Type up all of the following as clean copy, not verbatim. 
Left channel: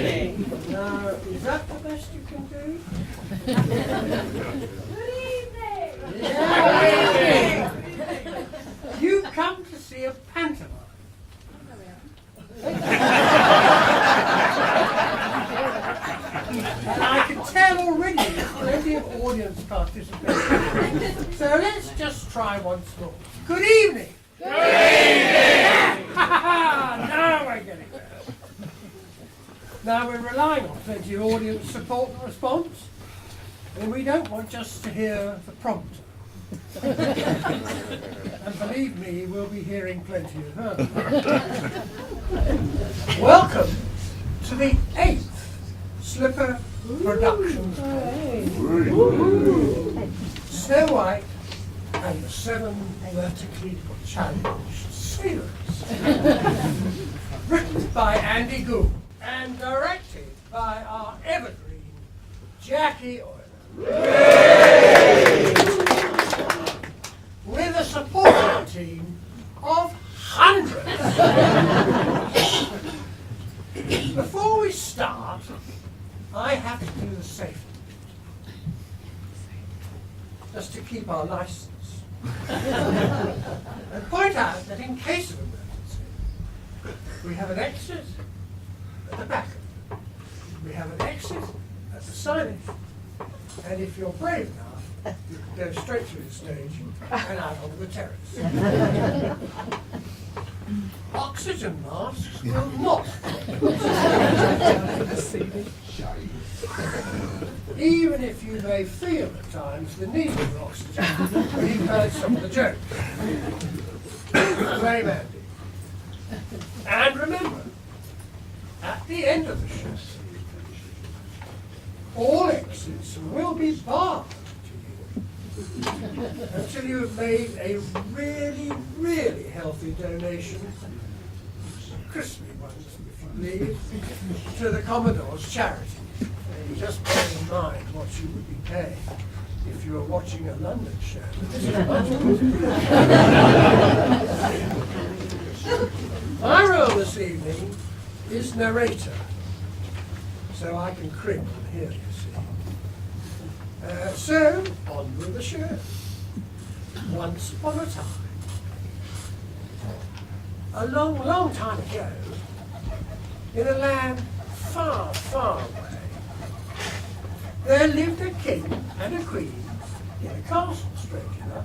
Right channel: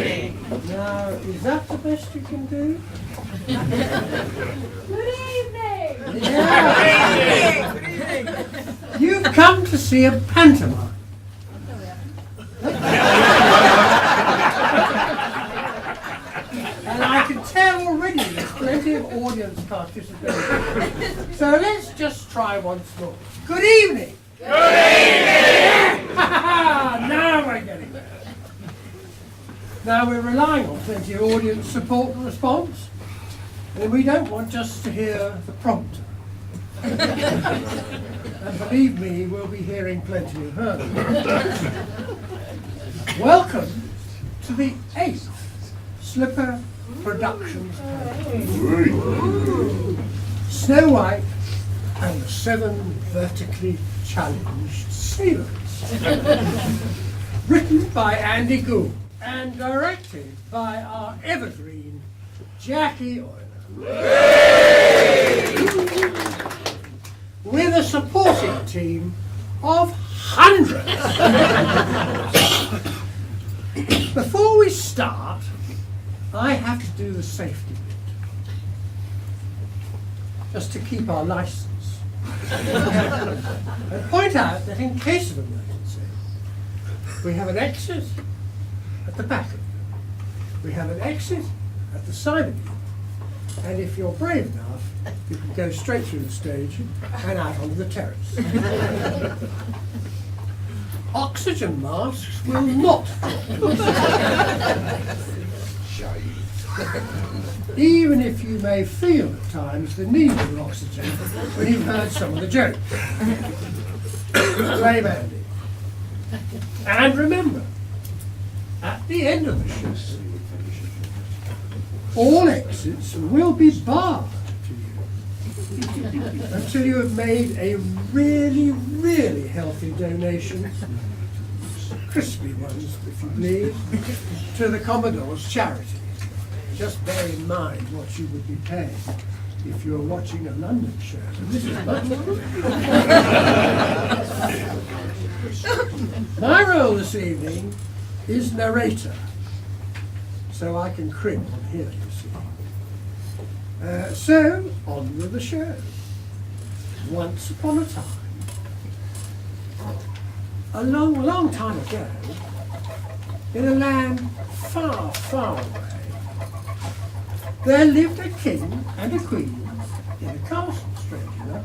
Now, is that the best you can do? Good evening! Yeah. You've come to see a pantomime. And I can tell already there's plenty of audience participation. So let's just try once more. Good evening! Good evening! Now we're getting there. Now we're relying on plenty of audience support and response. And we don't want just to hear the prompter. And believe me, we'll be hearing plenty of her. Welcome to the 8th Slipper Productions play. Snow White and the 7 vertically challenged sailors. Written by Andy Gould and directed by our evergreen Jackie Euler. With a supporting team of hundreds. Before we start, I have to do the safety bit. Just to keep our license. And point out that in case of emergency, we have an exit at the back of you. We have an exit at the side of you. And if you're brave enough, you can go straight through the stage and out onto the terrace. Oxygen masks will not. Even if you may feel at times the need of oxygen when you've heard some of the jokes. Brave Andy. And remember, at the end of the show, all exits will be barred to you until you have made a really, really healthy donation, crispy ones if you please, to the Commodore's charity. Just bear in mind what you would be paying if you were watching a London show. My role this evening is narrator, so I can crib on here, you see. So, on with the show. Once upon a time, a long, long time ago, in a land far, far away, there lived a king and a queen in a castle, strange enough.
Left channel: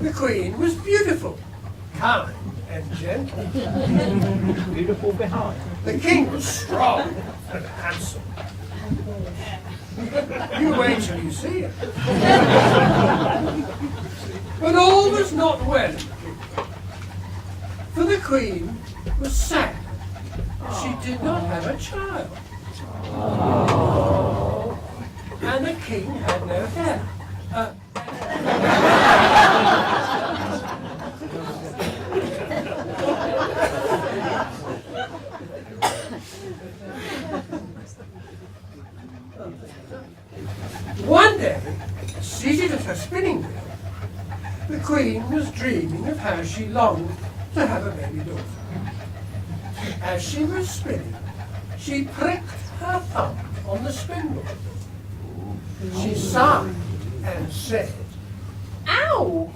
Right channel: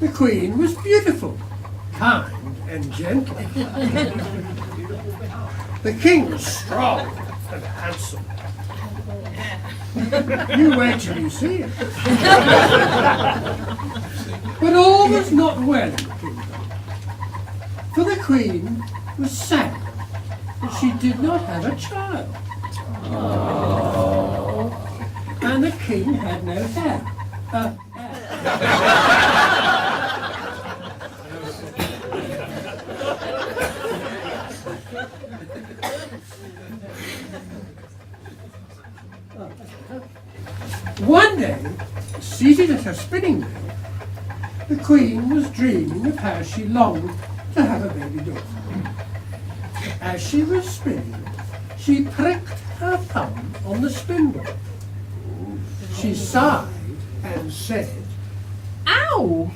The queen was beautiful, kind and gentle. Beautiful behind. The king was strong and handsome. You wait till you see it. But all was not well in the kingdom. For the queen was sad that she did not have a child. And the king had no hair. One day, seated at her spinning wheel, the queen was dreaming of how she longed to have a baby daughter. As she was spinning, she pricked her thumb on the spindle. She sighed and said, "Ow!"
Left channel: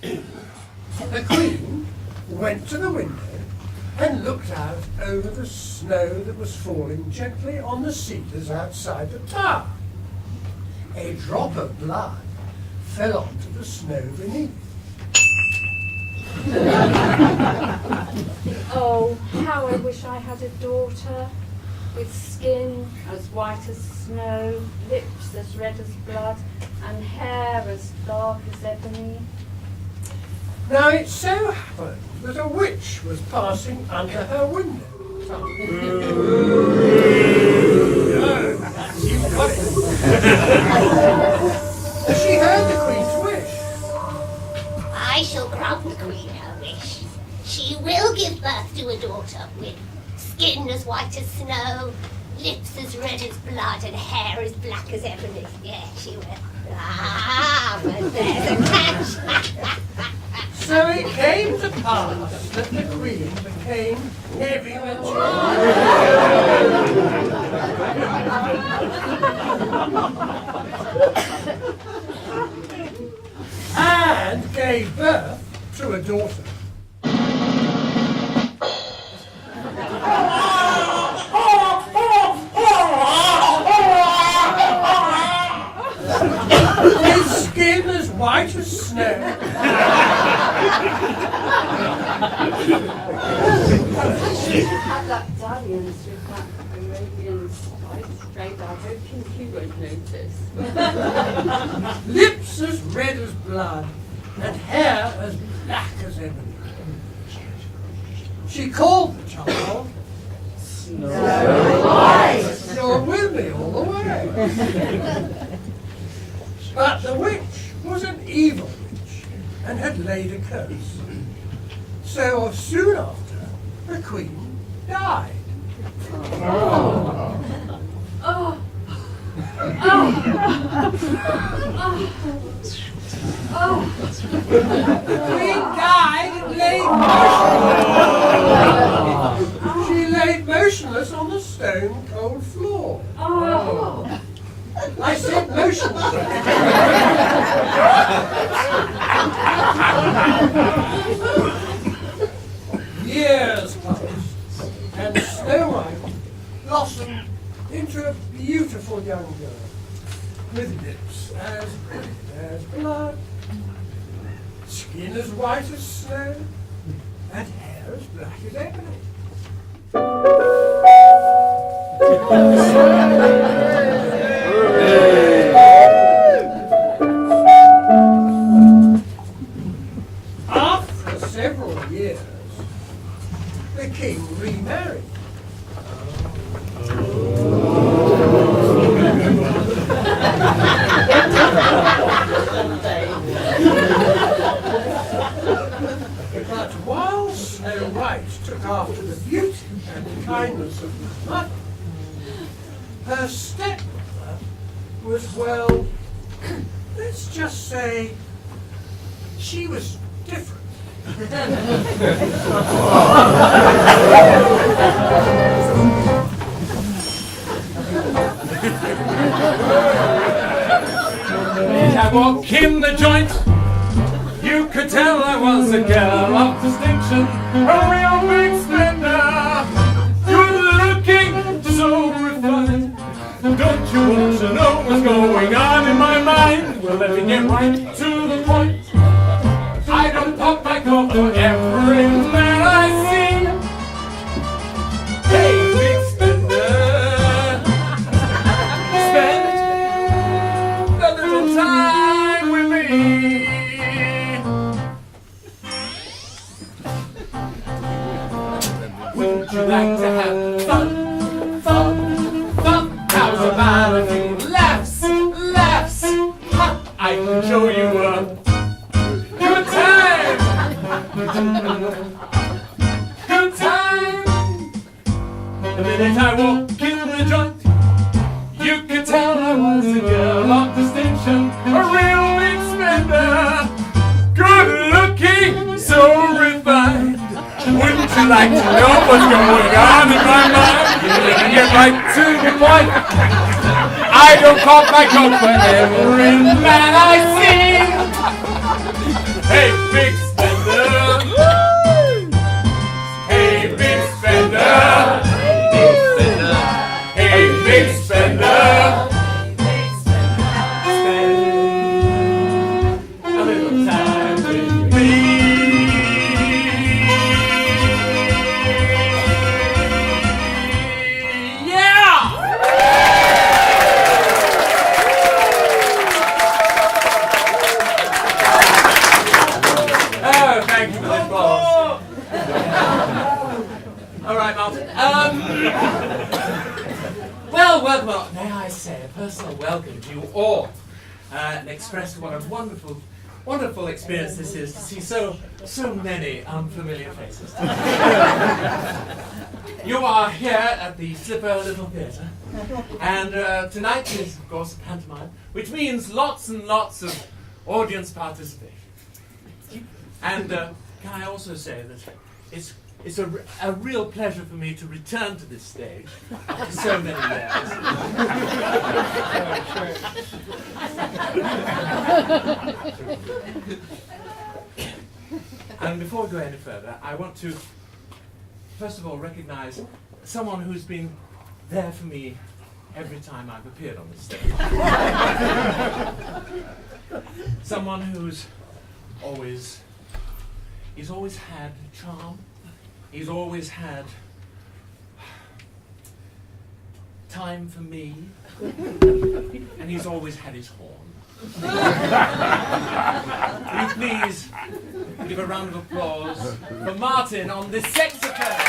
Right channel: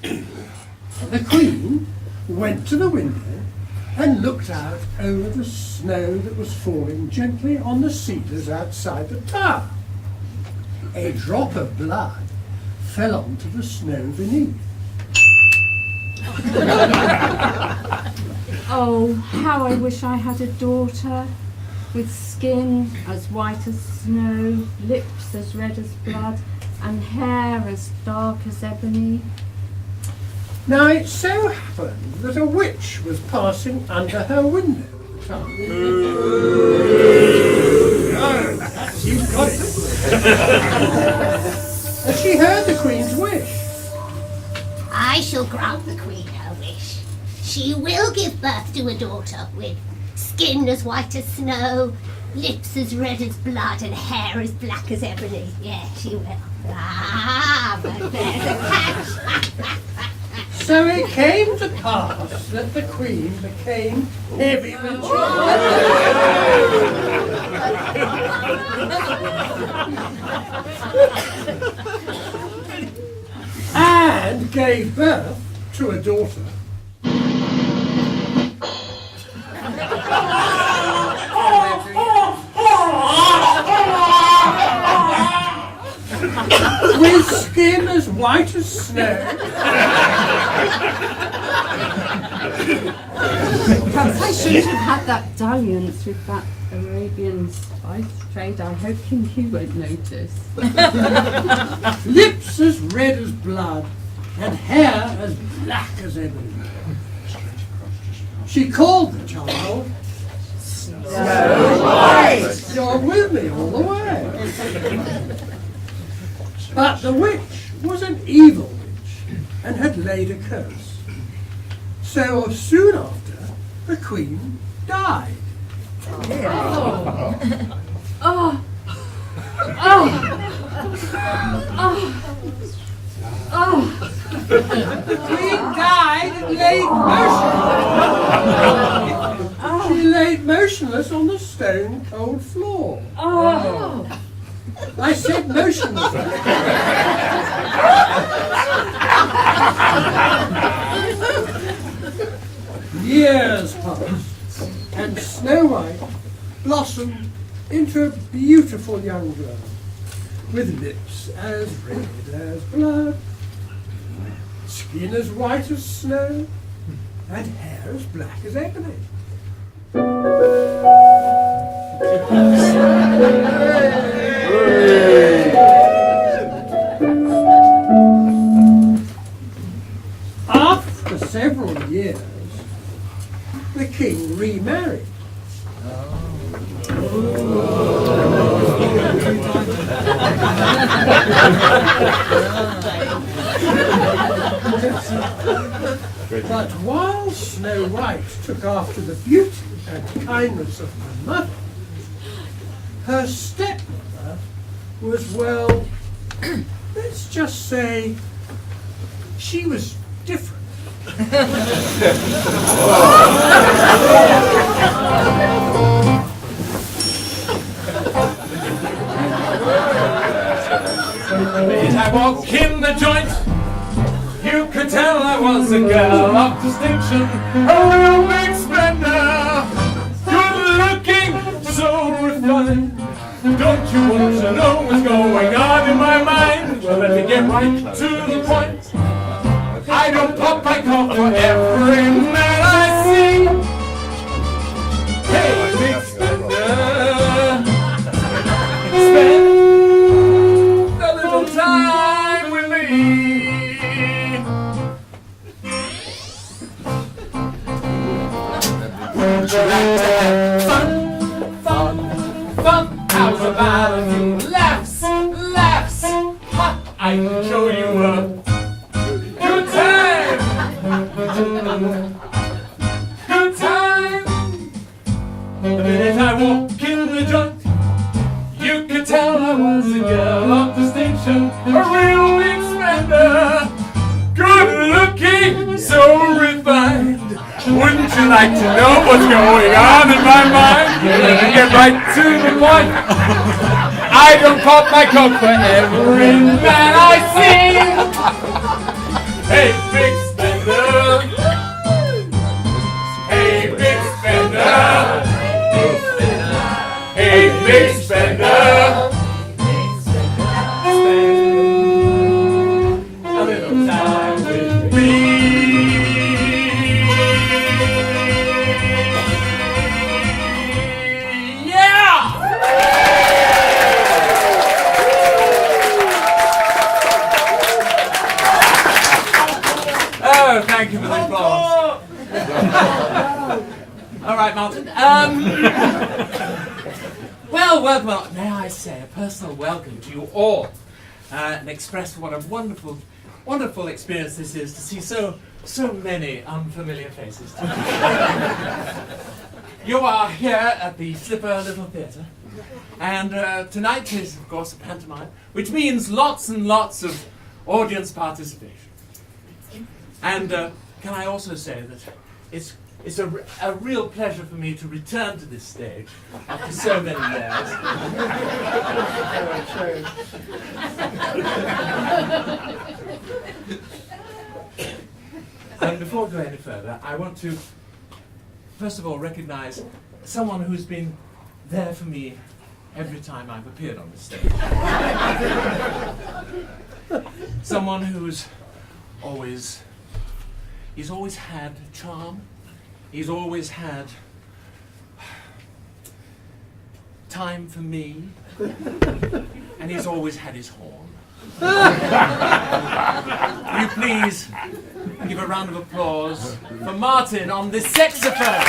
The queen went to the window and looked out over the snow that was falling gently on the cedars outside the tower. A drop of blood fell onto the snow beneath. Oh, how I wish I had a daughter with skin as white as snow, lips as red as blood, and hair as dark as ebony. Now it so happened that a witch was passing under her window. You've got it. She heard the queen's wish. I shall grant the queen her wish. She will give birth to a daughter with skin as white as snow, lips as red as blood, and hair as black as ebony. Yeah, she will. Ah, but there's a catch. So it came to pass that the Queen became heavy with and gave birth to a daughter. With skin as white as snow. Perhaps I should have had that dalliance with that Arabian spice trade. I'm hoping he won't notice. Lips as red as blood, and hair as black as ebony. She called the child Snow White. You're with me all the way. But the witch was an evil witch and had laid a curse. So soon after, the Queen died. Oh. The Queen died and lay motionless. She laid motionless on the stone cold floor. I said motionless. Years passed, and Snow White blossomed into a beautiful young girl, with lips as red as blood, skin as white as snow, and hair as black as ebony. After several years, the king remarried. But while Snow White took after the beauty and kindness of her mother, her stepmother was, well, let's just say, she was different. I walk in the joint, you could tell I was a girl of distinction, a real big spender, good looking, so refined. Don't you want to know what's going on in my mind? Well, let me get right to the point. I don't pop my cork for every man I see. Hey, big spender, spend a little time with me. Would you like to have fun, fun, fun? How's about a few laughs, laughs? Ha! I can show you a good time. Good time. The minute I walk in the joint, you could tell I was a girl of distinction, a real big spender, good looking, so refined. Wouldn't you like to know what's going on in my mind? Let me get right to the point. I don't pop my coat for every man I see. Hey, big spender. Hey, big spender. Hey, big spender. Spend a little time with me. Thank you for the applause. All right, Martin. Well, may I say a personal welcome to you all, and express what a wonderful experience this is to see so many unfamiliar faces. You are here at the Slipper Little Theatre, and tonight is, of course, a pantomime, which means lots and lots of audience participation. And can I also say that it's a real pleasure for me to return to this stage after so many years. And before I go any further, I want to, first of all, recognize someone who's been there for me every time I've appeared on the stage. Someone who's he's always had charm, he's always had time for me, and he's always had his horn. Will you please give a round of applause for Martin on the saxophone?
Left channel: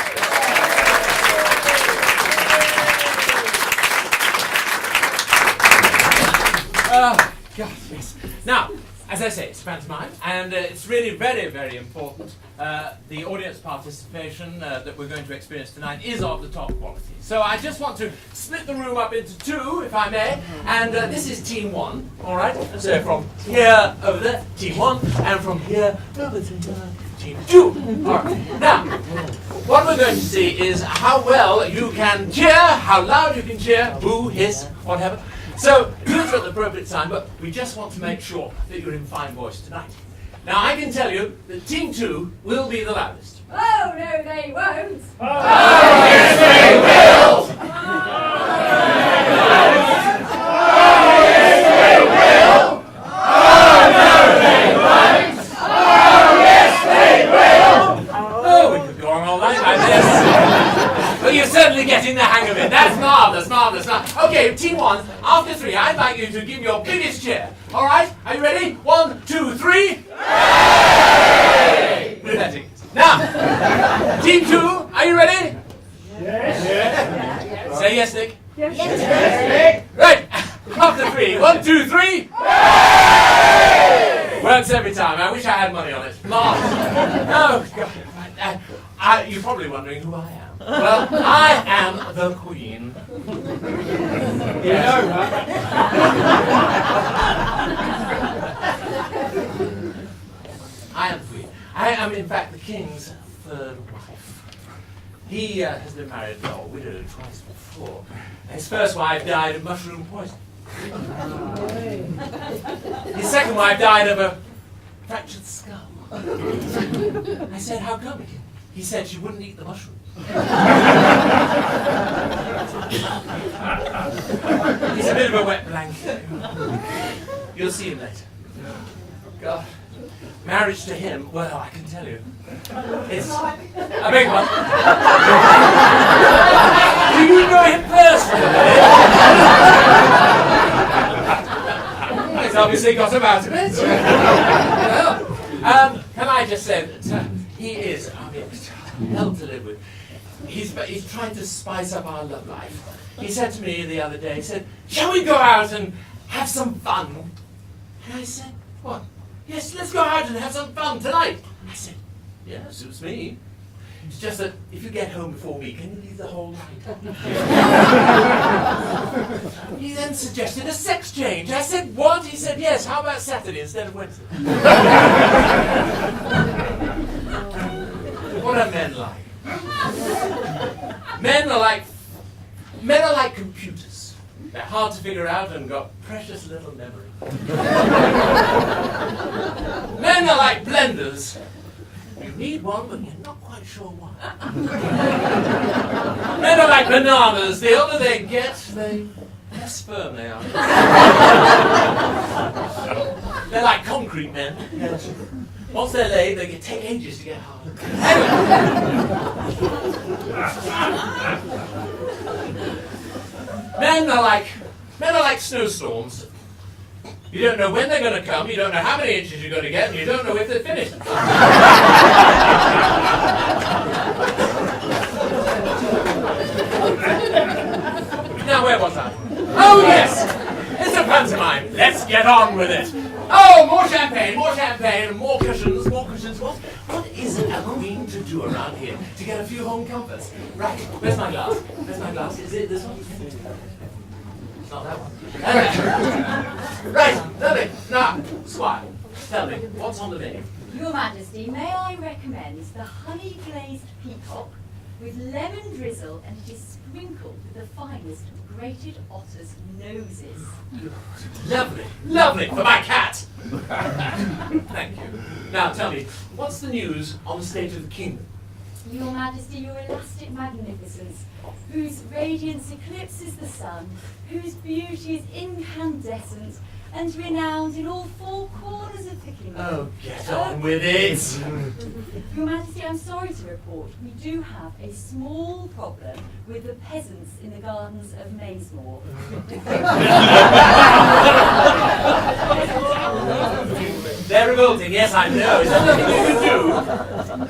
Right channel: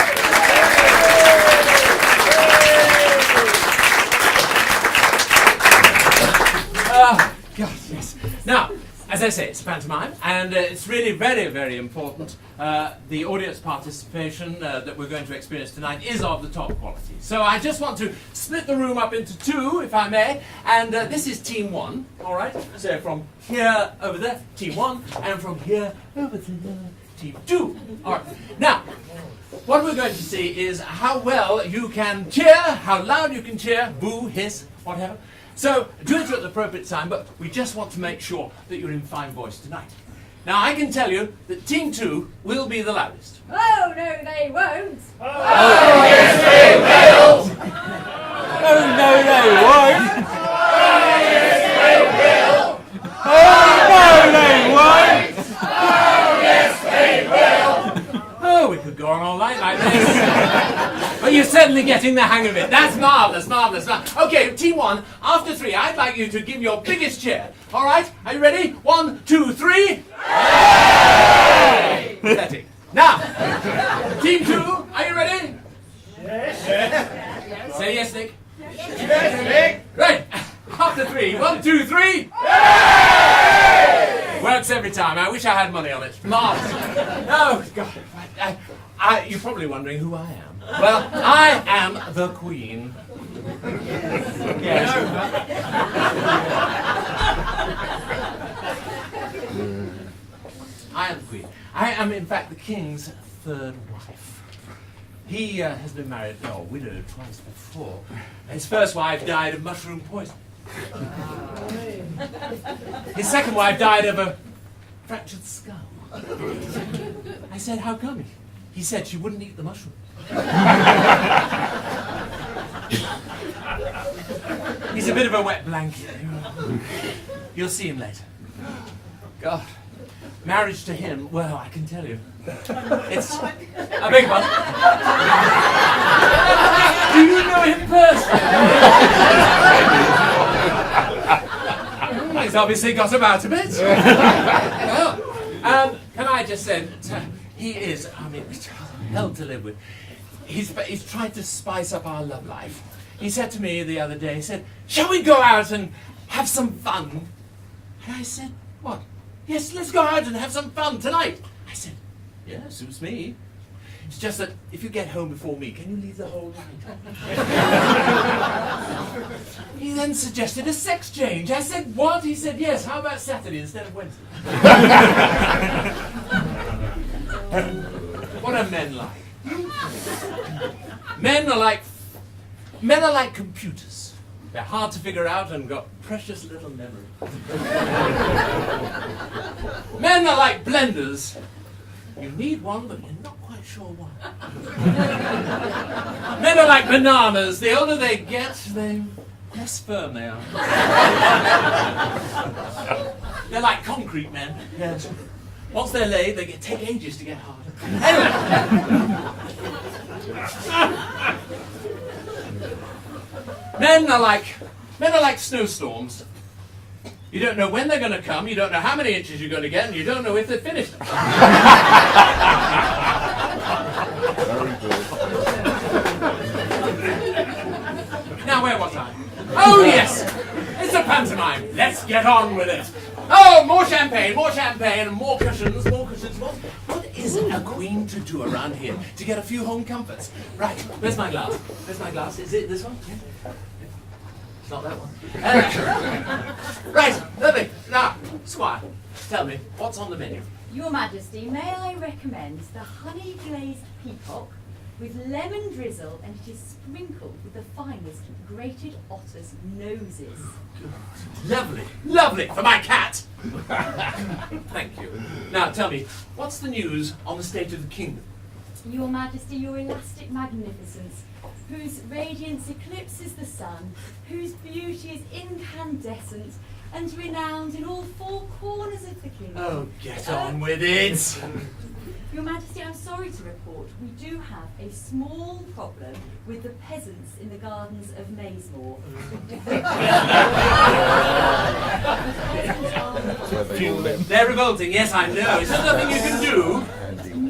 Oh, God, yes. Now, as I say, it's pantomime, and it's really very, very important. The audience participation that we're going to experience tonight is of the top quality. So I just want to split the room up into two, if I may, and this is team one, all right? So from here over there, team one, and from here over to team two. All right. Now, what we're going to see is how well you can cheer, how loud you can cheer, boo, hiss, whatever. So, do it at the appropriate time, but we just want to make sure that you're in fine voice tonight. Now, I can tell you that Team 2 will be the loudest. Oh, no, they won't. Oh, yes, they will! Oh, no, they won't! Oh, yes, they will! Oh, no, they won't! Oh, yes, they will! Oh, we could go on all night like this. But you're certainly getting the hang of it. That's marvellous, marvellous. Okay, Team 1, after 3, I'd like you to give your biggest cheer. All right, are you ready? 1, 2, 3. Hooray! Now, Team 2, are you ready? Yes. Yes. Say yes, Nick. Yes. Yes, Nick. Right, after 3, 1, 2, 3. Hooray! Works every time. I wish I had money on it. Marvellous. Oh, God. You're probably wondering who I am. Well, I am the Queen. Yes. I am the Queen. I am, in fact, the King's third wife. He has been married, widowed twice before. His first wife died of mushroom poison. His second wife died of a fractured skull. I said, how come? He said she wouldn't eat the mushrooms. He's a bit of a wet blanket. You'll see him later. God, marriage to him, well, I can tell you, it's a big one. Do you know him personally? He's obviously got about a bit. Well, can I just say that he is, hell to live with. He's trying to spice up our love life. He said to me the other day, he said, shall we go out and have some fun? And I said, what? Yes, let's go out and have some fun tonight. I said, yeah, suits me. It's just that if you get home before me, can you leave the whole night? He then suggested a sex change. I said, what? He said, yes, how about Saturday instead of Wednesday? What are men like? Men are like computers. They're hard to figure out and got precious little memory. Men are like blenders. You need one, but you're not quite sure why. Men are like bananas. The older they get, the less firm they are. They're like concrete men. Yes. Once they're laid, they can take ages to get hard. Men are like snowstorms. You don't know when they're going to come, you don't know how many inches you're going to get, and you don't know if they're finished. Now, where was I? Oh, yes! It's a pantomime. Let's get on with it. Oh, more champagne, and more cushions, more cushions. What is a queen to do around here to get a few home comforts? Right, where's my glass? Where's my glass? Is it this one? It's not that one. Right, lovely. Now, Squire, tell me, what's on the menu? Your Majesty, may I recommend the honey glazed peacock with lemon drizzle, and it is sprinkled with the finest grated otters' noses. Lovely, lovely for my cat. Thank you. Now tell me, what's the news on the state of the kingdom? Your Majesty, your elastic magnificence, whose radiance eclipses the sun, whose beauty is incandescent, and renowned in all four corners of the kingdom. Oh, get on with it. Your Majesty, I'm sorry to report, we do have a small problem with the peasants in the gardens of Maysmore. They're revolting, yes, I know. Is there nothing you can do?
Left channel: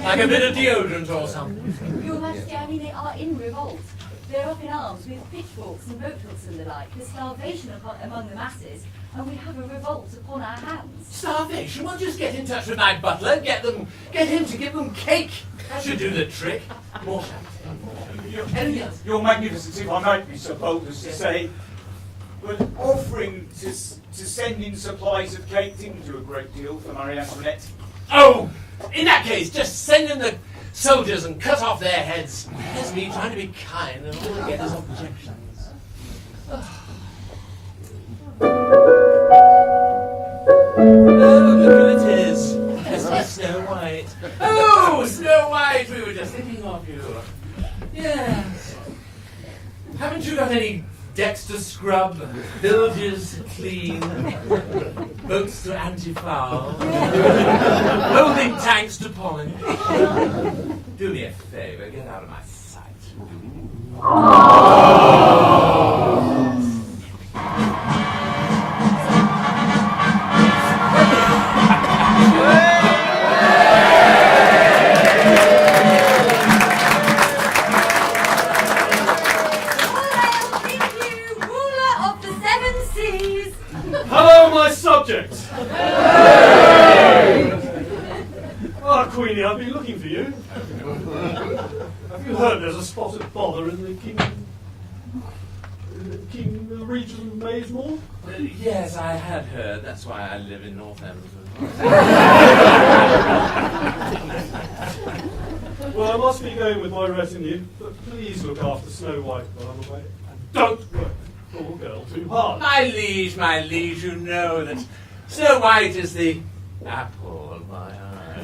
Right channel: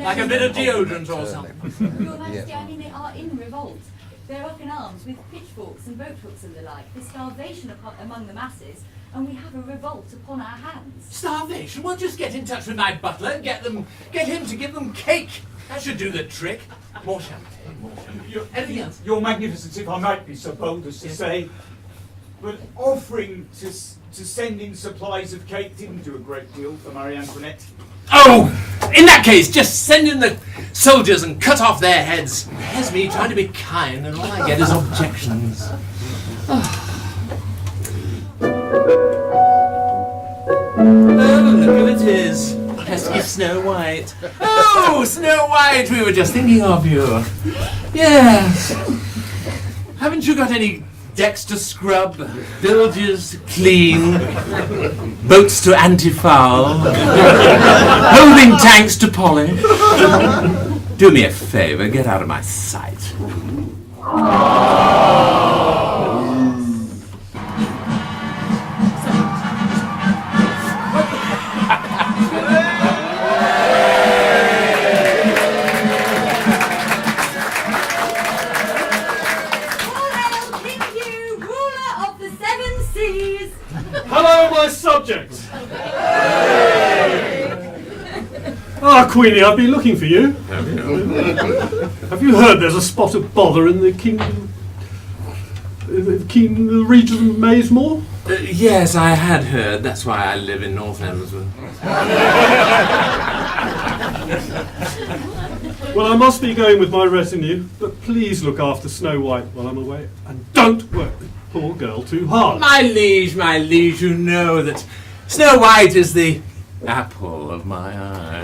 Like a bit of deodorant or something? Your Majesty, I mean, they are in revolt. They're up in arms with pitchforks and boat hooks and the like. There's starvation among the masses, and we have a revolt upon our hands. Starvation? Well, just get in touch with my butler and get him to give them cake. That should do the trick. More champagne, more champagne. Anything else? Your Magnificence, if I might be so bold as to say, but offering to send in supplies of cake didn't do a great deal for Marie Antoinette. Oh, in that case, just send in the soldiers and cut off their heads. Here's me trying to be kind, and all I get is objections. Oh, look who it is. Yes, it's Snow White. Oh, Snow White, we were just thinking of you. Yes. Haven't you got any decks to scrub, bilges clean, boats to anti-foul, holding tanks to polish? Do me a favour, get out of my sight. Hello, my subjects! Ah, Queenie, I've been looking for you. Have you heard there's a spot of bother in the the region of Maysmore? Yes, I had heard. That's why I live in North Emsworth. Well, I must be going with my retinue, but please look after Snow White while I'm away, and don't work the poor girl too hard. My liege, you know that Snow White is the apple of my eye.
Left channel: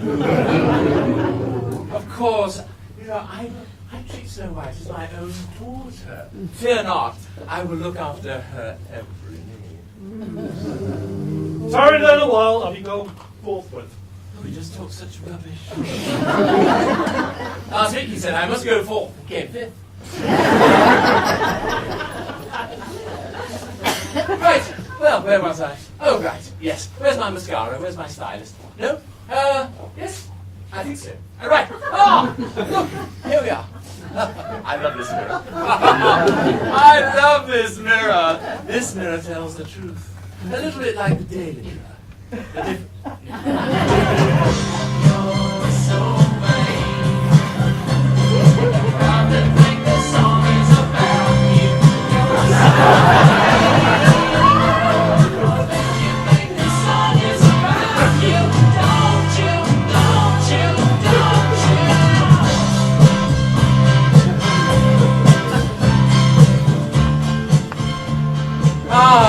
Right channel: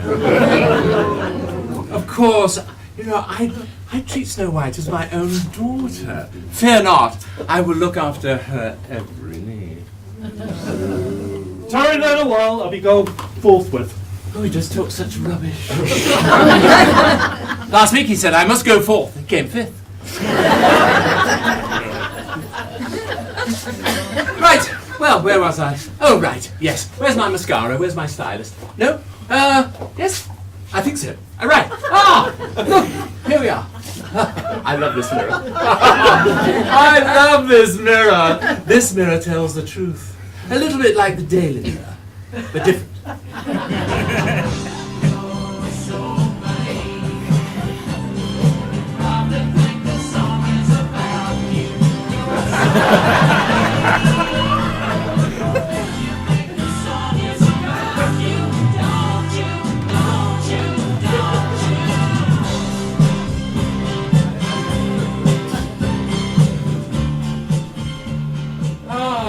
Of course, you know, I treat Snow White as my own daughter. Fear not, I will look after her every need. Tarry there a while, I'll be going forthwith. Oh, he just talks such rubbish. Last week he said I must go forth. He came fifth. Right, well, where was I? Oh, right, yes. Where's my mascara? Where's my stylist? No? Yes? I think so. Right. Ah! Look, here we are. I love this mirror. I love this mirror. This mirror tells the truth. A little bit like the Daily Mirror, but different.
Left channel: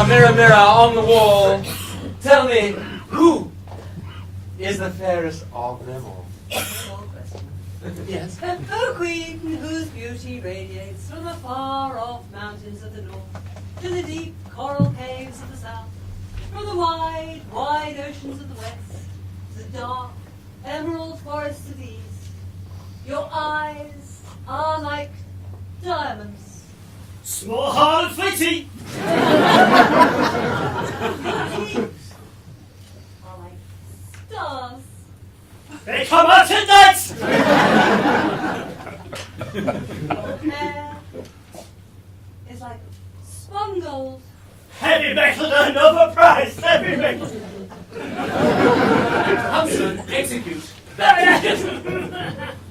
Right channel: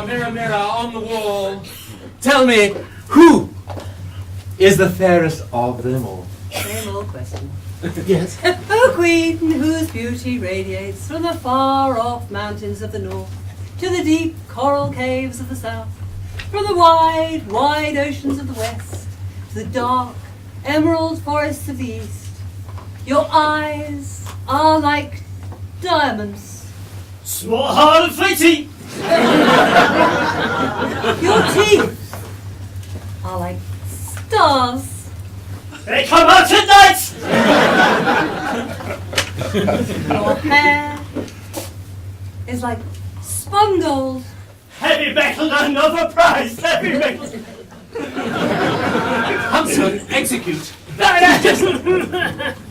Mirror, mirror on the wall, tell me, who is the fairest of them all? Same old question. Yes. O Queen, whose beauty radiates from the far-off mountains of the north to the deep coral caves of the south, from the wide, wide oceans of the west to the dark, emerald forests of the east. Your eyes are like diamonds. Smart, hard, and fleety! Your teeth are like stars. They come out at night! Your hair is like spun gold. Heavy metal and overpriced, heavy metal! Huntsman, execute. That is just...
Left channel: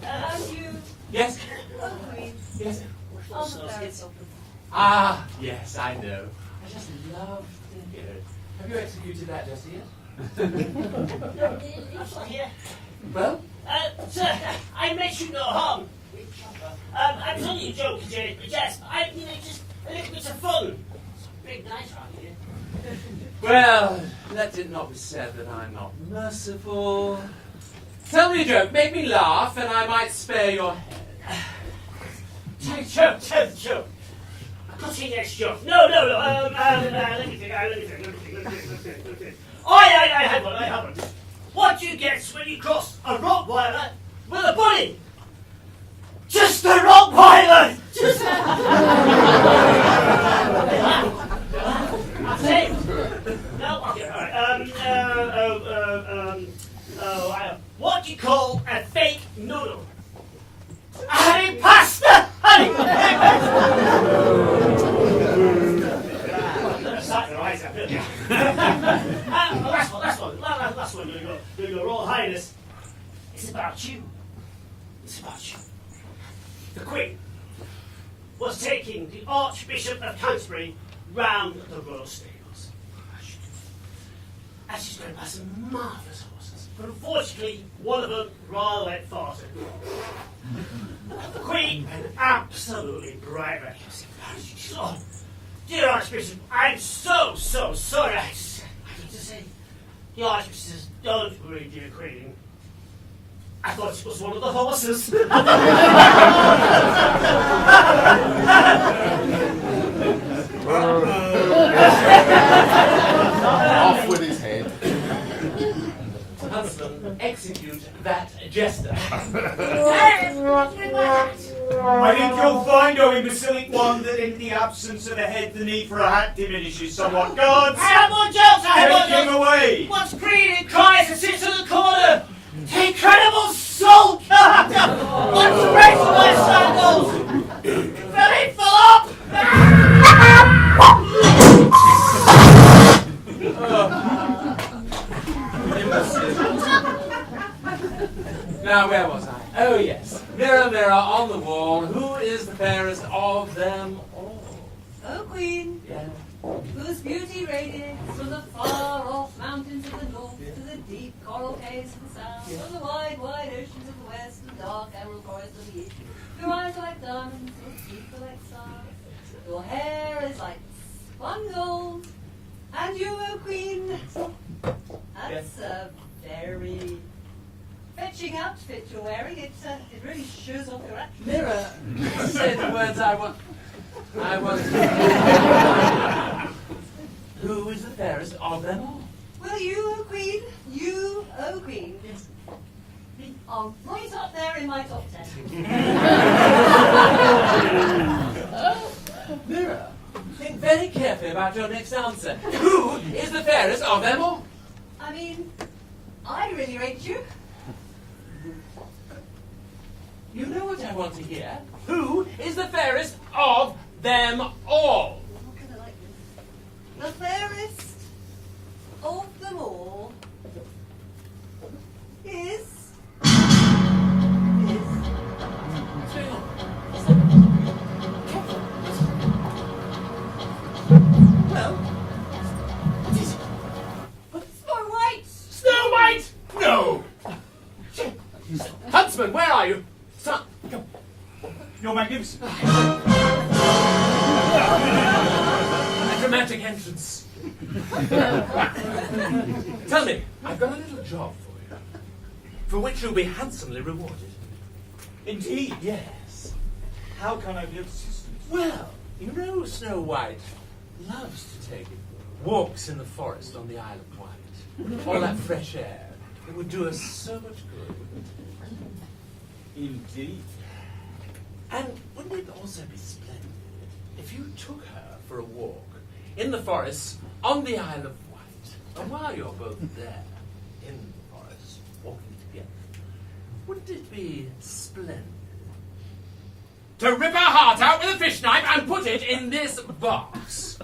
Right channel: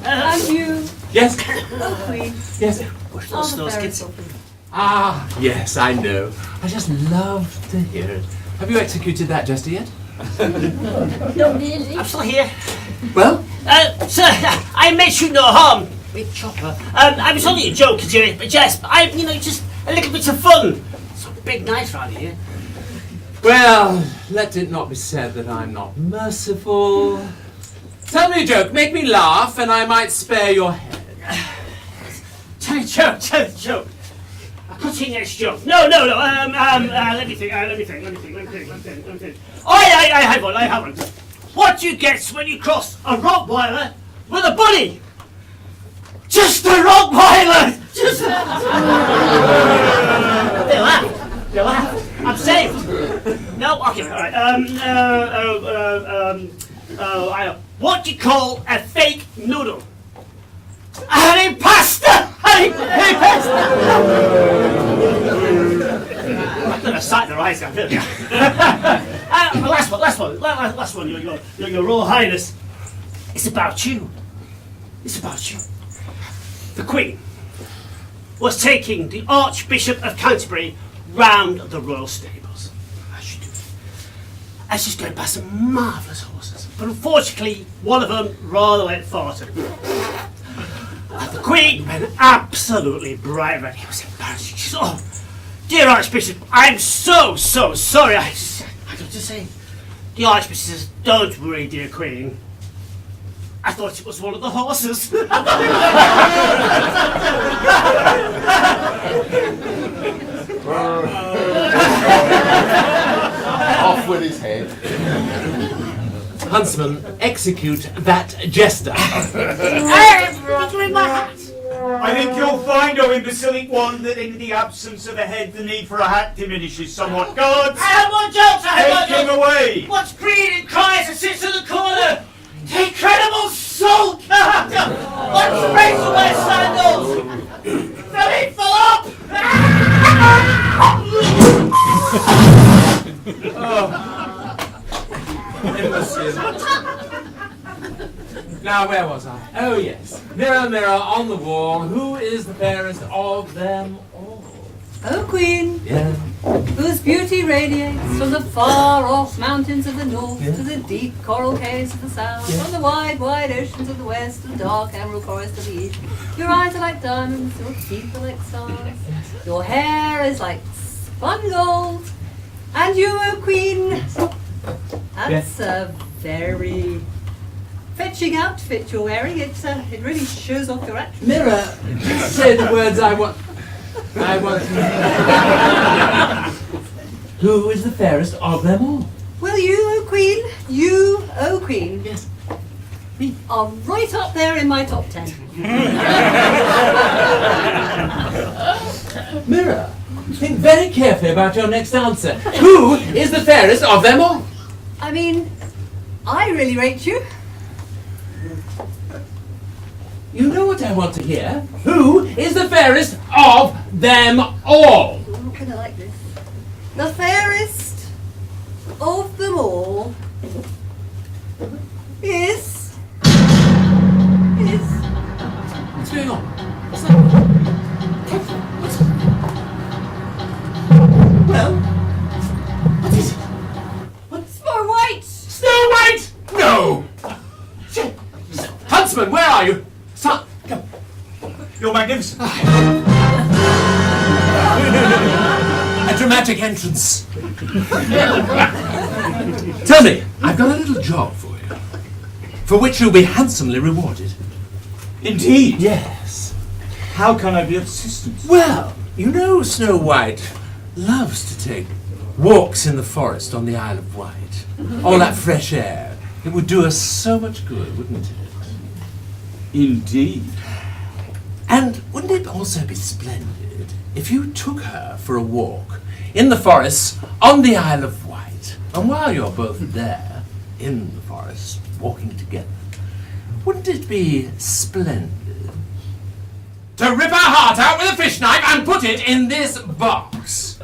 And you, Yes. O Queen, Yes. are the fairest of them. Ah, yes, I know. I just love to hear it. Have you executed that just yet? Not really. I'm still here. Well? Sir, I meant you no harm. Big chopper. I was only a joke, a jest. Just a little bit of fun. It's a big night round here. Well, let it not be said that I'm not merciful. Tell me a joke, make me laugh, and I might spare your head. Tell the joke. A cutting-edge joke. No. Let me think. Oh, I have one. What do you get when you cross a Rottweiler with a bunny? Just a Rottweiler! Just a... They laugh. I'm saved. No? Okay, alright. What do you call a fake noodle? An impasta! I'm gonna sight their eyes out, really. Last one, your Royal Highness. It's about you. The Queen was taking the Archbishop of Canterbury round the royal stables. As she's going past some marvellous horses. But unfortunately, one of them rather went farted. The Queen went absolutely bright red. It was embarrassing. She said, "Oh, dear Archbishop, I'm so sorry." I have to say, the Archbishop says, "Don't worry, dear Queen. I thought it was one of the horses." Off with his head. Huntsman, execute that jester. I think you'll find, O imbecilic one, that in the absence of a head, the need for a hat diminishes somewhat. Guards! I have more jokes! Take him away! What's green and cries and sits in the corner? The incredible sulker! What's breaks on my sandals? Philip Phillip! Now, where was I? Oh, yes. Mirror, mirror on the wall, who is the fairest of them all? O Queen, Yeah. whose beauty radiates from the far-off mountains of the north Yeah. to the deep coral caves of the south, Yeah. from the wide oceans of the west to the dark emerald forests of the east. Your eyes are like diamonds, your teeth are like stars, your hair is like spun gold, and you, O Queen, that's a very fetching outfit you're wearing. It really shows off your action. Mirror, say the words I want. Who is the fairest of them all? Well, you, O Queen, Yes. are right up there in my top 10. Mirror, think very carefully about your next answer. Who is the fairest of them all? I mean, I really rate you. You know what I want to hear. Who is the fairest of them all? I'm not gonna like this. The fairest of them all is. What's going on? Well, what is it? Snow White! Snow White! No! Huntsman, where are you? Son, come. You're magnificent. A dramatic entrance. Tell me, I've got a little job for you, for which you'll be handsomely rewarded. Indeed. Yes. How can I be of assistance? Well, you know Snow White loves to take walks in the forest on the Isle of Wight. All that fresh air. It would do us so much good, wouldn't it? Indeed. And wouldn't it also be splendid if you took her for a walk in the forest on the Isle of Wight? And while you're both there, in the forest, walking together, wouldn't it be splendid to rip her heart out with a fish knife and put it in this box?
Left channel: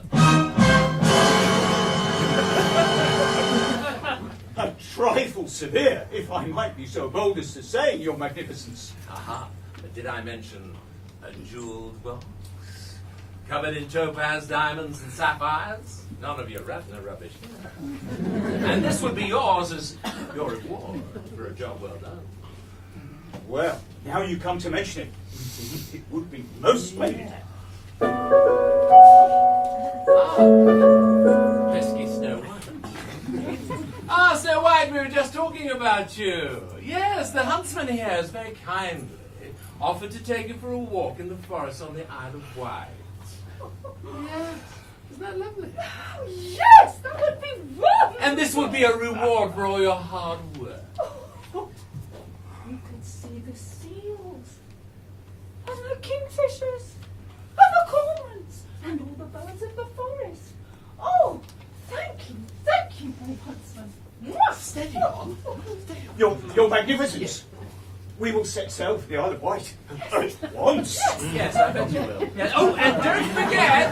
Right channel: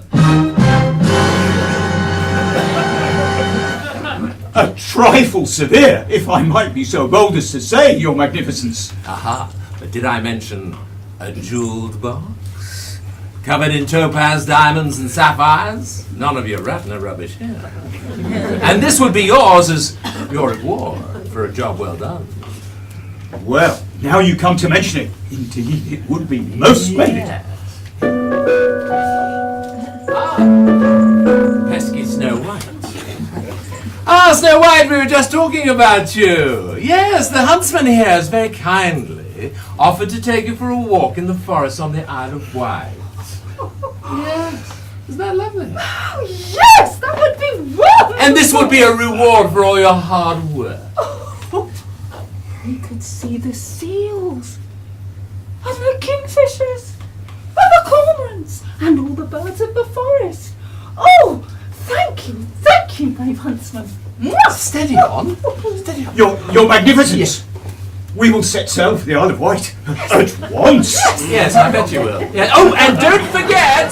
A trifle severe, if I might be so bold as to say, Your Magnificence. Aha, but did I mention a jeweled box? covered in topaz, diamonds, and sapphires. None of your Ratner rubbish here. And this would be yours as your reward for a job well done. Well, now you come to mention it, indeed it would be most splendid. Pesky Snow White. Ah, Snow White, we were just talking about you. Yes, the huntsman here has very kindly offered to take you for a walk in the forest on the Isle of Wight. Yes, isn't that lovely? Oh, yes, that would be wonderful. And this would be a reward for all your hard work. We could see the seals, and the kingfishers, and the cormorants, and all the birds of the forest. Oh, thank you, brave huntsman. Steady on. Steady on. Your Magnificence, we will set sail for the Isle of Wight at once. Yes, I bet you will. Yeah. Oh, and don't forget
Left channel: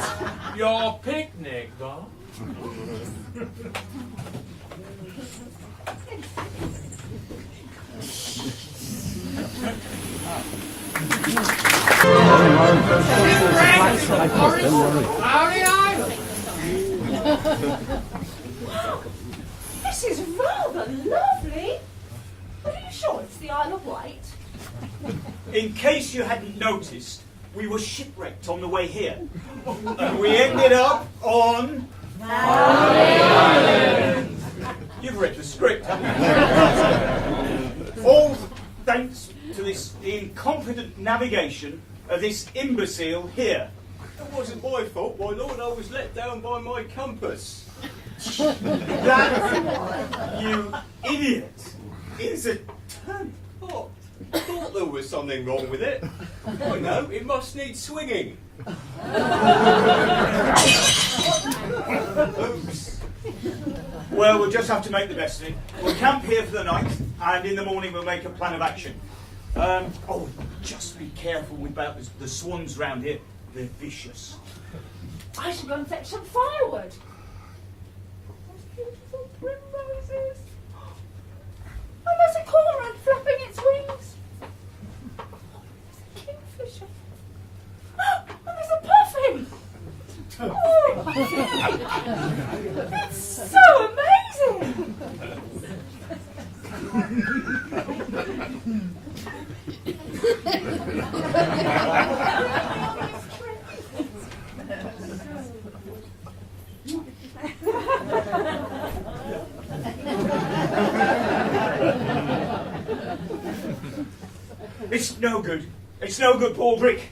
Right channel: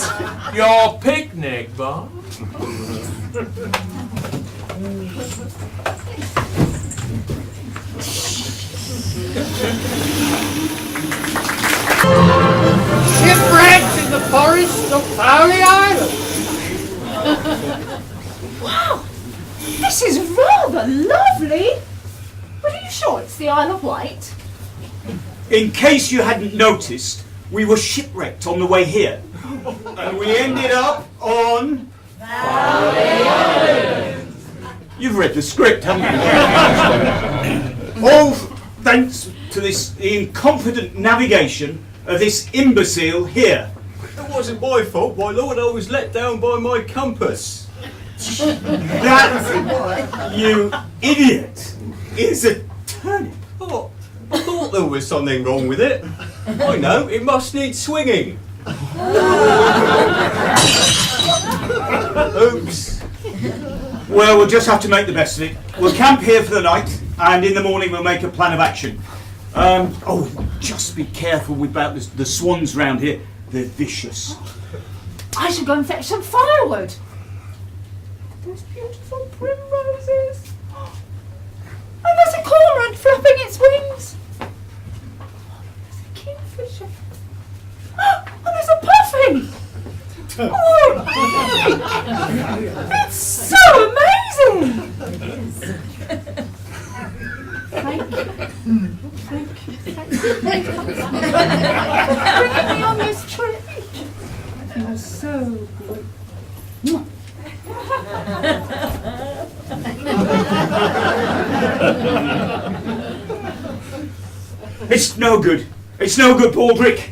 your picnic, Bob. Shipwrecked in the forest of Fowley Island. Wow, this is rather lovely. But are you sure it's the Isle of Wight? In case you hadn't noticed, we were shipwrecked on the way here. And we ended up on... You've read the script, haven't you? All thanks to this incompetent navigation of this imbecile here. It wasn't my fault, my lord. I was let down by my compass. That, you idiot, is a turnip. Oh, I thought there was something wrong with it. I know, it must need swinging. Oops. Well, we'll just have to make the best of it. We'll camp here for the night, and in the morning we'll make a plan of action. Oh, just be careful about the swans round here. They're vicious. I should go and fetch some firewood. Those beautiful primroses. And there's a cormorant flapping its wings. There's a kingfisher. And there's a puffin. Oh, it's so amazing. Thank you. Thank you. Bringing me on this trip. You're so good. It's no good. It's no good, Baldrick.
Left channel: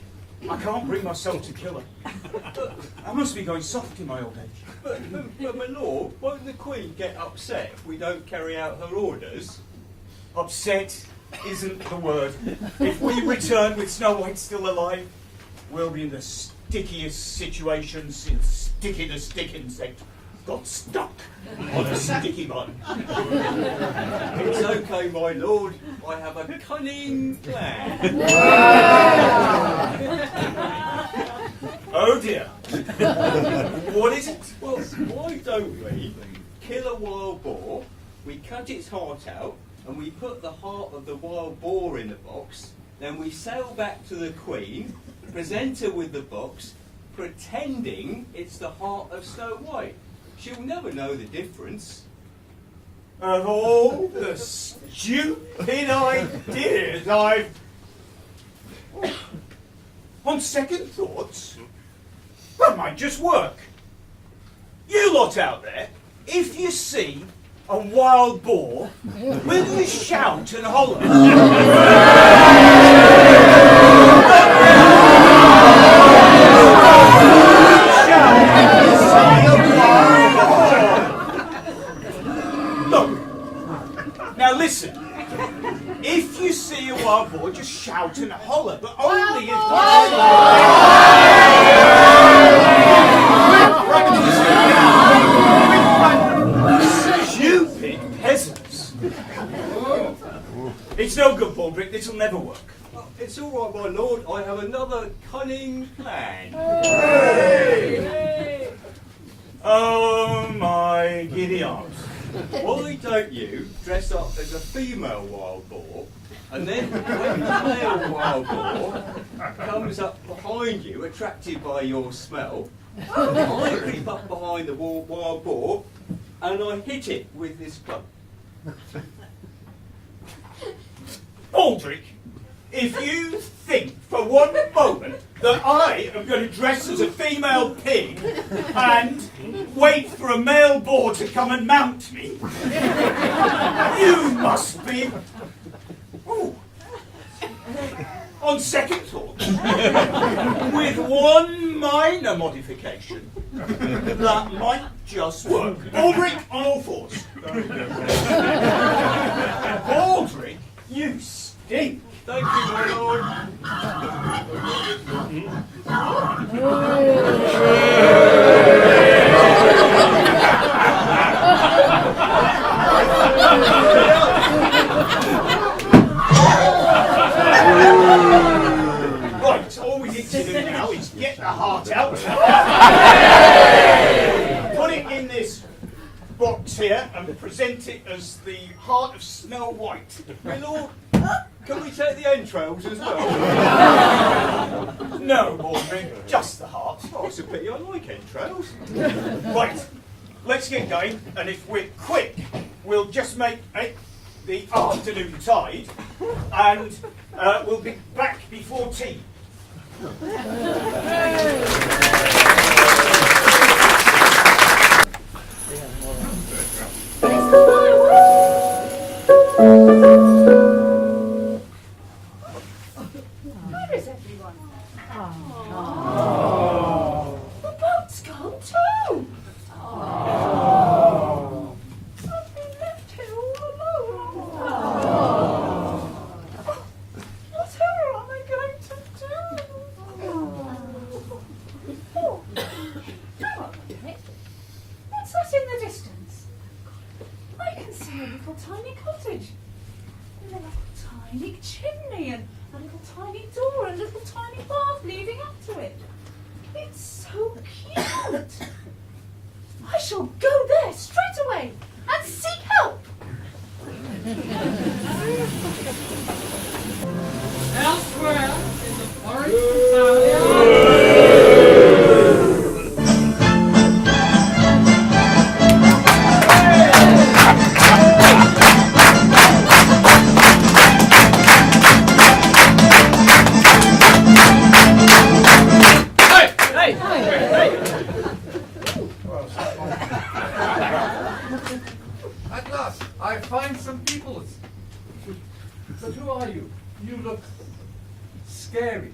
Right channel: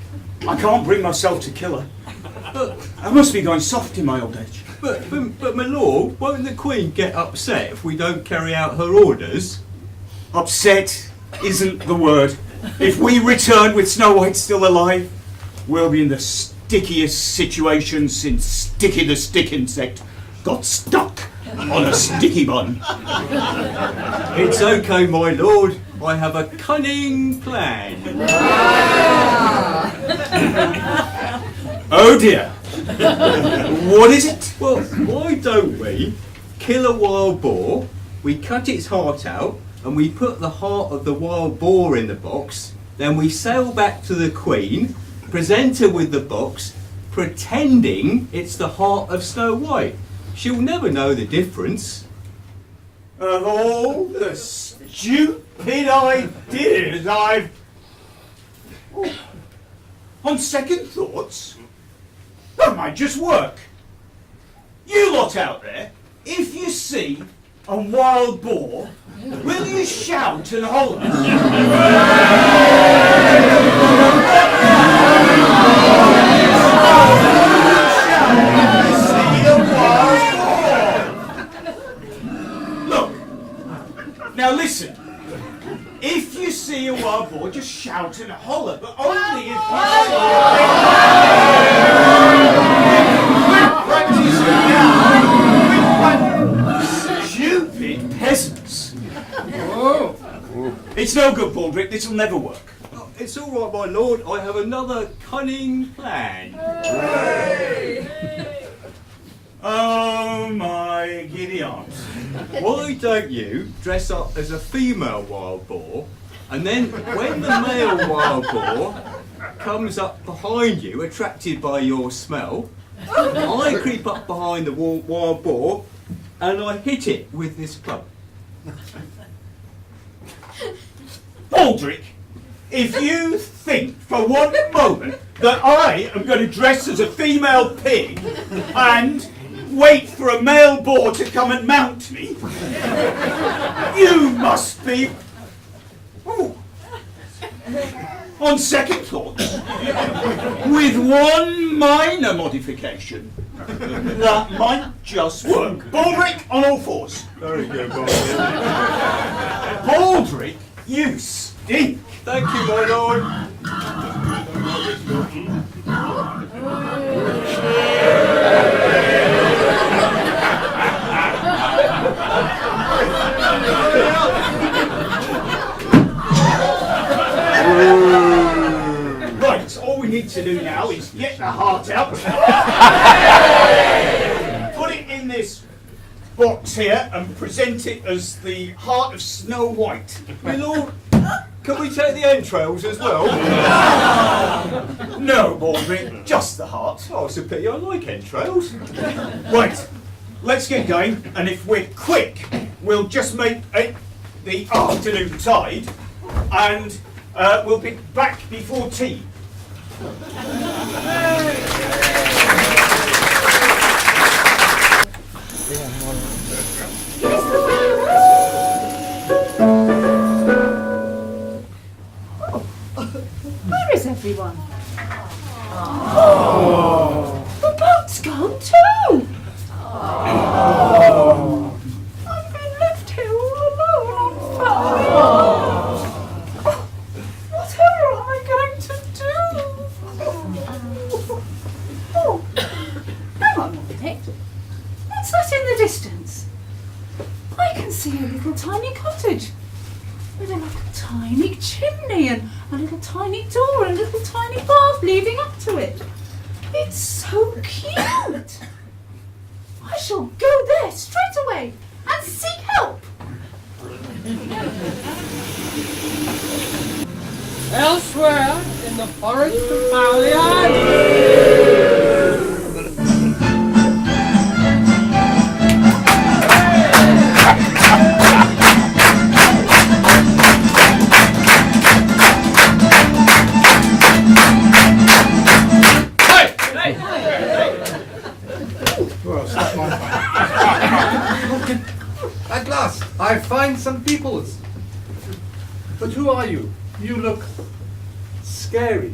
I can't bring myself to kill her. I must be going soft in my old age. But my lord, won't the Queen get upset if we don't carry out her orders? Upset isn't the word. If we return with Snow White still alive, we'll be in the stickiest situation since Sticky the Stick Insect got stuck on a sticky bun. It's okay, my lord. I have a cunning plan. Oh dear. What is it? Well, why don't we kill a wild boar, we cut its heart out, and we put the heart of the wild boar in the box, then we sail back to the Queen, present her with the box, pretending it's the heart of Snow White. She'll never know the difference. Of all the stupid ideas I've... On second thoughts, that might just work. You lot out there, if you see a wild boar, will you shout and holler? Look, now listen. If you see a wild boar, just shout and holler, but only if stupid peasants. It's no good, Baldrick. This will never work. Oh, it's all right, my lord. I have another cunning plan. Oh my giddy arms. Why don't you dress up as a female wild boar, and then when the male wild boar comes up behind you, attracted by your smell. I creep up behind the wild boar and I hit it with this club. Baldric, if you think for one moment that I am going to dress as a female pig and wait for a male boar to come and mount me, you must be... Ooh. On second thought, with one minor modification, that might just work. Baldric on all fours. Very good, boy. Baldric, you stink. Thank you, my lord. Right, all we need to do now is get the heart out. Put it in this box here and present it as the heart of Snow White. My lord, can we take the entrails as well? No, Baldric, just the heart. Oh, it's a pity, I like entrails. Right, let's get going, and if we're quick, we'll just make it the afternoon tide, and we'll be back before tea. Where is everyone? Oh. The boat's gone too. Oh. I've been left here all alone on fire. Whatever am I going to do? Oh, hang on a minute. What's that in the distance? I can see a little tiny cottage with a little tiny chimney and a little tiny door and a little tiny path leading up to it. It's so cute. I shall go there straight away and seek help. Elsewhere in the forest of Palliard. At last, I find some peoples. But who are you? You look scary.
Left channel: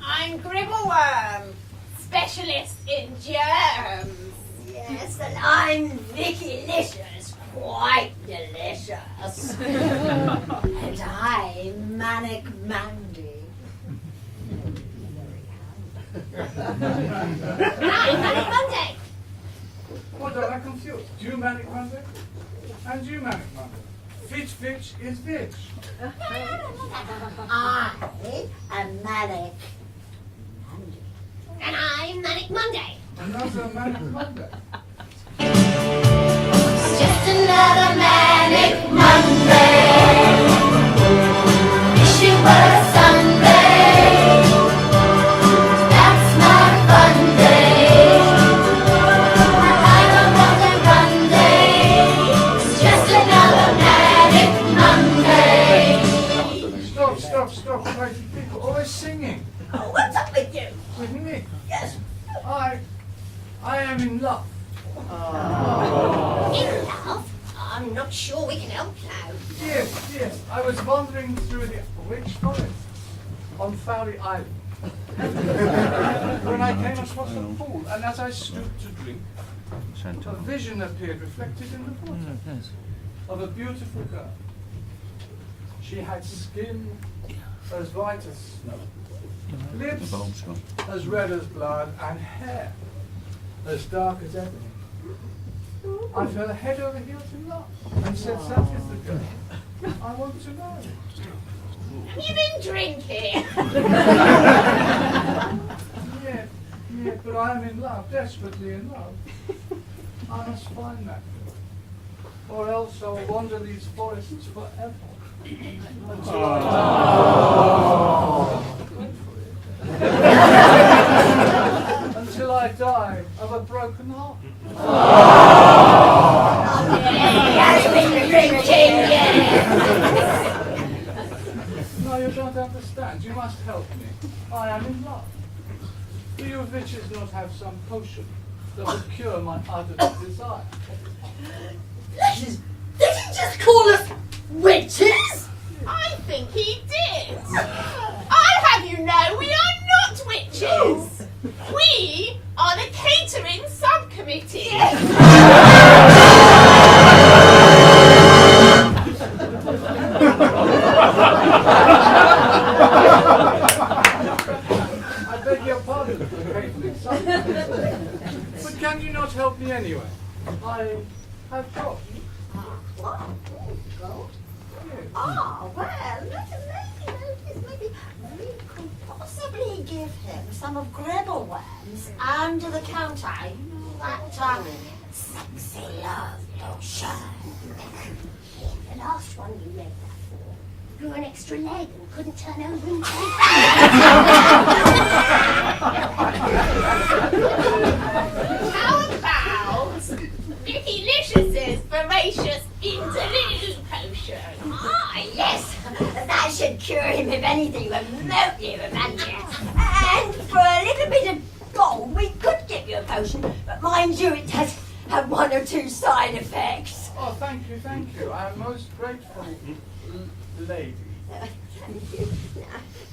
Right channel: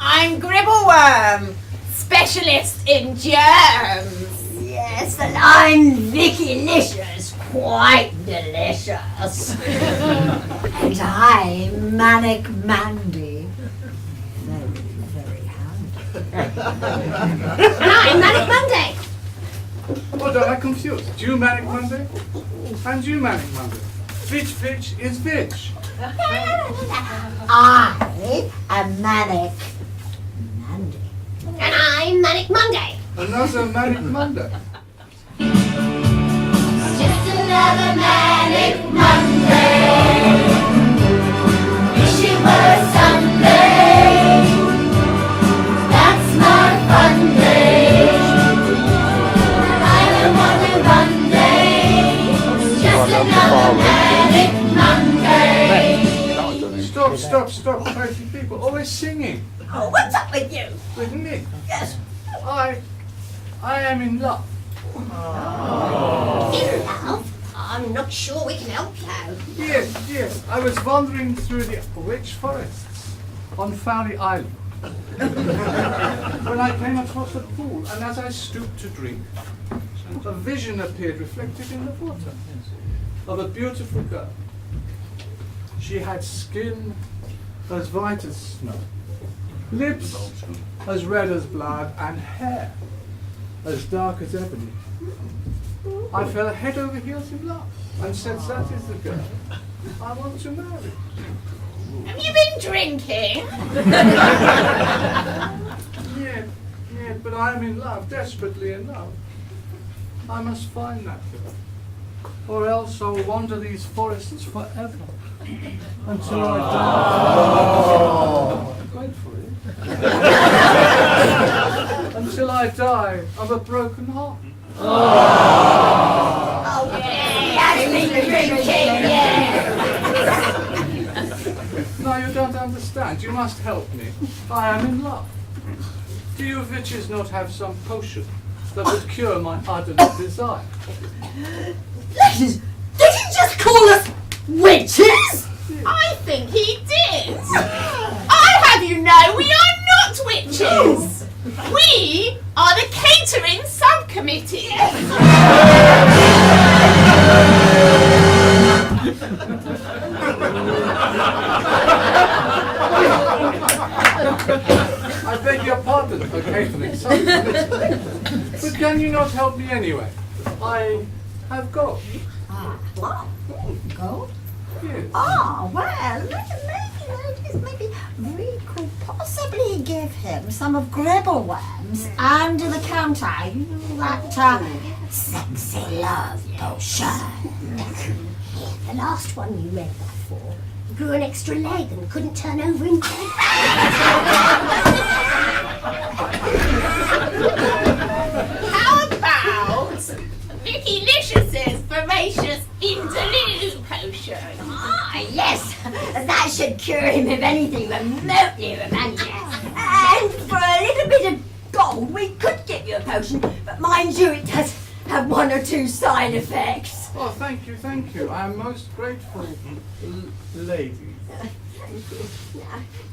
I'm Gribbleworm, specialist in germs. Yes, and I'm Vicky-licious, quite delicious. And I'm Manic Mandy. Very handy. And I'm Manic Monday. What am I confused? You Manic Monday? And you Manic Monday. Fitch is Fitch. I am Manic Mandy. And I'm Manic Monday. Another Manic Monday. Just another Manic Monday. Wish it were a Sunday. That's my fun day. I'm a Monday Monday. Just another Manic Monday. Stop. Crazy people always singing. Oh, what's up with you? With me. Yes. I am in love. In love? I'm not sure we can help you. Yes. I was wandering through the rich forests on Fowey Island when I came across a pool, and as I stooped to drink, a vision appeared reflected in the water of a beautiful girl. She had skin as white as snow, lips as red as blood, and hair as dark as ebony. I fell head over heels in love and said, that is the girl I want to marry. Have you been drinking? Yeah, but I am in love, desperately in love. I must find that girl, or else I'll wander these forests forever until I die. wait for it. Until I die of a broken heart. Now you don't understand. You must help me. I am in love. Do you witches not have some potion that would cure my ardent desire? Ladies, did he just call us witches? I think he did. I have you know we are not witches. We are the catering subcommittee. I beg your pardon for catering something. But can you not help me anyway? I have got. What? Gold? Yes. Ah, well, maybe we could possibly give him some of Gribbleworm's under the counter. You know, that sexy love potion. The last one you made that for grew an extra leg and couldn't turn over in bed. How about Vicky Licious's voracious interlude potion? Ah, yes, that should cure him of anything remotely romantic. And for a little bit of gold, we could get you a potion, but mind you, it does have one or two side effects. Oh, thank you, thank you. I am most grateful, lady. Now,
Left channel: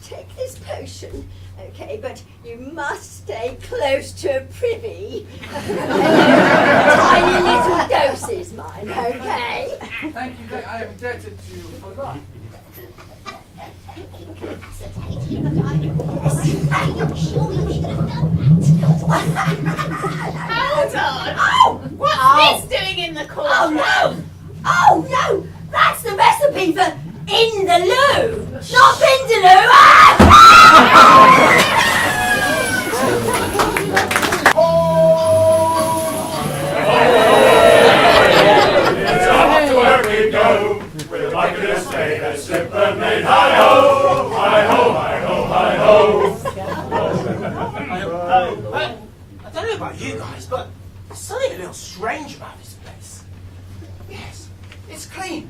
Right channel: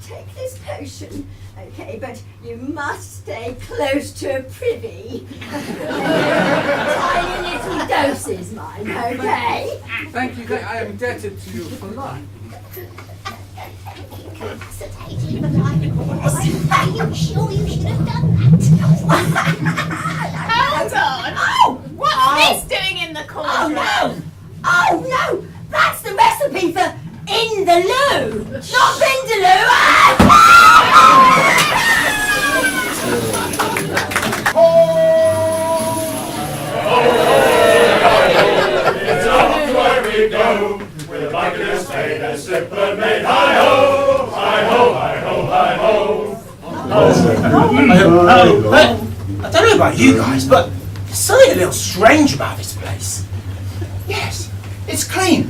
take this potion, okay, but you must stay close to a privy. Tiny little doses, mind, okay? Thank you, I am indebted to you for life. Incapacitated, but I'm sure you should have done that. Hold on. Oh! What's this doing in the corner? Oh no! Oh no! That's the recipe for in the loo! Not Vindaloo! It's off to where we go, with a bucket of spade and slip and made. Hi-ho! Hi-ho, hi-ho, hi-ho! I don't know about you guys, but there's something a little strange about this place. Yes, it's clean.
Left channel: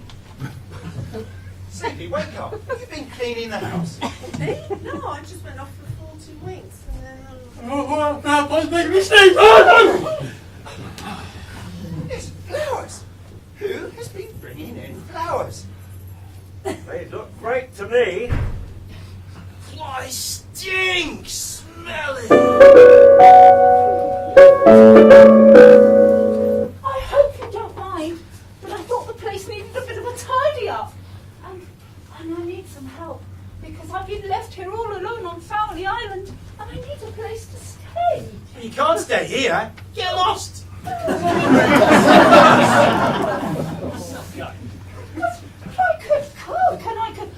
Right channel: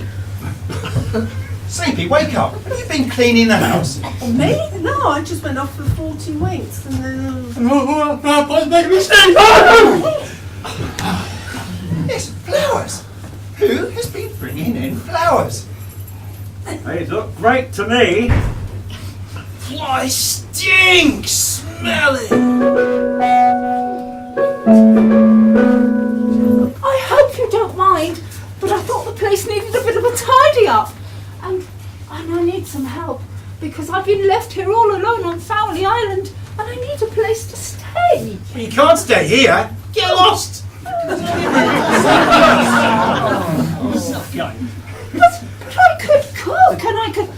Sleepy, wake up. Have you been cleaning the house? Me? No, I just went off for 40 winks and then... Yes, flowers. Who has been bringing in flowers? They look great to me. Why, stink! Smell it! I hope you don't mind, but I thought the place needed a bit of a tidy up. And I need some help, because I've been left here all alone on Fowley Island, and I need a place to stay. You can't stay here. Get lost. But I could cook, and I could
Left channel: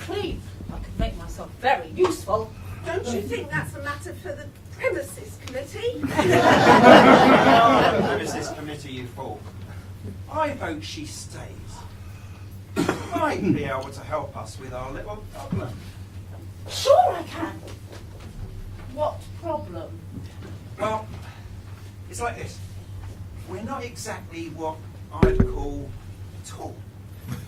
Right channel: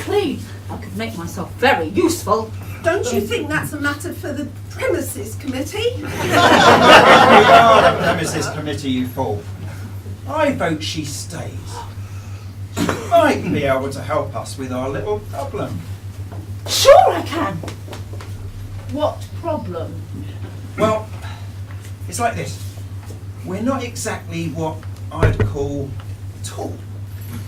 clean. I could make myself very useful. Don't you think that's a matter for the premises committee? Premises committee, you fool. I vote she stays. She might be able to help us with our little problem. Sure I can. What problem? Well, it's like this. We're not exactly what I'd call tall.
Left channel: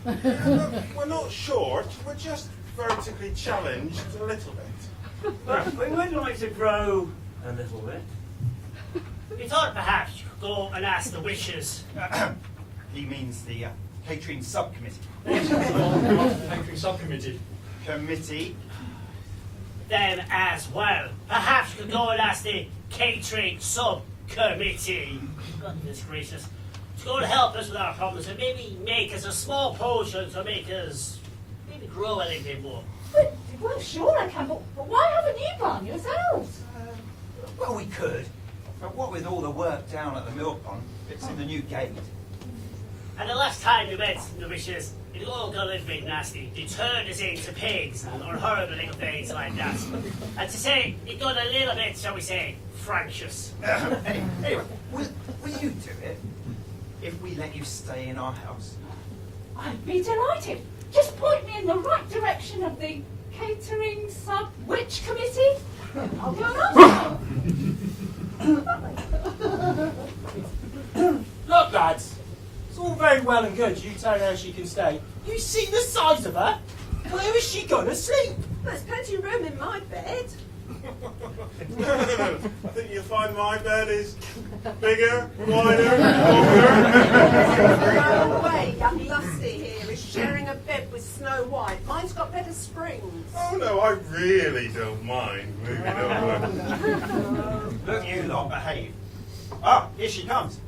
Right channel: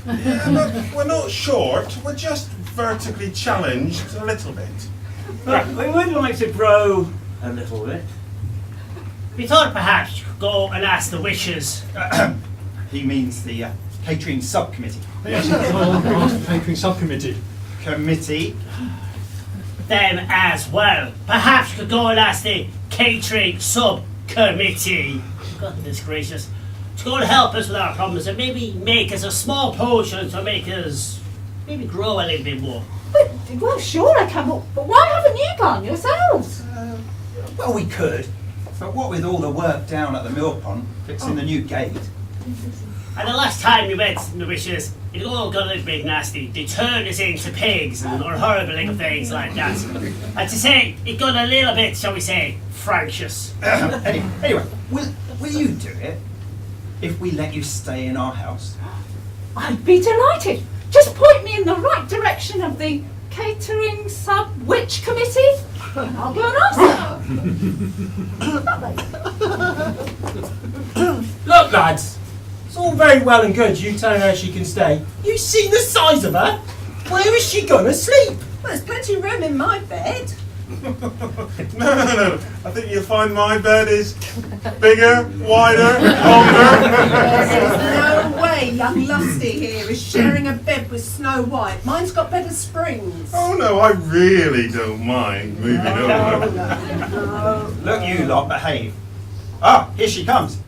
We're not short, we're just vertically challenged a little bit. But we would like to grow a little bit. We thought perhaps you could go and ask the wishes. He means the catering subcommittee. Catering subcommittee. Committee. Them as well. Perhaps you could go and ask the catering subcommittee. Goodness gracious. To go and help us with our problems and maybe make us a small potion to make us maybe grow a little bit more. Well, sure I can, but why haven't you gone yourselves? Well, we could. But what with all the work down at the mill pond, fixing the new gate. And the last time we went in the wishes, it all got a little bit nasty. They turned us into pigs and or horrible little things like that. And to say, it got a little bit, shall we say, fractious. Anyway, will you do it if we let you stay in our house? I'd be delighted. Just point me in the right direction of the catering sub-witch committee? I'll go and ask them. Look, lads, it's all very well and good you telling her she can stay. You see the size of her? Where is she gonna sleep? Well, there's plenty of room in my bed. No. I think you'll find my bed is bigger, wider, longer. No way young Lusty here is sharing a bed with Snow White. Mine's got better springs. Oh no, I really don't mind moving over. Look, you lot, behave. Ah, here she comes.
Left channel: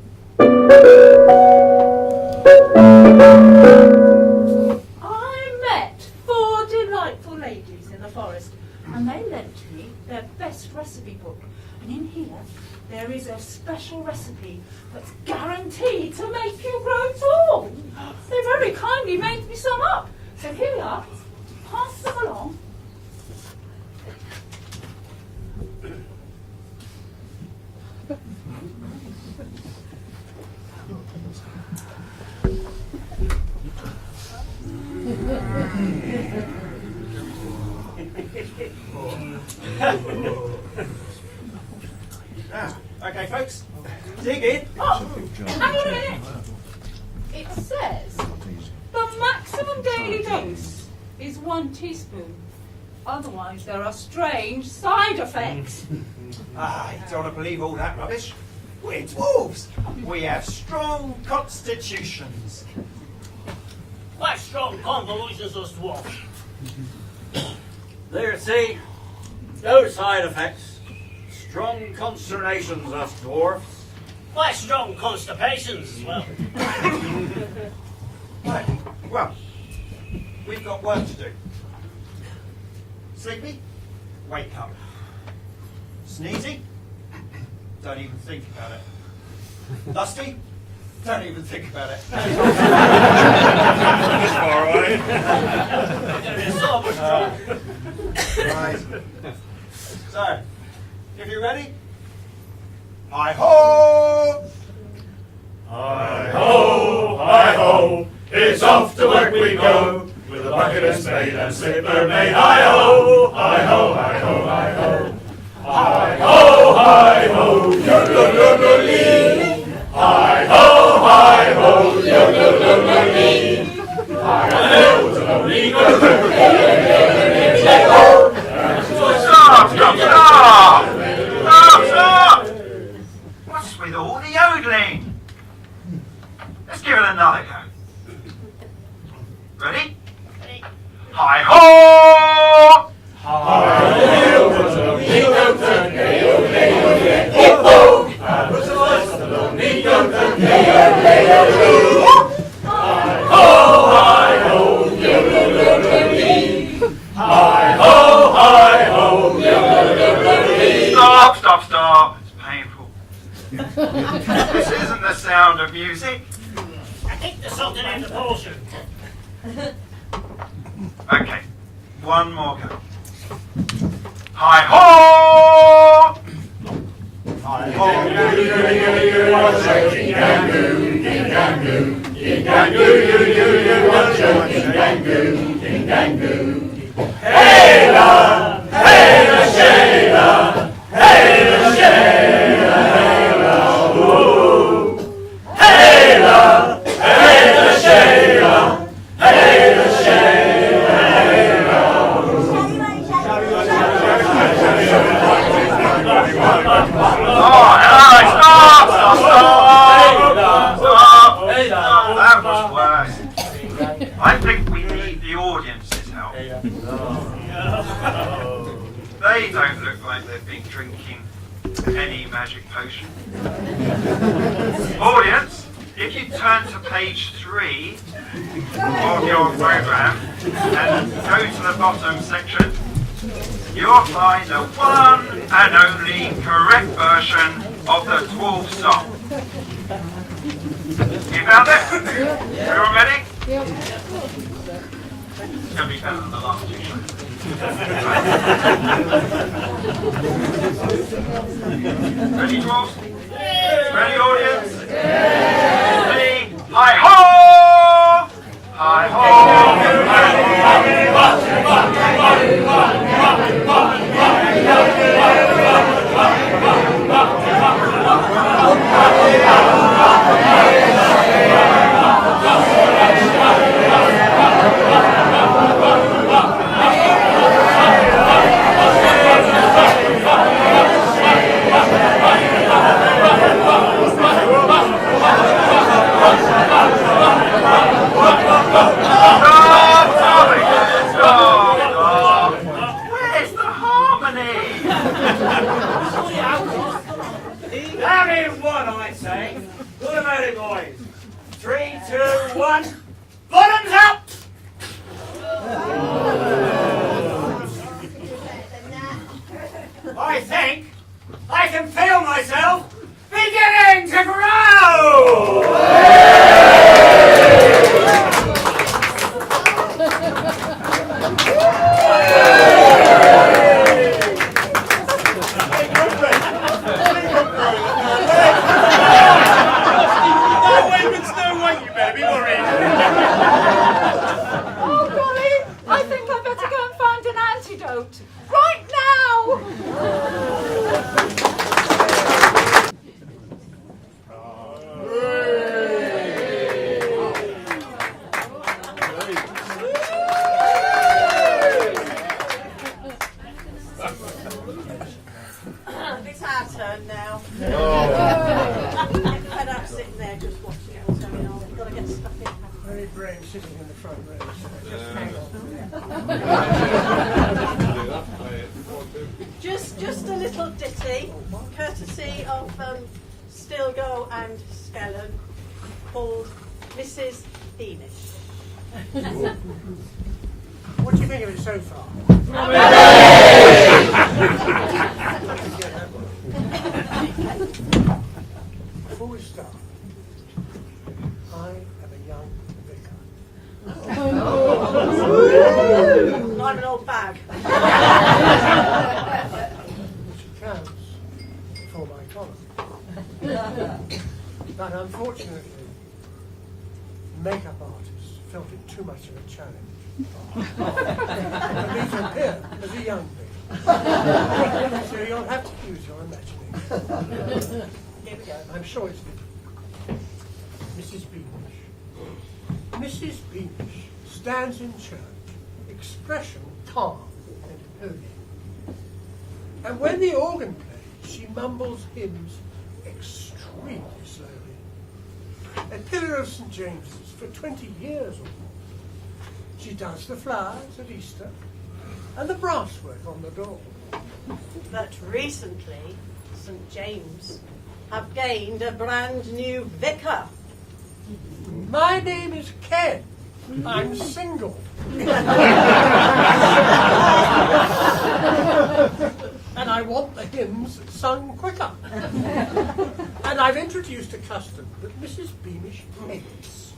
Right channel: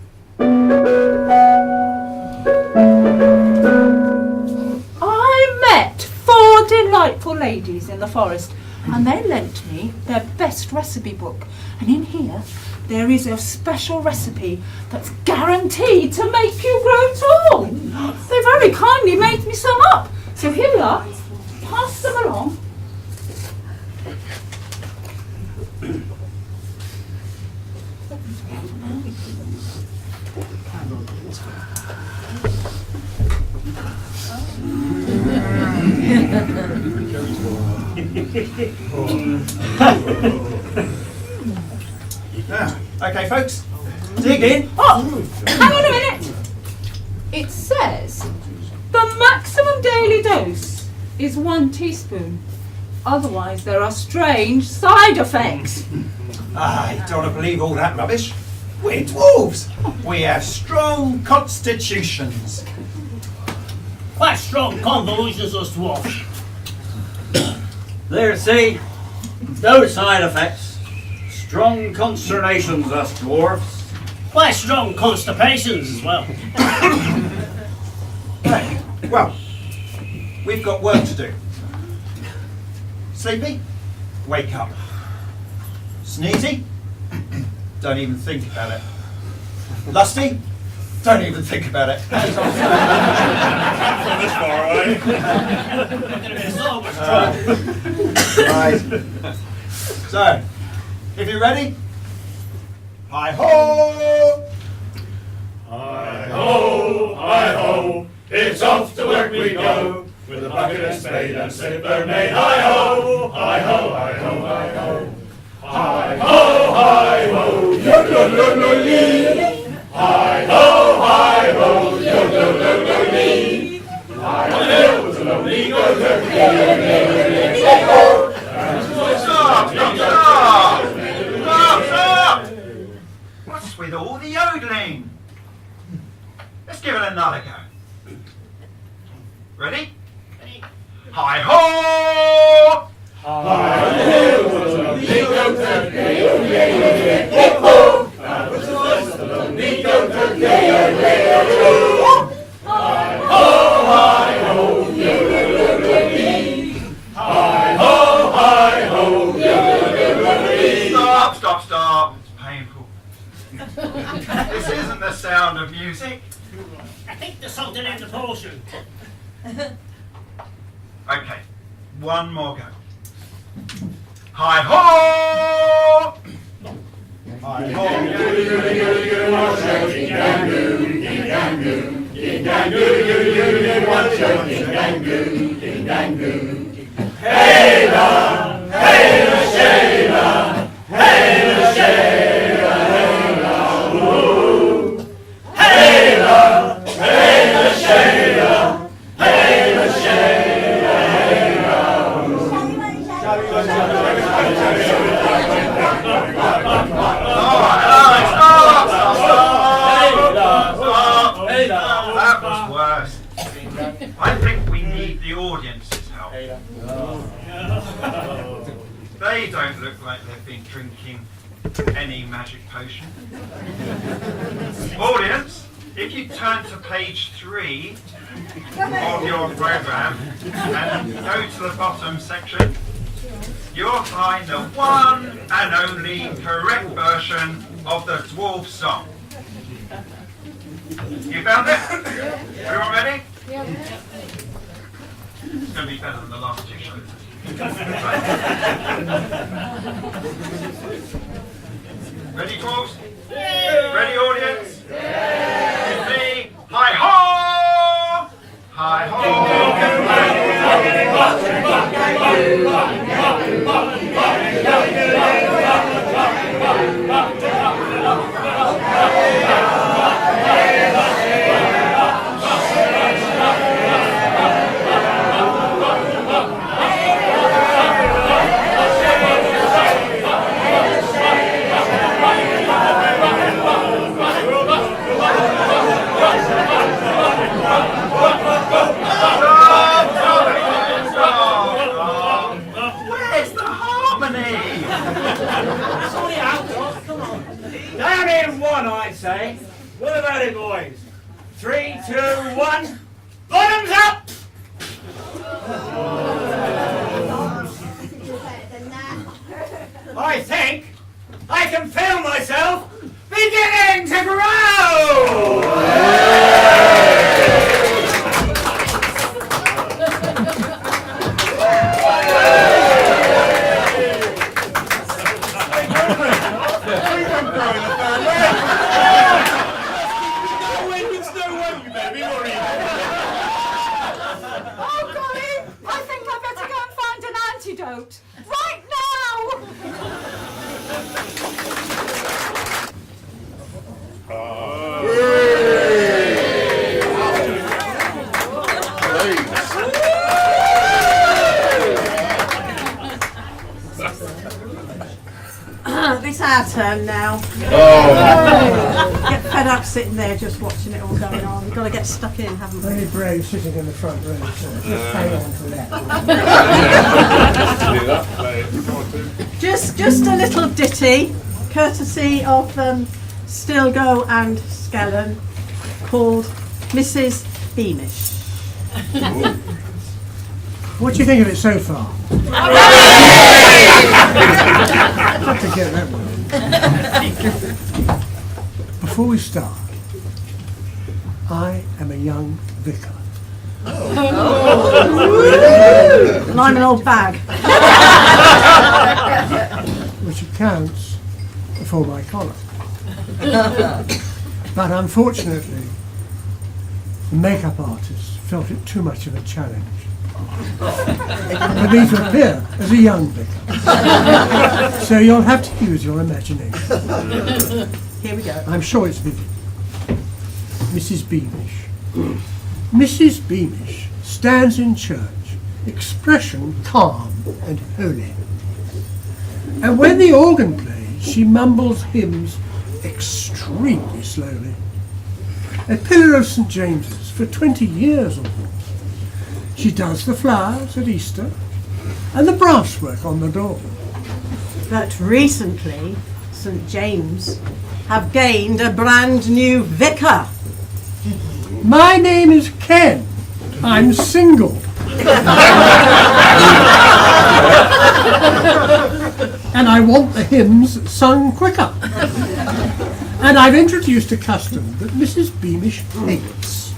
I met 4 delightful ladies in the forest, and they lent me their best recipe book. And in here, there is a special recipe that's guaranteed to make you grow tall. They very kindly made me some up. So here we are. Pass them along. Okay, folks, dig in. Oh, hang on a minute. It says the maximum daily dose is 1 teaspoon. Otherwise, there are strange side effects. I don't believe all that rubbish. We're dwarves. We have strong constitutions. What strong convolutions us dwarfs? There, see, no side effects. Strong consternations, us dwarfs. Why strong constipations as well? Right. Well, we've got work to do. Sleepy? Wake up. Sneezy? Don't even think about it. Lusty? Don't even think about it. This far away. It's almost true. Right. So, if you're ready, hi-ho! Hi-ho, hi-ho, it's off to work we go, with a bucket and spade and slipper made. Hi-ho, hi-ho, hi-ho, hi-ho. Hi-ho, hi-ho, yo-lo-lo-lo-lee. Hi-ho, hi-ho, yo-lo-lo-lo-lee. Hi-ho, yo-lo-lo-lee, yo-lo-lo-lo-lee. Stop! What's with all the yodeling? Let's give it another go. Ready? Hi-ho! Stop. It's painful. This isn't the sound of music. I think there's something in the potion. Okay, one more go. Hi-ho! That was worse. I think we need the audience's help. They don't look like they've been drinking any magic potion. Audience, if you turn to page 3 of your program and go to the bottom section, you'll find the one and only correct version of the dwarf song. You found it? Everyone ready? Yep. It's going to be better than the last two shows. Ready, dwarves? Ready, audience? Ready? Hi-ho! Hi-ho! say. What about it, boys? 3, 2, 1. Bottoms up! I think I can feel myself beginning to grow! Oh, golly, I think I'd better go and find an antidote. Right now! It's our turn now. Get fed up sitting there just watching it all going on. We've got to get stuck in, haven't we? Very brave sitting in the front row, so just hang on to that. Just a little ditty, courtesy of Stilgo and Skellen, called Mrs. Beamish. What do you think of it so far? Got to get that one. Before we start, I am a young vicar. And I'm an old bag. Which accounts for my collar. But unfortunately, the makeup artist felt it too much of a challenge for me to appear as a young vicar. So you'll have to use your imagination. Here we go. I'm sure it's vivid. Mrs. Beamish. Mrs. Beamish stands in church, expression calm and holy. And when the organ plays, she mumbles hymns extremely slowly. A pillar of St. James's for 20 years or more. She does the flowers at Easter and the brasswork on the door. But recently, St. James have gained a brand new vicar. My name is Ken. I'm single. And I want the hymns sung quicker. And I've introduced a custom that Mrs. Beamish hates.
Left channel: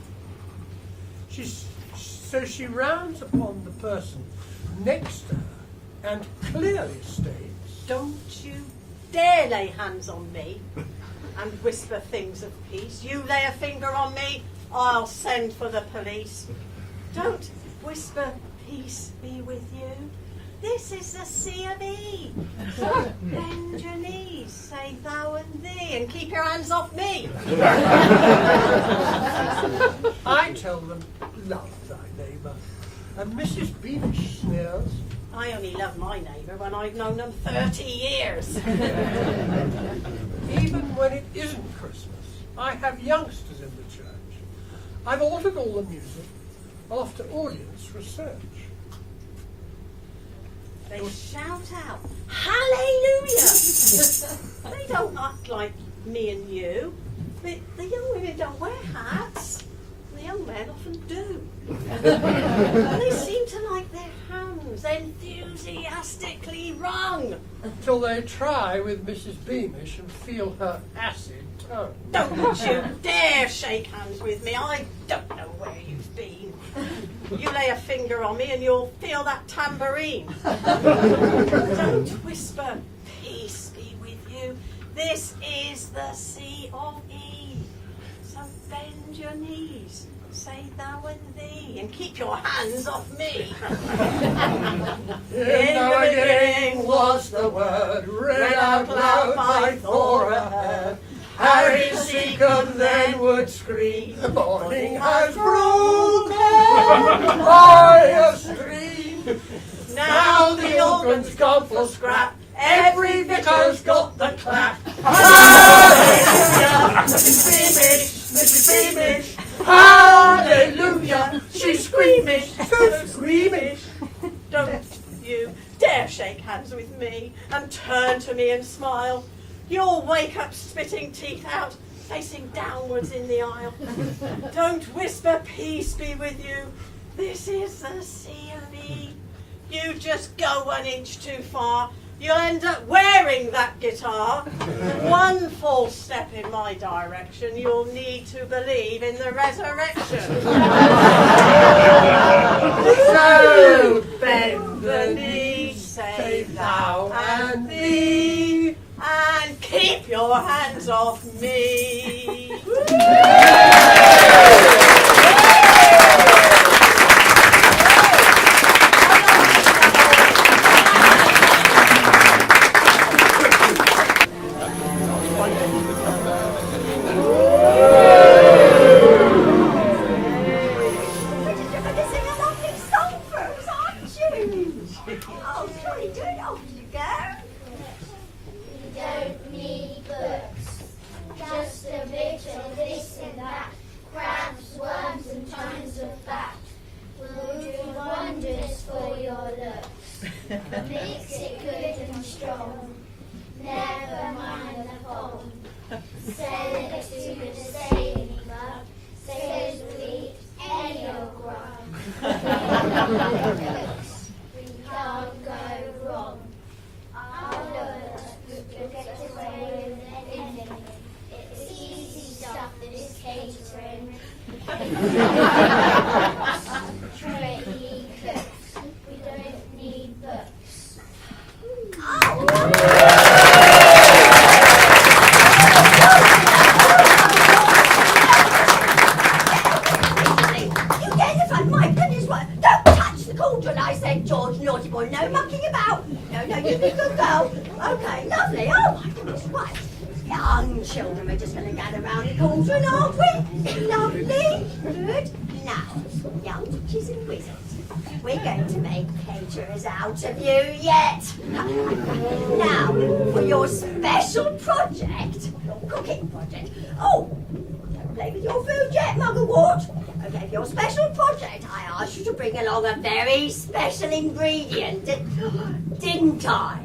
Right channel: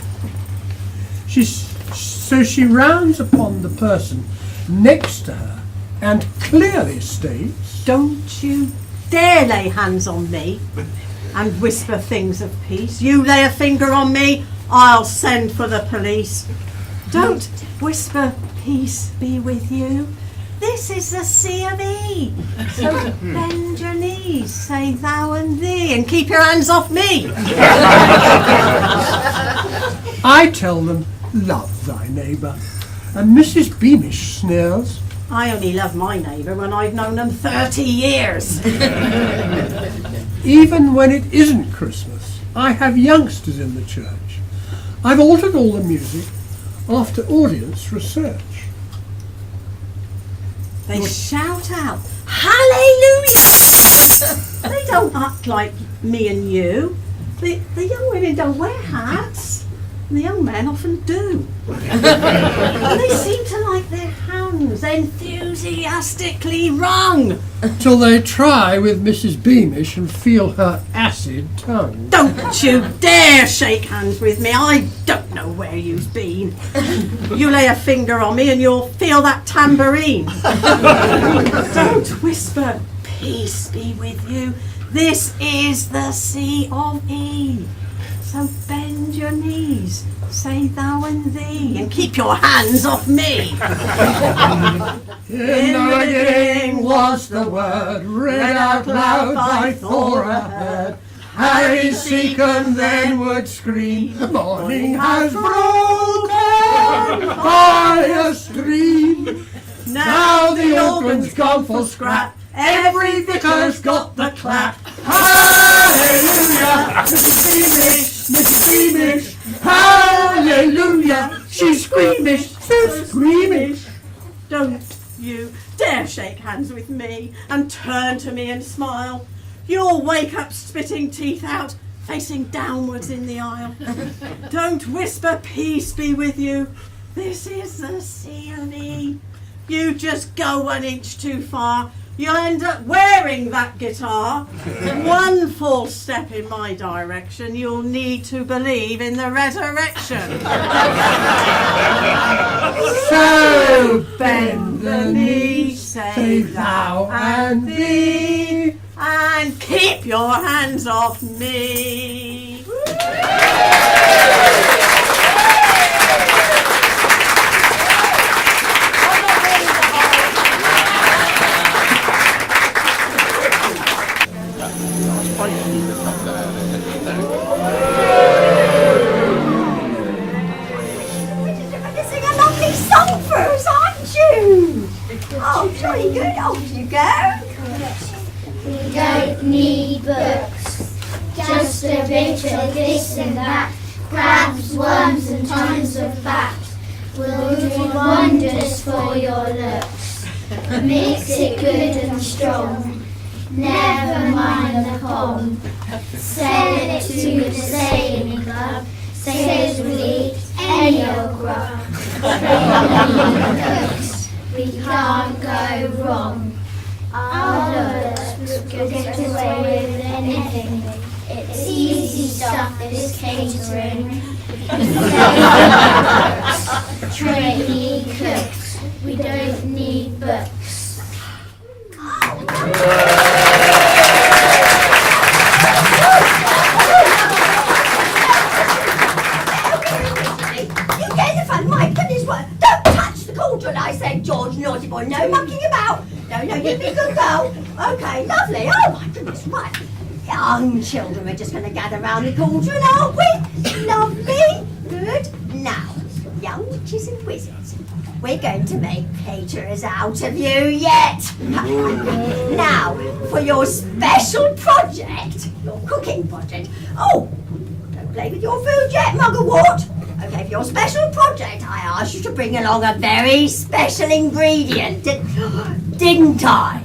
So she rounds upon the person next to her and clearly states, "Don't you dare lay hands on me and whisper things of peace. You lay a finger on me, I'll send for the police. Don't whisper peace be with you. This is the C of E. So bend your knees, say thou and thee, and keep your hands off me." I tell them, love thy neighbour. And Mrs. Beamish sneers, I only love my neighbour when I've known them 30 years. even when it isn't Christmas, I have youngsters in the church. I've altered all the music after audience research. They shout out, "Hallelujah!" They don't act like me and you. The young women don't wear hats. And the young men often do. And they seem to like their hands enthusiastically wrung. Till they try with Mrs. Beamish and feel her acid tongue. Don't you dare shake hands with me. I don't know where you've been. You lay a finger on me and you'll feel that tambourine. Don't whisper, "Peace be with you." This is the C of E. So bend your knees, say thou and thee, and keep your hands off me. In the beginning was the word, read out loud by Thor ahead. Harry Seacombe then would scream, the morning has broken by a stream. Now the organ's gone for scrap, every vicar's got the clap. Hallelujah, Mrs. Beamish, Mrs. Beamish, hallelujah, she's squeamish, so squeamish. Don't you dare shake hands with me and turn to me and smile. You'll wake up spitting teeth out facing downwards in the aisle. Don't whisper peace be with you. This is the CME. You just go 1 inch too far, you'll end up wearing that guitar. One false step in my direction, you'll need to believe in the resurrection. So bend the knee, say thou and thee, and keep your hands off me. Sing a lovely song for us, aren't you? Oh, jolly good. Off you go. We don't need books, just a bit of this and that, crabs, worms and tons of fat will do wonders for your looks. Mix it good and strong, never mind the pong. Sell it to the sailing club, sailors will eat any old grub. We can't go wrong. Our looks will get away with anything. It's easy stuff, this catering. Trainee cooks, we don't need books. You get the fun, my goodness, what? Don't touch the cauldron, I said, George, naughty boy, no mucking about. No, you be a good girl. Okay, lovely, oh my goodness, right. Young children, we're just going to gather round the cauldron, aren't we? Lovely, good. Now, young witches and wizards, we're going to make caterers out of you yet. Now, for your special project, your cooking project. Oh, don't play with your food yet, Mugglewort. Okay, for your special project, I asked you to bring along a very special ingredient, didn't I?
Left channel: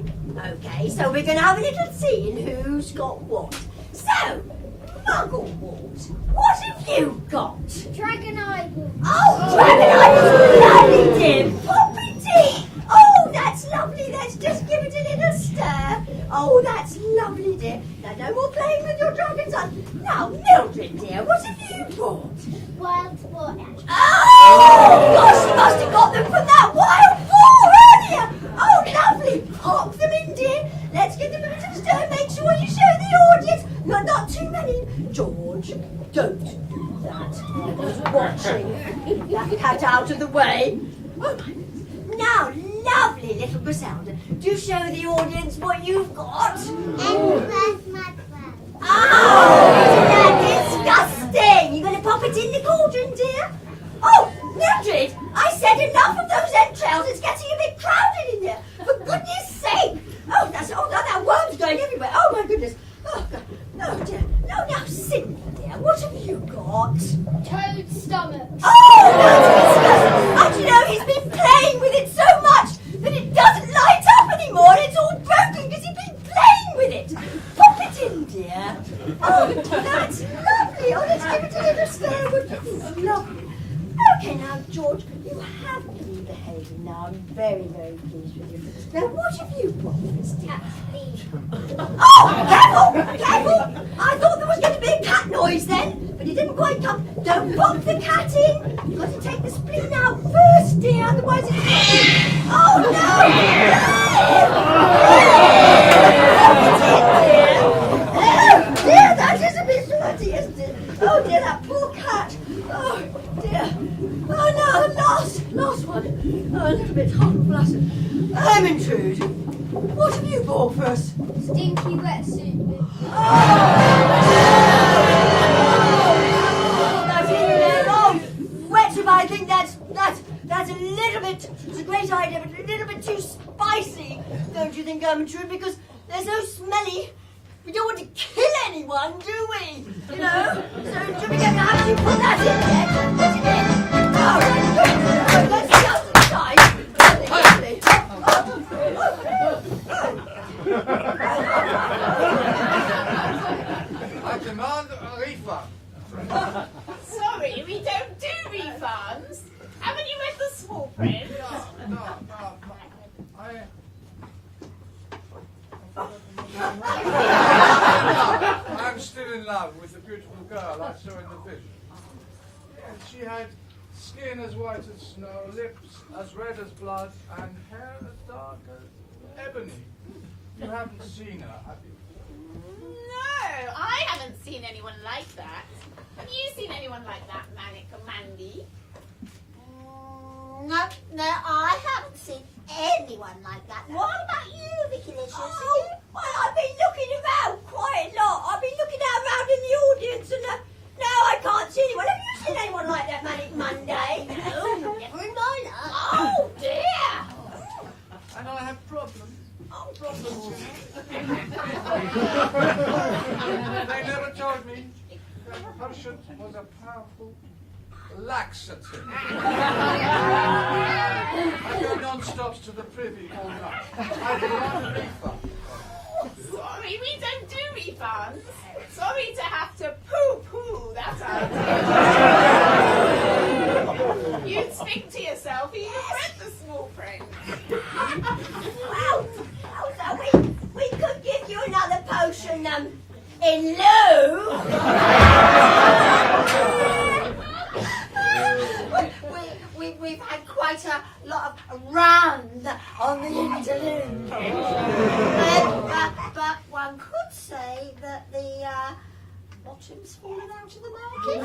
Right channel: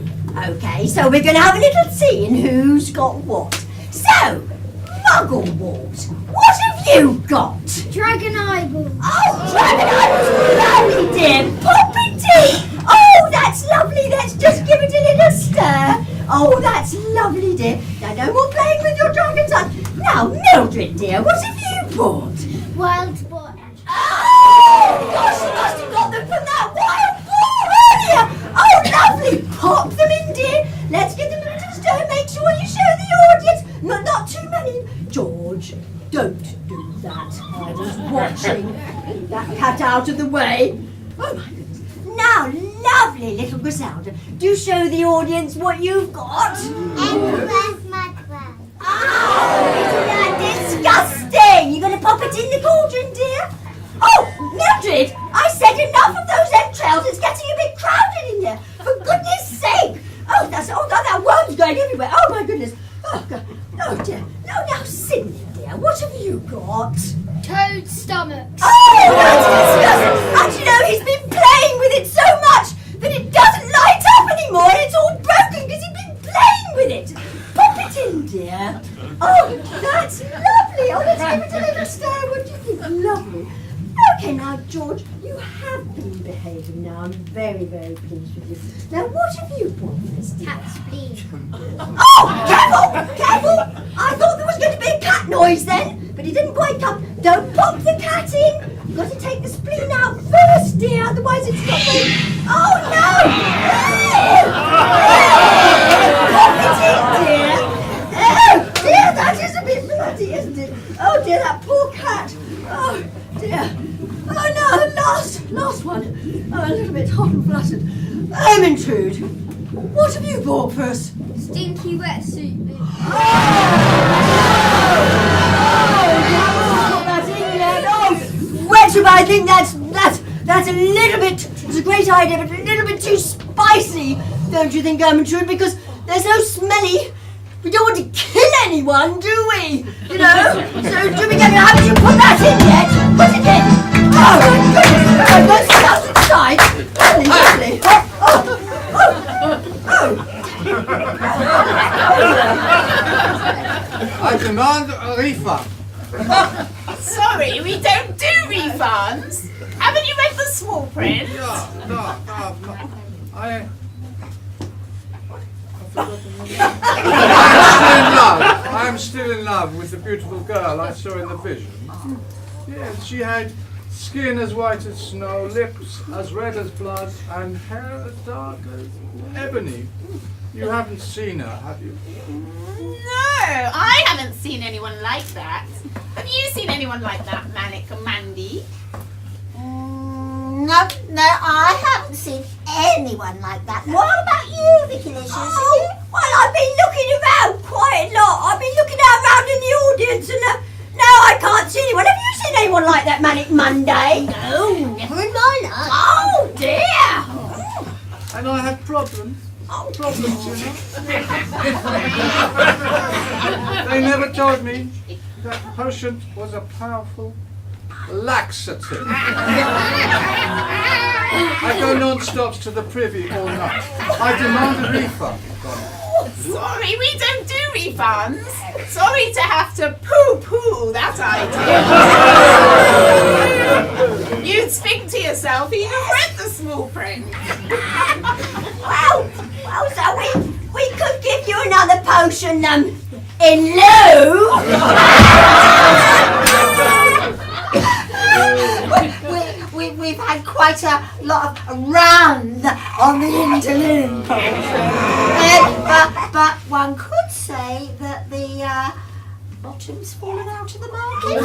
Okay, so we're going to have a little see in who's got what. So, Mugglewort, what have you got? Dragon eyeball. Oh, dragon eyeballs, lovely dear. Poppy tea. Oh, that's lovely. Let's just give it a little stir. Oh, that's lovely, dear. Now, no more playing with your dragon's eye. Now, Mildred, dear, what have you bought? Wild boar. Oh, gosh, you must have got them from that wild boar earlier. Oh, lovely. Pop them in, dear. Let's give them a little stir. Make sure you show the audience. Not too many. George, don't do that. I was watching. Get that cat out of the way. Oh, my goodness. Now, lovely little Griselda, do show the audience what you've got. Emsworth mudworm. Oh, that's disgusting. You're going to pop it in the cauldron, dear? Oh, Mildred, I said enough of those entrails. It's getting a bit crowded in there. For goodness sake. Oh, that worm's going everywhere. Oh, my goodness. Oh, God. Oh, dear. No, now, Sydney, dear, what have you got? Toad stomach. Oh, that's disgusting. And you know, he's been playing with it so much that it doesn't light up anymore. It's all broken because he's been playing with it. Pop it in, dear. Oh, that's lovely. Oh, let's give it a little stir. What do you think? Lovely. Okay, now, George, you have been behaving now. I'm very, very pleased with you. Now, what have you brought this time? Cat's pee. Oh, careful! Careful! I thought there was going to be a cat noise then, but it didn't quite come. Don't pop the cat in. You've got to take the spleen out first, dear, otherwise it's going. Oh, no! Pop it in, dear. Oh, dear, that is a bit bloody, isn't it? Oh, dear, that poor cat. Oh, dear. Oh, no, the last one. I'm a little bit hot and fluttered. Ermintrude, what have you bought for us? Stinky wetsuit. Wetsuit, I think that's a little bit, it's a great idea, but a little bit too spicy, don't you think, Ermintrude? Because they're so smelly. We don't want to kill anyone, do we? You know? So, do we get haven't you put that in yet? Put it in. Oh, my goodness. Let's get outside. Lovely. I demand a refund. Sorry, we don't do refunds. Haven't you read the small print? No. I am still in love with the beautiful girl I saw in the vision. Yes, she had skin as white as snow, lips as red as blood, and hair as dark as ebony. You haven't seen her, have you? No, I haven't seen anyone like that. Have you seen anyone like that, Manic and Mandy? No, I haven't seen anyone like that. What about you, Vicky Licious? Oh, well, I've been looking around quite a lot. I've been looking around in the audience and no, I can't see anyone. Have you seen anyone like that, Manic Monday? No, never in my life. Oh, dear. And I have problems. Problems, you know. They never told me that potion was a powerful laxative. I go non-stops to the privy all night. I demand a refund. Sorry, we don't do refunds. Sorry to have to poo-poo that idea. You'd think to yourself, you'd have read the small print. Well, so we could give you another potion in lieu. We've had quite a lot of runs on the interlude. But one could say that the bottom's fallen out of the market.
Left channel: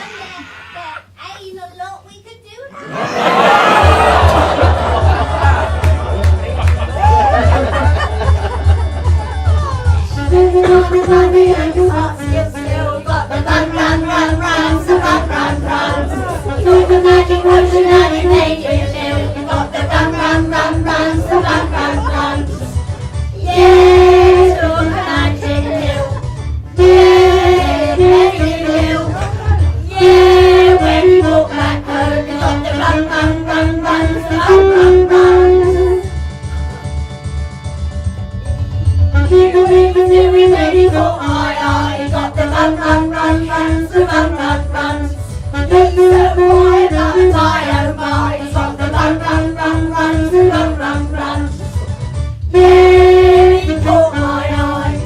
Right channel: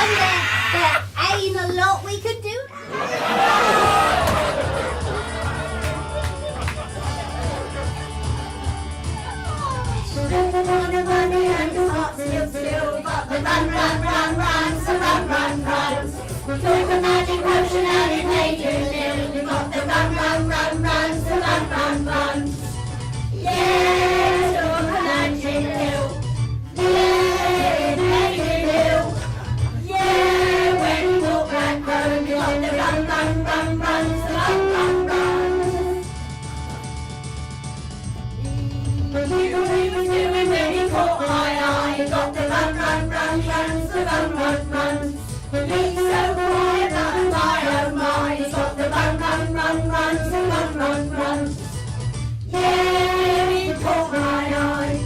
And there ain't a lot we could do Took a magic potion and it made you new. You got the run. Yeah, took a magic pill. Yeah, it made you new. Yeah, when you walk back home, you got the run. You ready for I got the run. It's so quiet, my, oh my, it's got the run. Yeah, you caught my eye.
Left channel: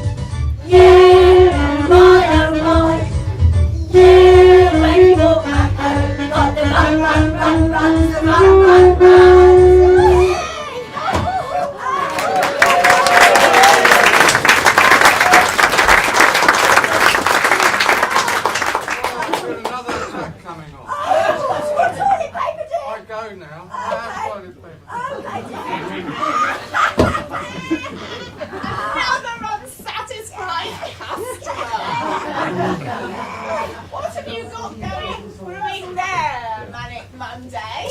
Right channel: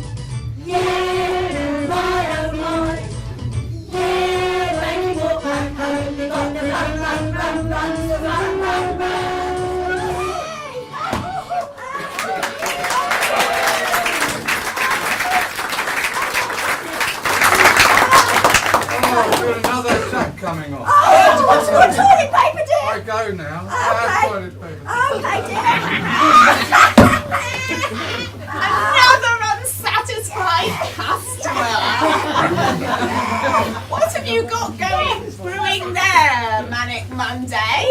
Yeah, my, oh my. Yeah, when you walk back home, you got the run. coming off. Oh, what's your toilet paper, dear? I go now. I have toilet paper. Okay, dear. Another unsatisfied customer. What have you got brewing there, Manic Monday?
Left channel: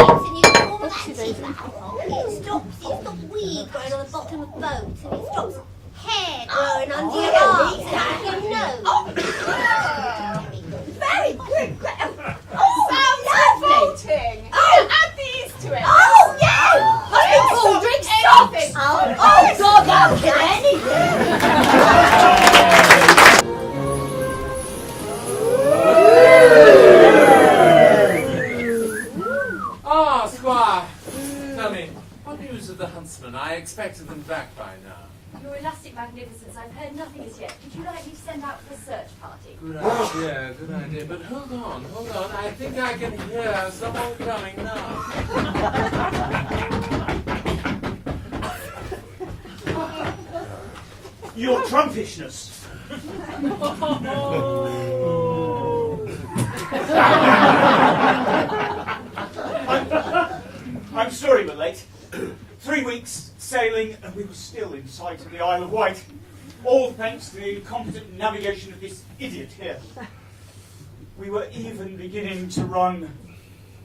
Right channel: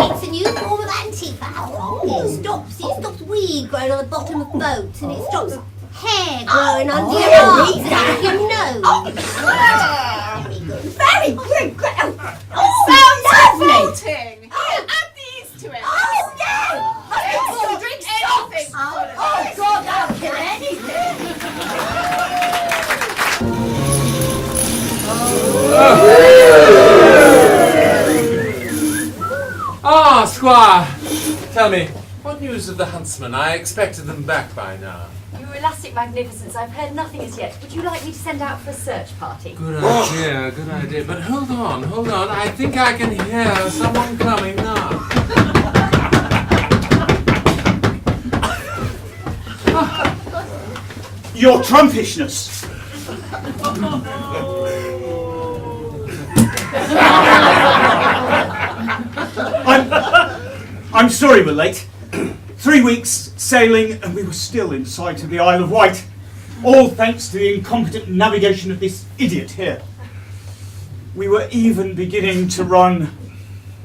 It's a new form of antifoul. It stops weed growing on the bottom of boats, and it stops hair growing under your arms and your nose. Very good. Sounds revolting. Add these to it. Oh, yeah. Drink anything. Oh, God, I'll kill anything. Ah, Squire! Tell me, what news of the huntsmen? I expected them back by now. Your elastic magnificence, I've heard nothing as yet. Would you like me to send out for a search party? Good idea. But hold on. I think I can hear someone coming now. Your trumpishness. I'm sorry we're late. 3 weeks sailing and we were still in sight of the Isle of Wight. All thanks to the incompetent navigation of this idiot here. We were even beginning to run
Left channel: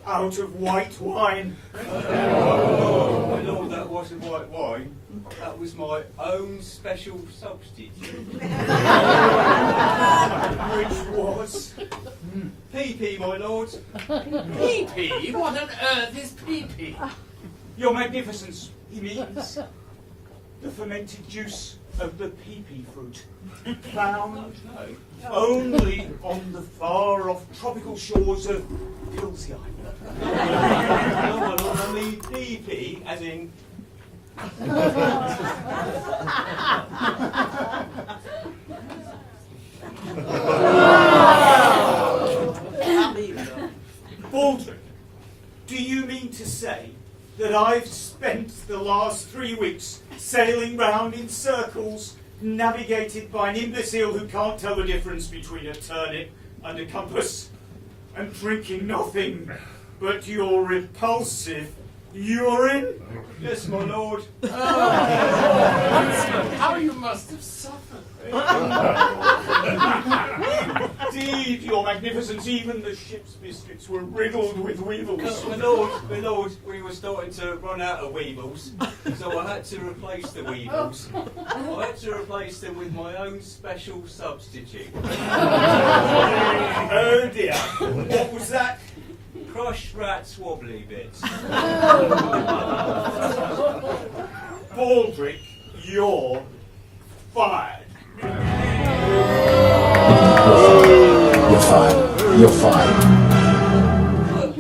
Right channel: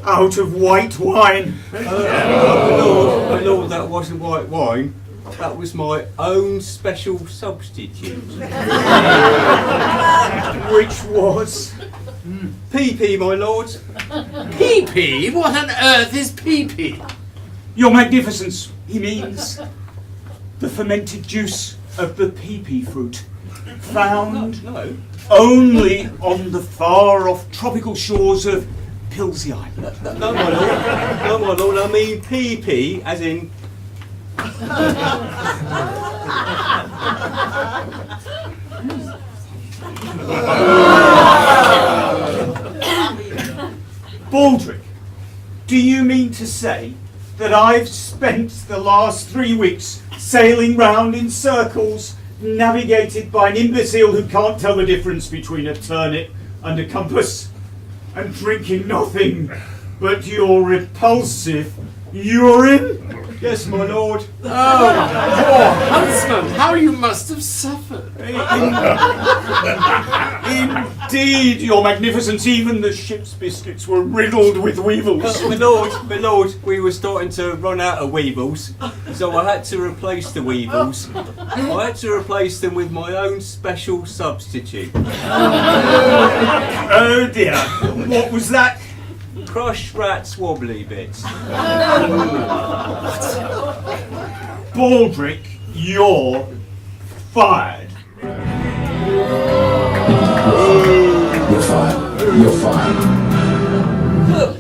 out of white wine. Lord, that wasn't white wine. That was my own special substitute. Which was? PP, my lord. PP? What on earth is PP? Your Magnificence, he means. The fermented juice of the pea fruit, found No. only on the far-off tropical shores of Pilsey Island. No, my lord. No, my lord. I mean pee, as in. Baldric, do you mean to say that I've spent the last 3 weeks sailing round in circles, navigated by an imbecile who can't tell the difference between a turnip and a compass, and drinking nothing but your repulsive urine? Yes, my lord. Oh, poor huntsman, how you must have suffered. Indeed, your magnificence, even the ship's biscuits were riddled with weevils. My lord, we were starting to run out of weevils, so I had to replace the weevils. I had to replace them with my own special substitute. Oh dear, what was that? Crushed rat's wobbly bits. Baldric, you're fired. You're fired. You're fired.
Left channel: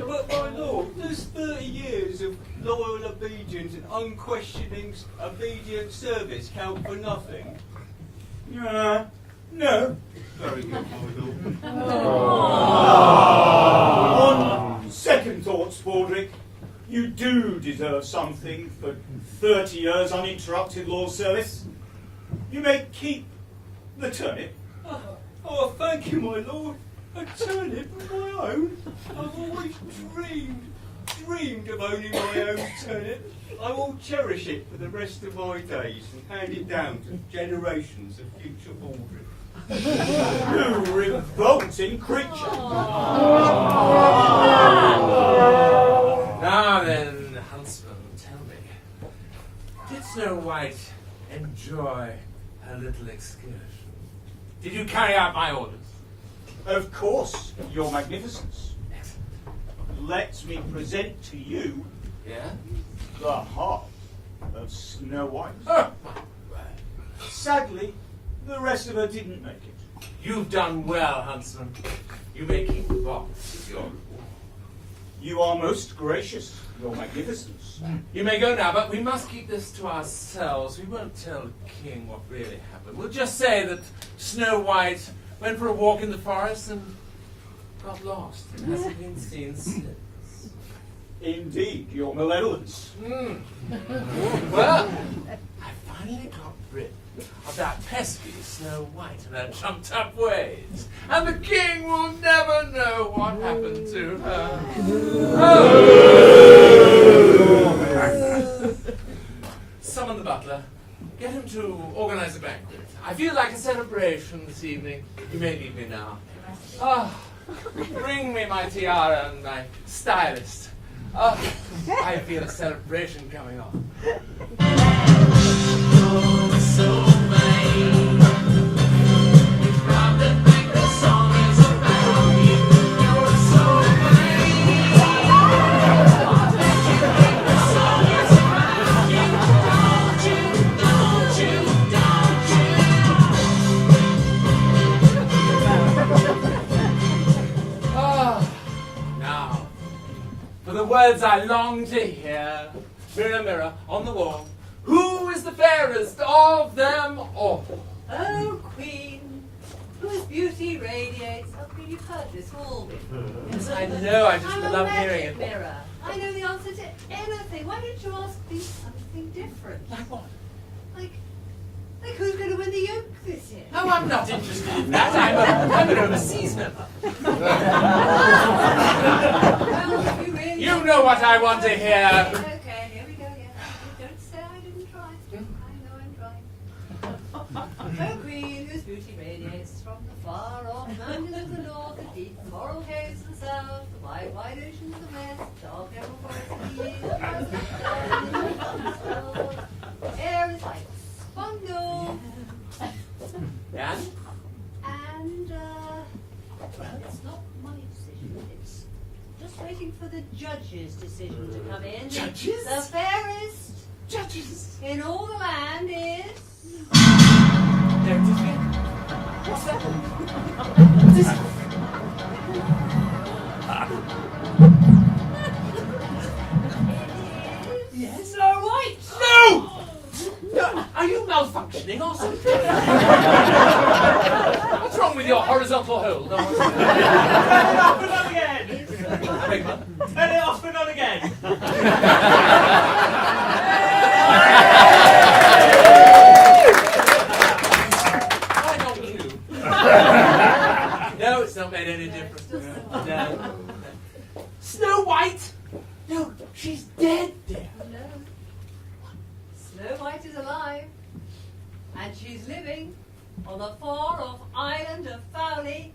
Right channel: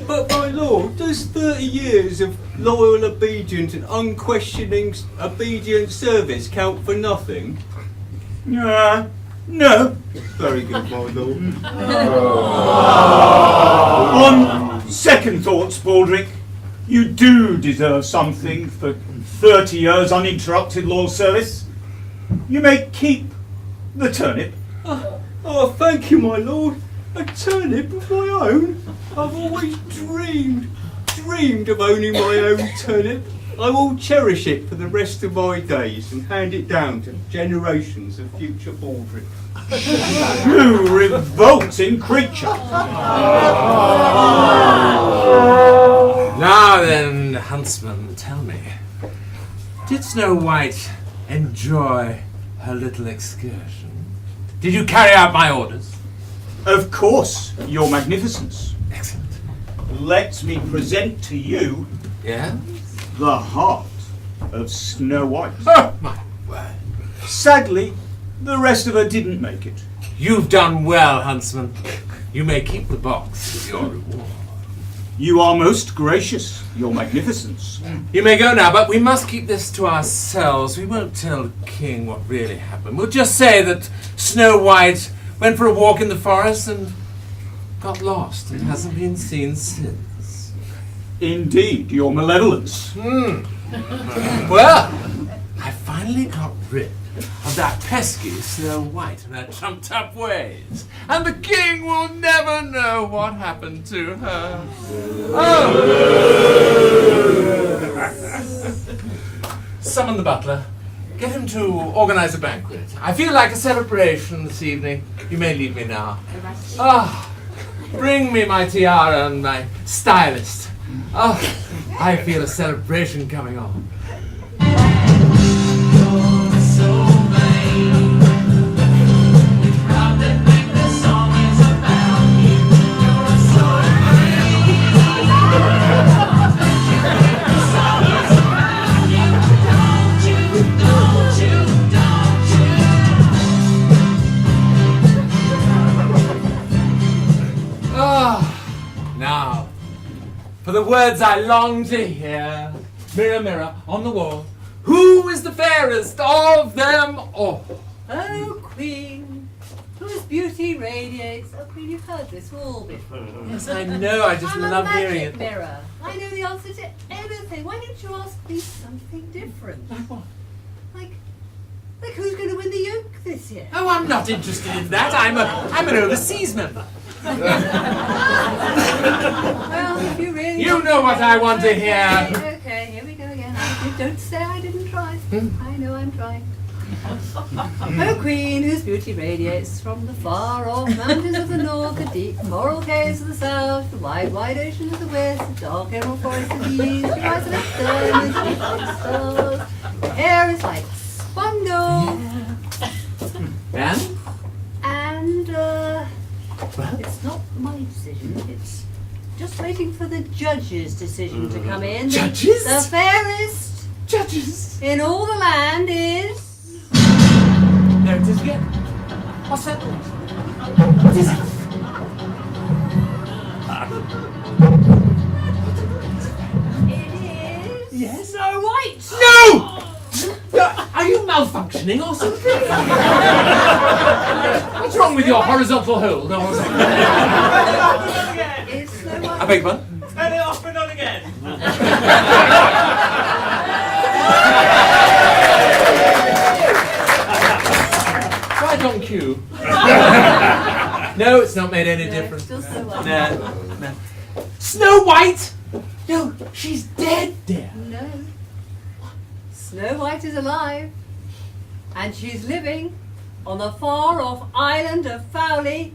But my lord, does 30 years of loyal obedience and unquestioning obedient service count for nothing? No. Very good, my lord. On second thoughts, Baldric, you do deserve something for 30 years uninterrupted loyal service. You may keep the turnip. Oh, thank you, my lord. A turnip of my own. I've always dreamed of owning my own turnip. I will cherish it for the rest of my days and hand it down to generations of future Baldric. You revolting creature! Now then, huntsman, tell me, did Snow White enjoy her little excursion? Did you carry out my orders? Of course, your magnificence. Excellent. Let me present to you the heart of Snow White. Oh, my word. Sadly, the rest of her didn't make it. You've done well, huntsman. You may keep the box with your reward. You are most gracious, your magnificence. You may go now, but we must keep this to ourselves. We won't tell the king what really happened. We'll just say that Snow White went for a walk in the forest and got lost and hasn't been seen since. Indeed, your malevolence. Well, I finally got rid of that pesky Snow White and her trumped-up ways, and the king will never know what happened to her. Oh! Summon the butler. Get him to organize a banquet. I feel like a celebration this evening. You may leave me now. Bring me my tiara and my stylist. I feel a celebration coming on. Now, for the words I long to hear. Mirror, mirror on the wall, who is the fairest of them all? Oh, Queen, whose beauty radiates. Oh, Queen, you've heard this all before. Yes, I know. I just I'm a love magic hearing it. mirror. I know the answer to anything. Why don't you ask me something different? Like who's going to win the yoke this year? Oh, I'm not interested in that. I'm an overseas member. Well, if you really You know what I want to hear. Okay, here we go again. Don't say I didn't try. I know I'm trying. Oh, Queen, whose beauty radiates from the far-off mountains of the north, the deep coral caves of the south, the wide, wide ocean of the west, the dark emerald forest of the east, the rise of the stars, the stars. Hair is like Spondo. And? And, it's not my decision, it's just waiting for the judge's decision to come in. Judges? The fairest judges in all the land is... again. What's that? What is it? Yes? Snow White! No! Are you malfunctioning or something? What's wrong with your horizontal hold? No, I beg your pardon? Turn it off and on again. Right on cue. No, it's not made any difference. Still Snow White. No. Snow White? No, she's dead, dear. No. Snow White is alive. And she's living on the far-off island of Fowley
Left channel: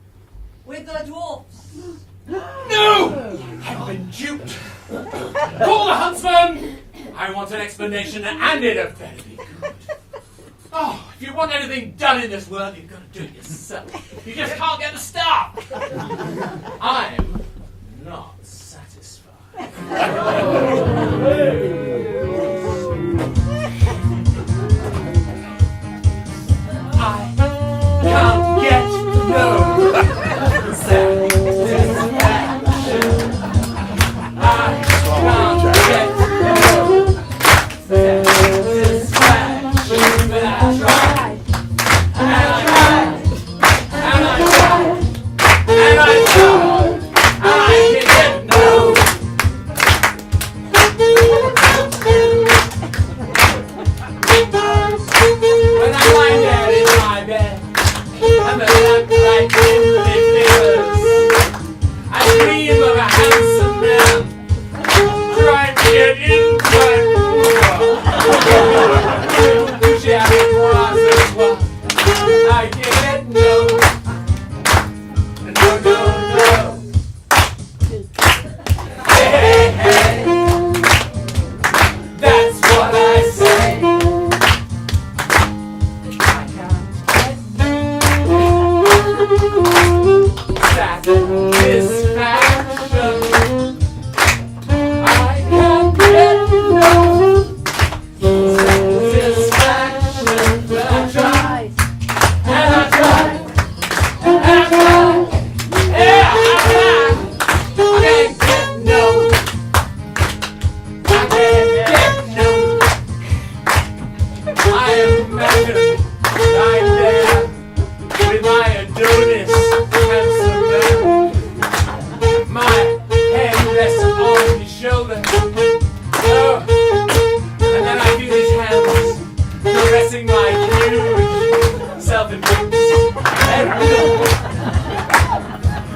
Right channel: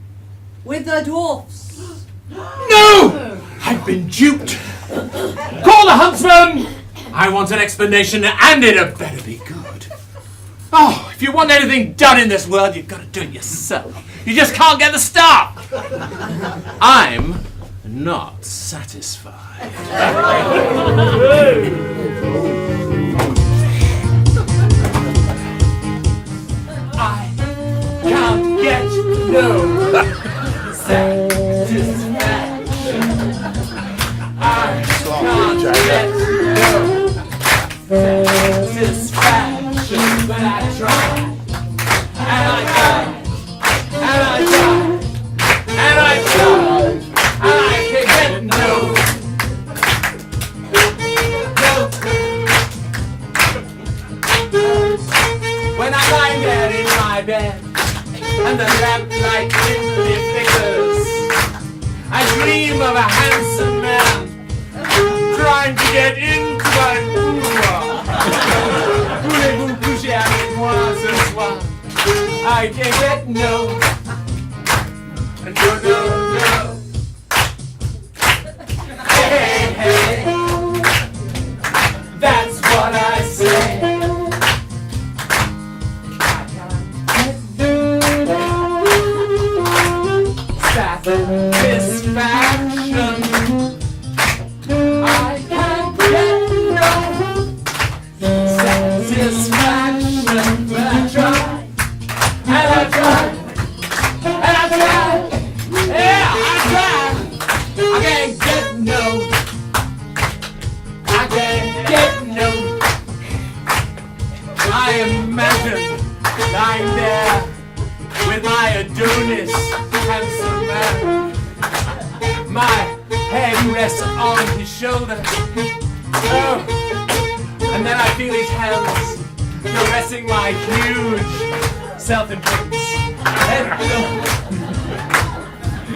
with the dwarfs. No! I've been duped. Call the huntsman! I want an explanation, and it had better be good. Oh, if you want anything done in this world, you've got to do it yourself. You just can't get the start. I'm not satisfied. I can't get no satisfaction. I can't get no satisfaction, but I tried, and I tried, and I tried, and I tried, and I can get no. When I lie there in my bed, and the lamplight dimly flickers, I dream of a handsome man trying to get into my boudoir. Touché avec moi ce soir, I can get no, no, no, no. Hey, hey, that's what I say. Satisfaction. I can't get no satisfaction, but I tried, and I tried, and I tried, yeah, I tried. I can't get no, I can't get no. I imagine lying there with my Adonis handsome man. My head rests on his shoulder. Oh, and then I feel his hands caressing my huge self-importance.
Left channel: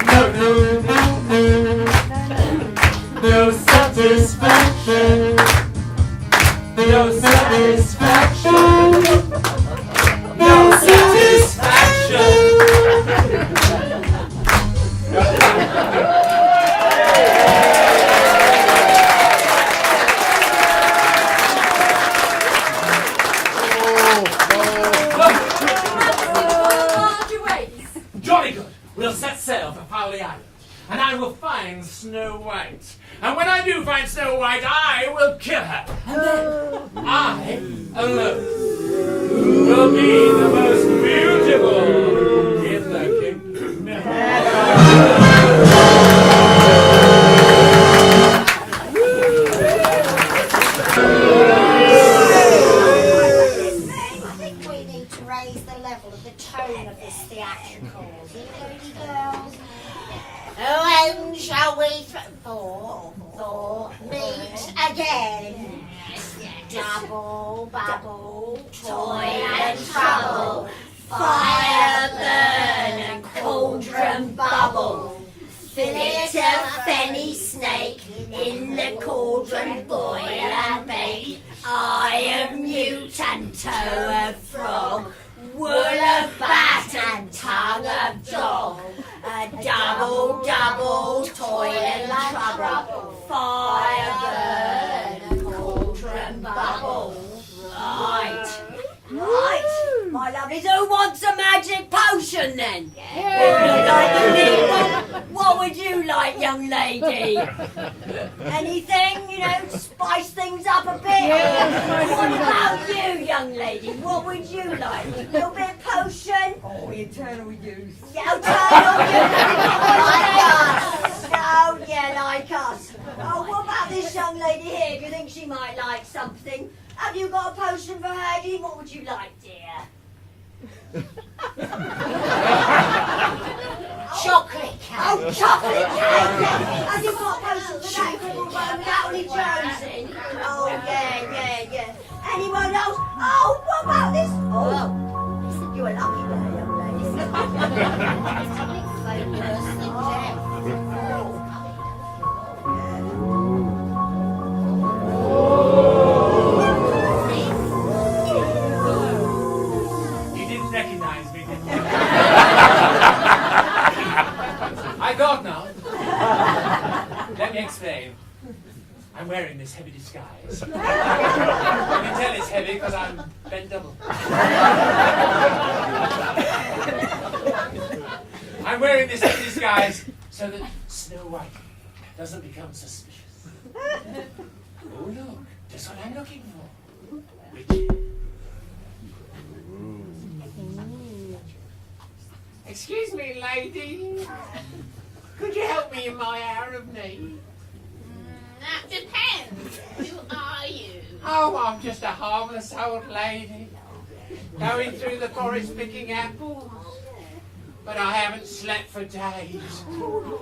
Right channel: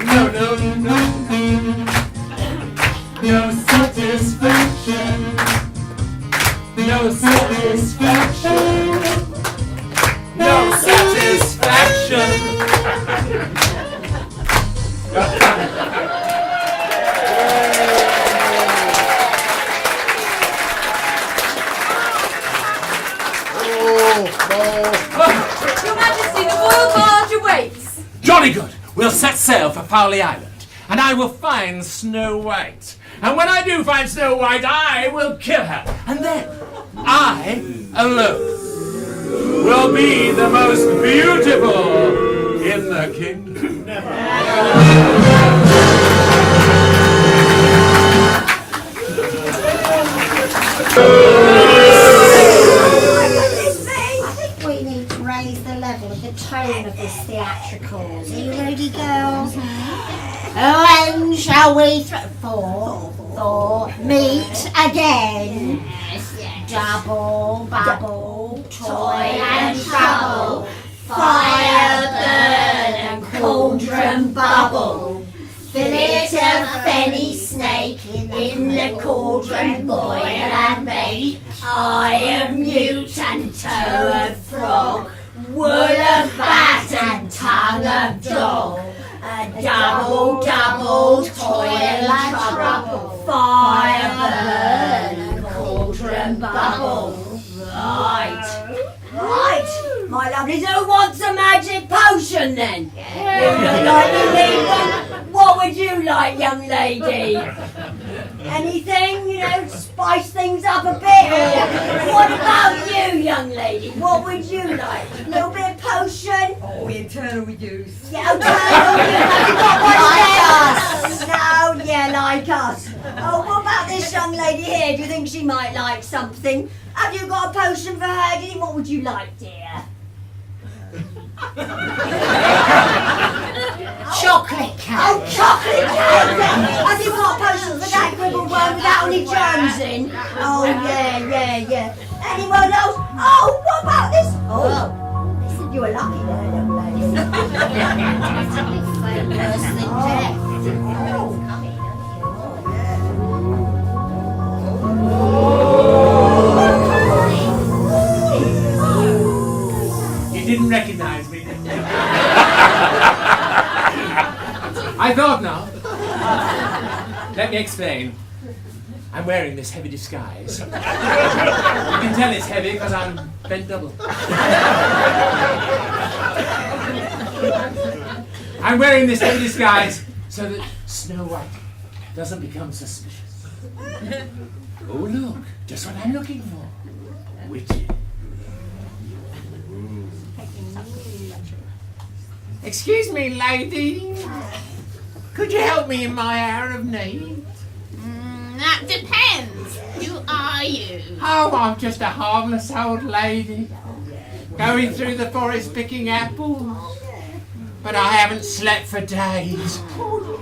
No, no, no, no satisfaction. No satisfaction. No satisfaction. Your Majesty, the royal barge awaits. Jolly good. We'll set sail for Fowley Island, and I will find Snow White. And when I do find Snow White, I will kill her. And then I alone will be the most beautiful in the kingdom. I think we need to raise the level of the tone of this theatricals. Are you ready, girls? When shall we for meet again? Double, bubble, toy and trouble, fire, burn and cauldron bubble. Flit a fenny snake in the cauldron, boil and bake. Eye of newt and toe of frog, wool of bat and tongue of dog. A double, double, toil and trouble, fire, burn and cauldron bubble. Right. Right, my lovelies, who wants a magic potion then? Who would like to leave one? What would you like, young lady? Anything, you know, spice things up a bit? Or what about you, young lady? What would you like? A little bit of potion? eternal youth. Yeah, eternal youth. No, yeah, like us. Oh, what about this young lady here? Do you think she might like something? Have you got a potion for her? What would you like, dear? Chocolate cake. Oh, chocolate cake! Have you got potions for that little one without any germs in? Oh, yeah. Anyone else? Oh, what about this? Oh, listen, you're a lucky girl, young lady. Worse than death. You didn't recognize me, did you? I thought not. Let me explain. I'm wearing this heavy disguise. You can tell it's heavy because I'm bent double. I'm wearing this heavy disguise so that Snow White doesn't become suspicious. Oh look, just what I'm looking for. Witty. Excuse me, lady. Could you help me in my hour of need? That depends. Who are you? Oh, I'm just a harmless old lady, going through the forest picking apples. But I haven't slept for days.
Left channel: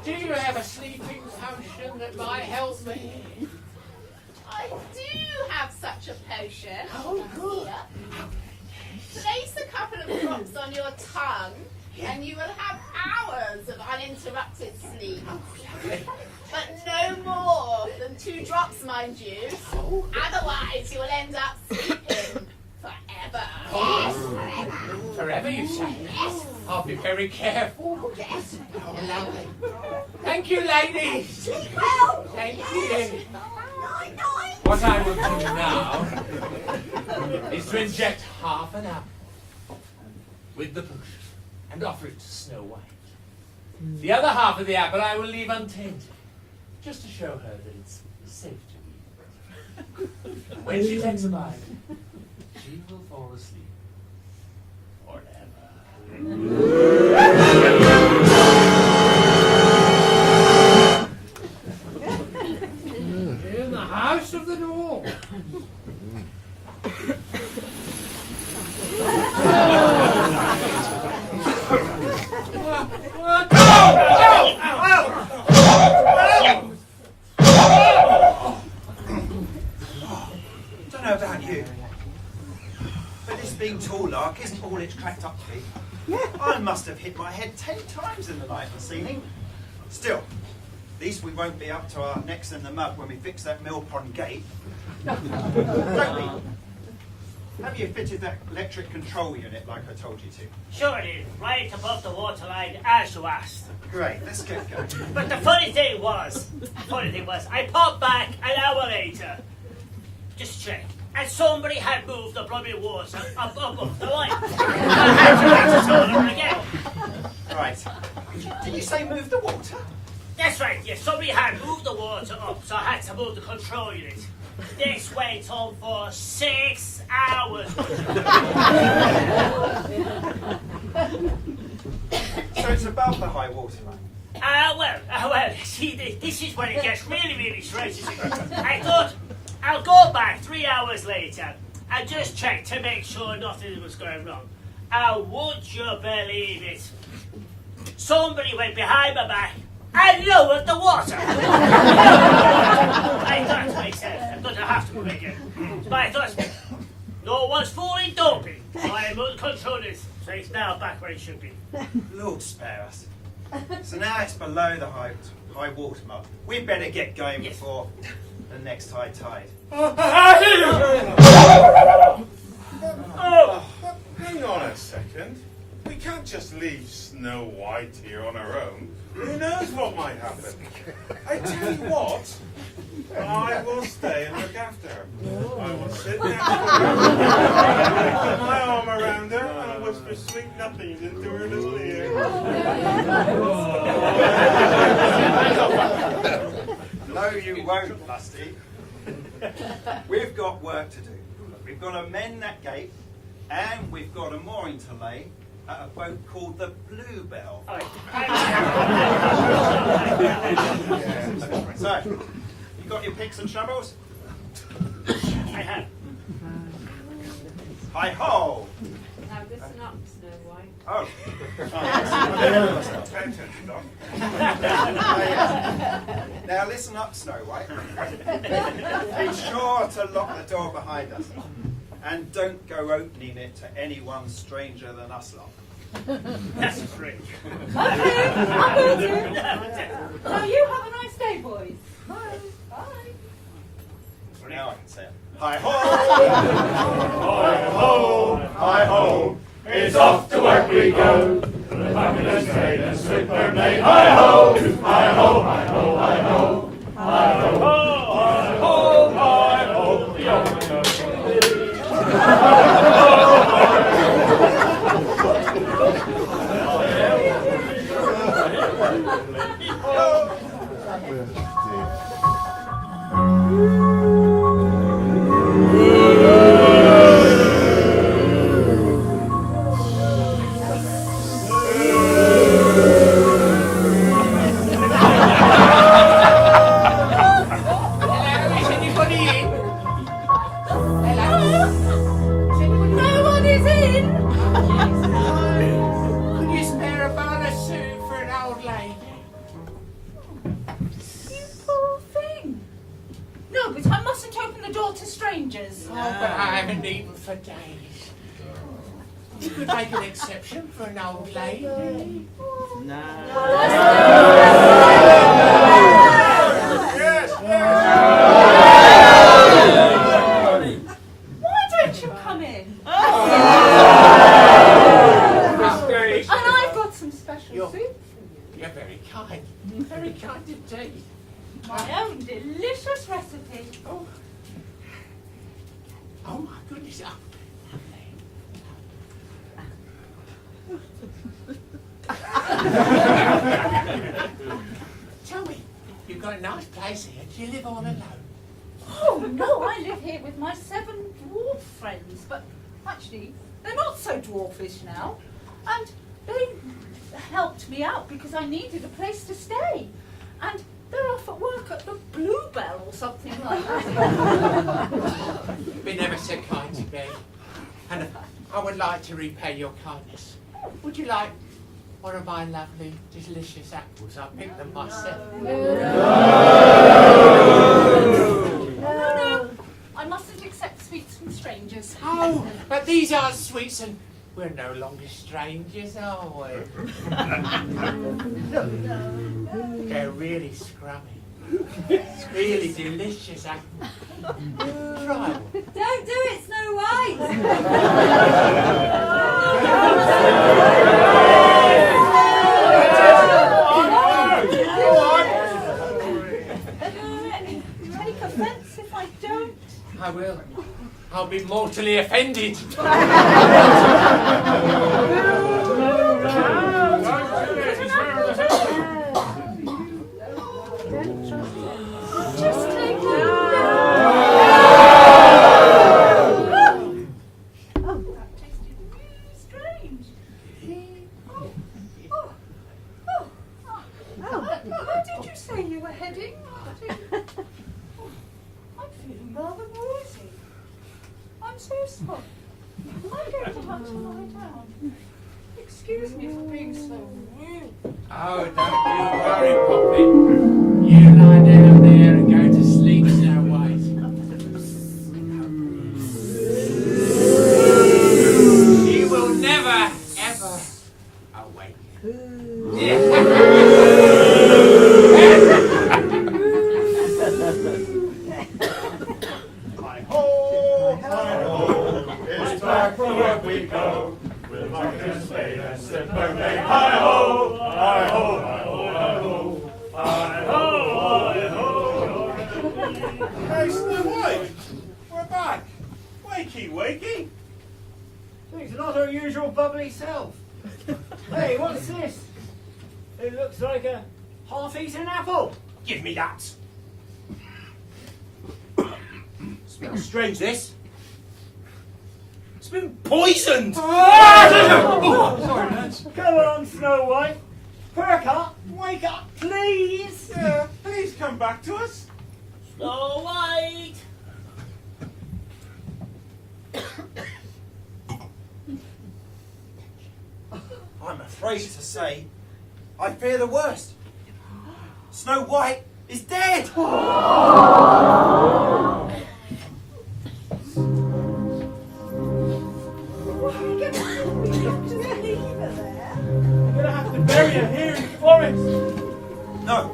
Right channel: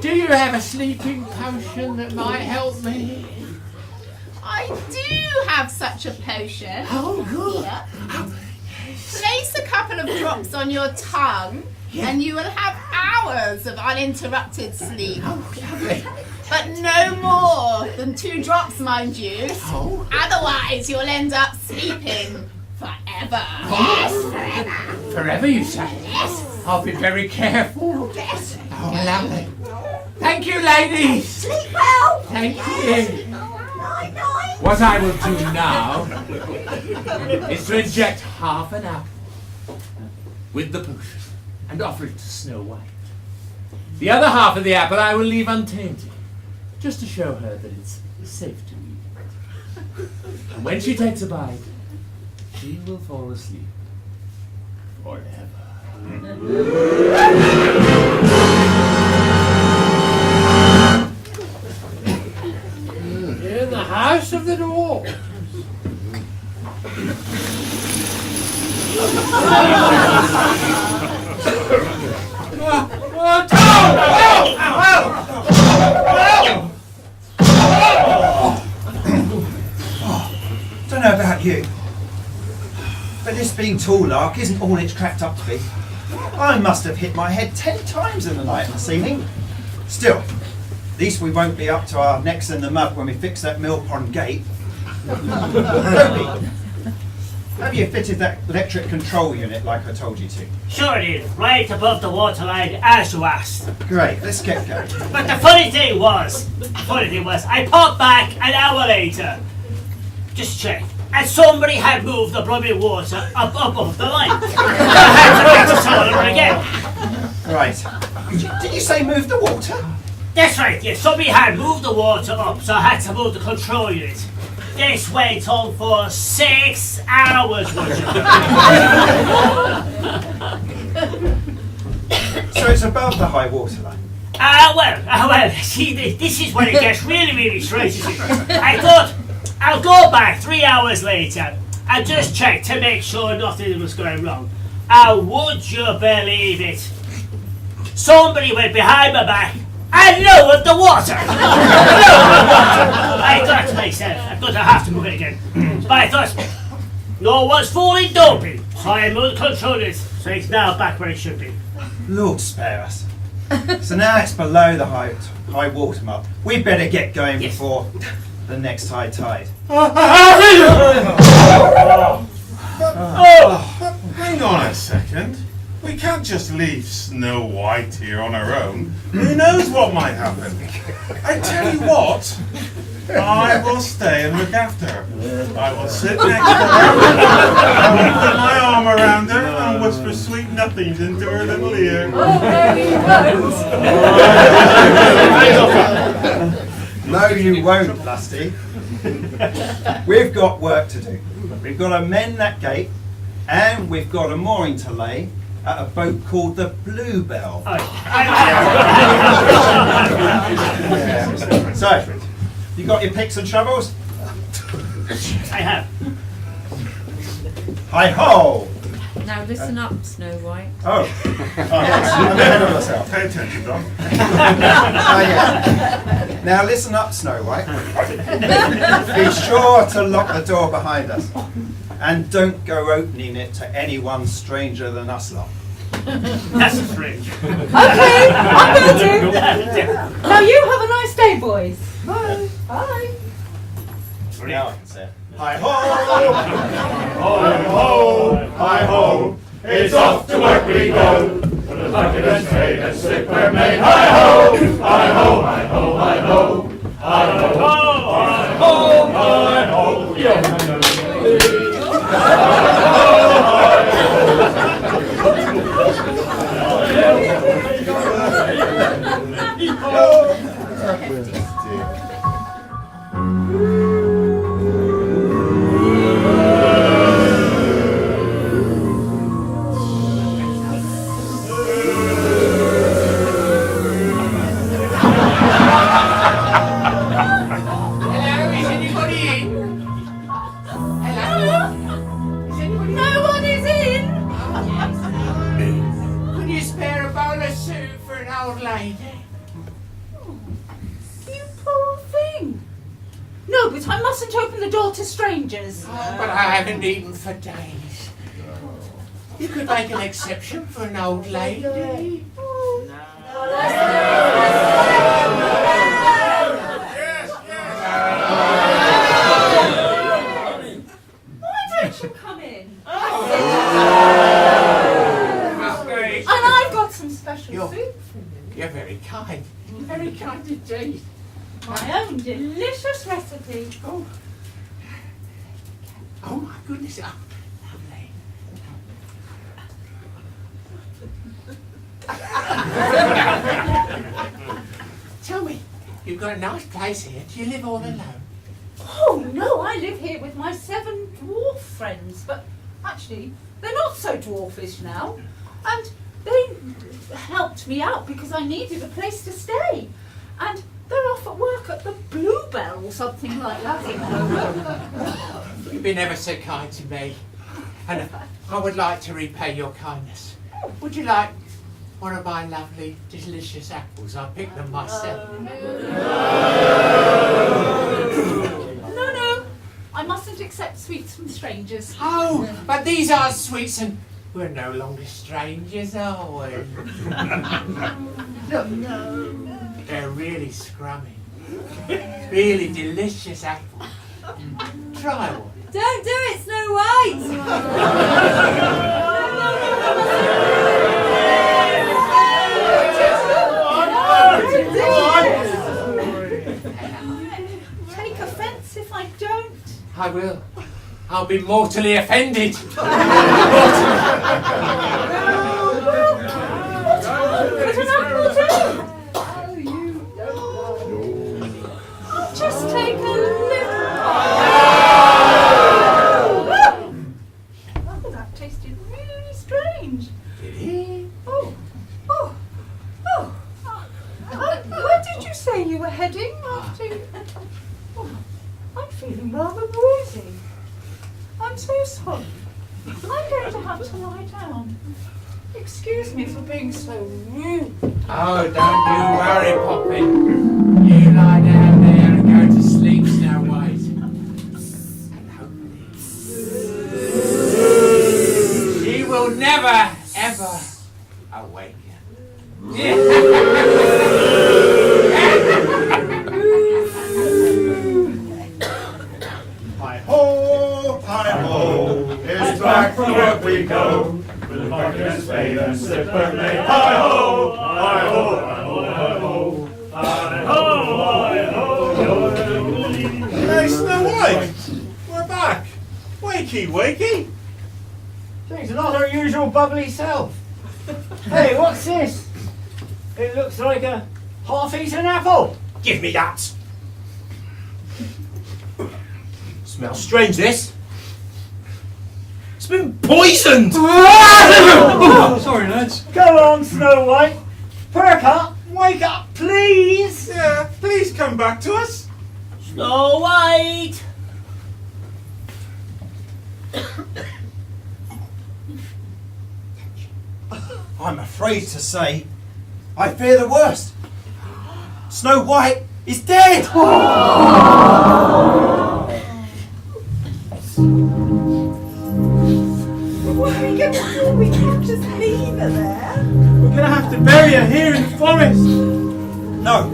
Do you have a sleeping potion that might help me? I do have such a potion. Oh, good. Here. Place a couple of drops on your tongue, and you will have hours of uninterrupted sleep. But no more than 2 drops, mind you. Oh. Otherwise, you'll end up sleeping forever. Yes, forever, you say? Yes. I'll be very careful. Yes. Oh, lovely. Thank you, ladies. Sleep well. Thank you. What I will do now is to inject half an apple with the potion and offer it to Snow White. The other half of the apple I will leave untainted, just to show her that it's safe to eat. And when she takes a bite, she will fall asleep forever. In the house of the dwarf. Don't know about you, but this being tall lark isn't all it's cracked up to be. I must have hit my head 10 times in the night this evening. Still, at least we won't be up to our necks in the mud when we fix that mill pond gate. Toby, have you fitted that electric control unit like I told you to? Sure it is, right above the waterline as you asked. Great, let's get going. But the funny thing was, I popped back an hour later. Just check. And somebody had moved the bloody water up above the line. I had to make the solar again. Right. Did you say move the water? That's right, yes. Somebody had moved the water up, so I had to move the control unit. This went on for 6 hours. So it's above the high water line? Well, see, this is when it gets really, really strange. I thought I'll go back 3 hours later and just check to make sure nothing was going wrong. And would you believe it? Somebody went behind my back and lowered the water. I thought to myself, I'm going to have to move it again. But I thought, no one's falling doping. So I moved the control it, so it's now back where it should be. Lord spare us. So now it's below the high water mark. We'd better get going before the next high tide. Hang on a second. We can't just leave Snow White here on her own. Who knows what might happen? I tell you what, I will stay and look after her. I will sit next to her, put my arm around her, and whisper sweet nothings into her little ear. No, you won't, Lusty. We've got work to do. We've got to mend that gate, and we've got a mooring to lay, at a boat called the Bluebell. Yeah. So, you got your picks and shovels? I have. Hi-ho! Now listen up, Snow White. Oh, yes, I'm ahead of myself. Pay attention, Don. Yeah. Now listen up, Snow White. Be sure to lock the door behind us. And don't go opening it to anyone stranger than us lot. That's strange. Okay, I will do. Now you have a nice day, boys. Bye. Bye. Now I can say it. Hi-ho! Hi-ho, hi-ho, it's off to work we go. For the bucket and spade and slipper made. Hi-ho, hi-ho, hi-ho, hi-ho. Hi-ho, hi-ho, hi-ho, yeah. No one is in. Could you spare a bowl of soup for an old lady? You poor thing. No, but I mustn't open the door to strangers. Oh, but I haven't eaten for days. You could make an exception for an old lady. Why don't you come in? Miss And I've got some special You're- soup for you. You're very kind. Very kind indeed. My own delicious recipe. Oh my goodness. Oh, tell me, you've got a nice place here. Do you live all alone? Oh no, I live here with my 7 dwarf friends, but actually they're not so dwarfish now. And they helped me out because I needed a place to stay. And they're off at work at the Bluebell or something like that. You've been ever so kind to me. And I would like to repay your kindness. Would you like one of my lovely, delicious apples? I picked them myself. No, I mustn't accept sweets from strangers. Oh, but these are sweets and we're no longer strangers, are we? Look, they're really scrummy. It's really delicious apple. Try one. Don't do it, Snow White! Take offence if I don't. I will. I'll be mortally offended. Just take a little. Oh, that tasted really strange. Where did you say you were heading after? Oh, I'm feeling rather woozy. I'm so sorry. I'm going to have to lie down. Excuse me for being so rude. Oh, don't you worry, Poppy. You lie down there and go to sleep, Snow White. She will never, ever Hi-ho, hi-ho, it's back to work we go. With a bucket and spade and slipper made. Hi-ho, hi-ho, hi-ho, hi-ho. Hi-ho, hi-ho. Hey, Snow White, we're back. Wakey, wakey. She's not her usual bubbly self. Hey, what's this? It looks like a half-eaten apple. Give me that. Smells strange, this. It's been poisoned! Oh, sorry. Snow White. Perk up, wake up, please. Yeah, please come back to us. Snow White! I'm afraid to say, I fear the worst. Snow White is dead! What are we going to do? We can't just leave her there. We're gonna have to bury her here in the forest. No.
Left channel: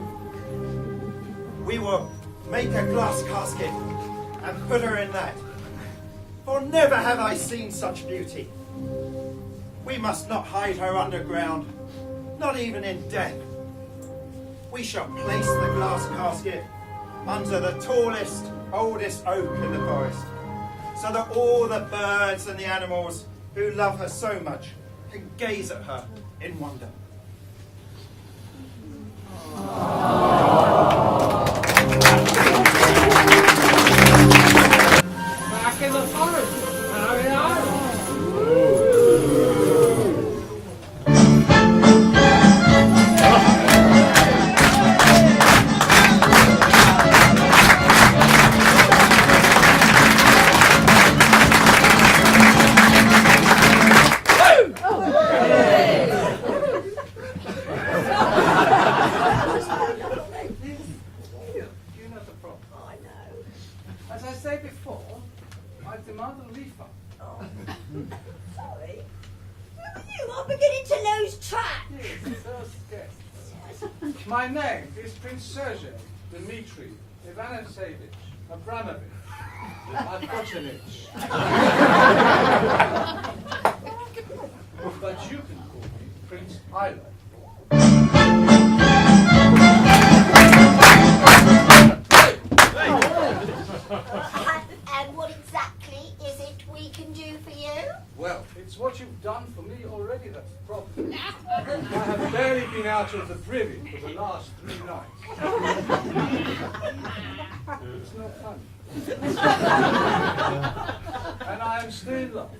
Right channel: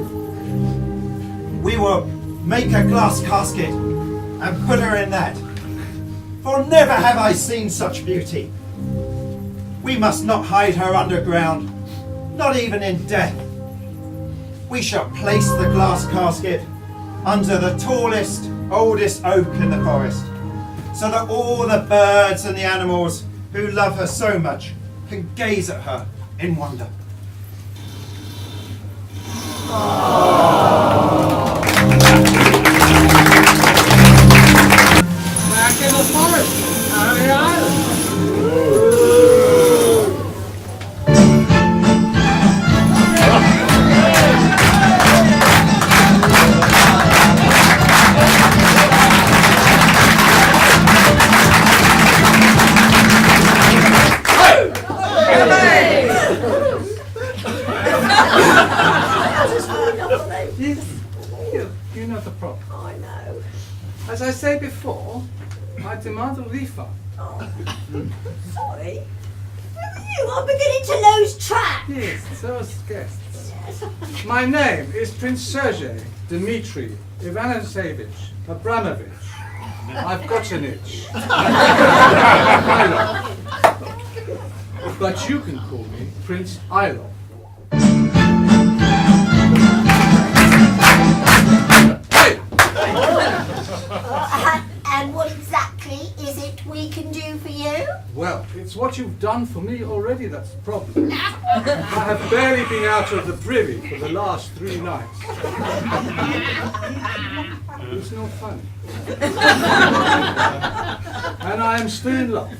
We will make a glass casket and put her in that. For never have I seen such beauty. We must not hide her underground, not even in death. We shall place the glass casket under the tallest, oldest oak in the forest, so that all the birds and the animals who love her so much can gaze at her in wonder. Back in the forest, on the island. You know the problem. I know. As I said before, I demand a refund. Sorry. You are beginning to lose track. Yes, so is guests. My name is Prince Sergei Dmitri Ivanovich Abramovich. I've got an itch. But you can call me Prince Ilov. And what exactly is it we can do for you? Well, it's what you've done for me already that's the problem. I have barely been out of the privy for the last 3 nights. It's no fun. And I am still in love.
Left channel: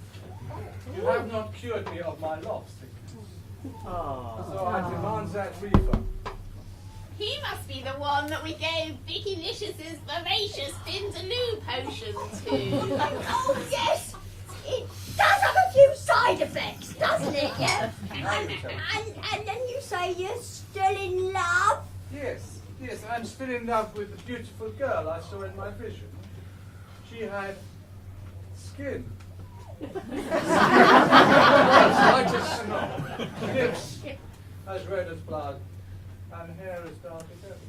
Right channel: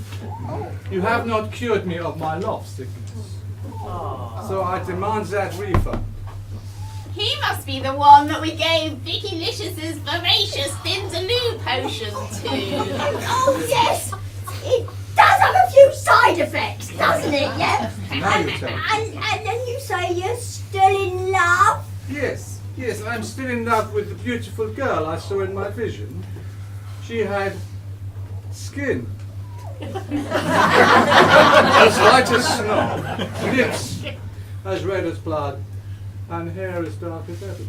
You have not cured me of my love sickness. So I demand that refund. He must be the one that we gave Vicky Licious's voracious Vindaloo potion to. Oh, yes. It does have a few side effects, doesn't it? Yeah. Now you tell me. And then you say you're still in love? Yes, I'm still in love with the beautiful girl I saw in my vision. She had skin. As white as snow, lips as red as blood, and hair as dark as ebony.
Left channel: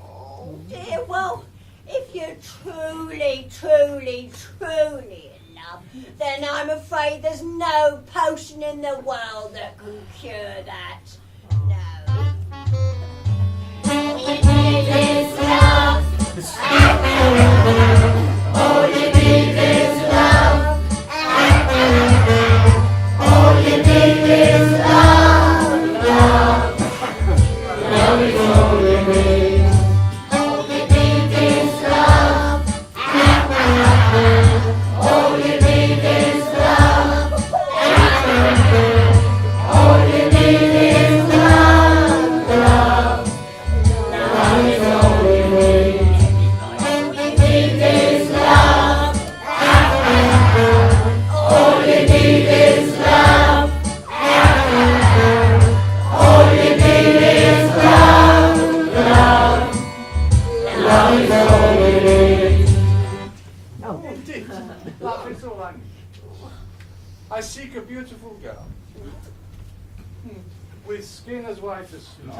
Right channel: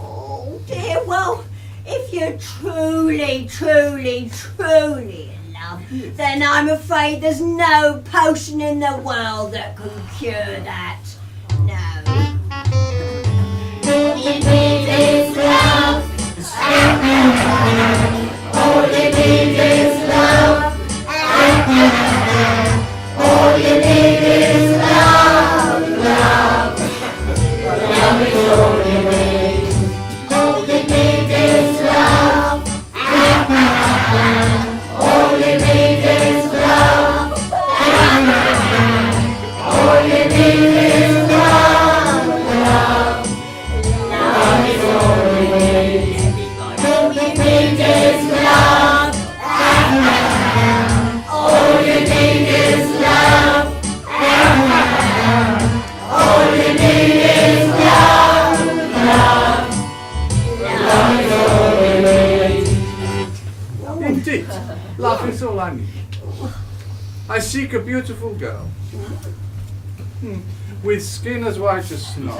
Oh dear, well, if you're truly, truly, truly in love, then I'm afraid there's no potion in the world that can cure that. No. All you need is love. All you need is love. All you need is love, love. Love is all you need. All you need is love. All you need is love. All you need is love, love. Love is all you need. All you need is love. All you need is love. All you need is love, love. Love is all you need. Indeed, love is all I need. I seek a beautiful girl. With skin as white as snow.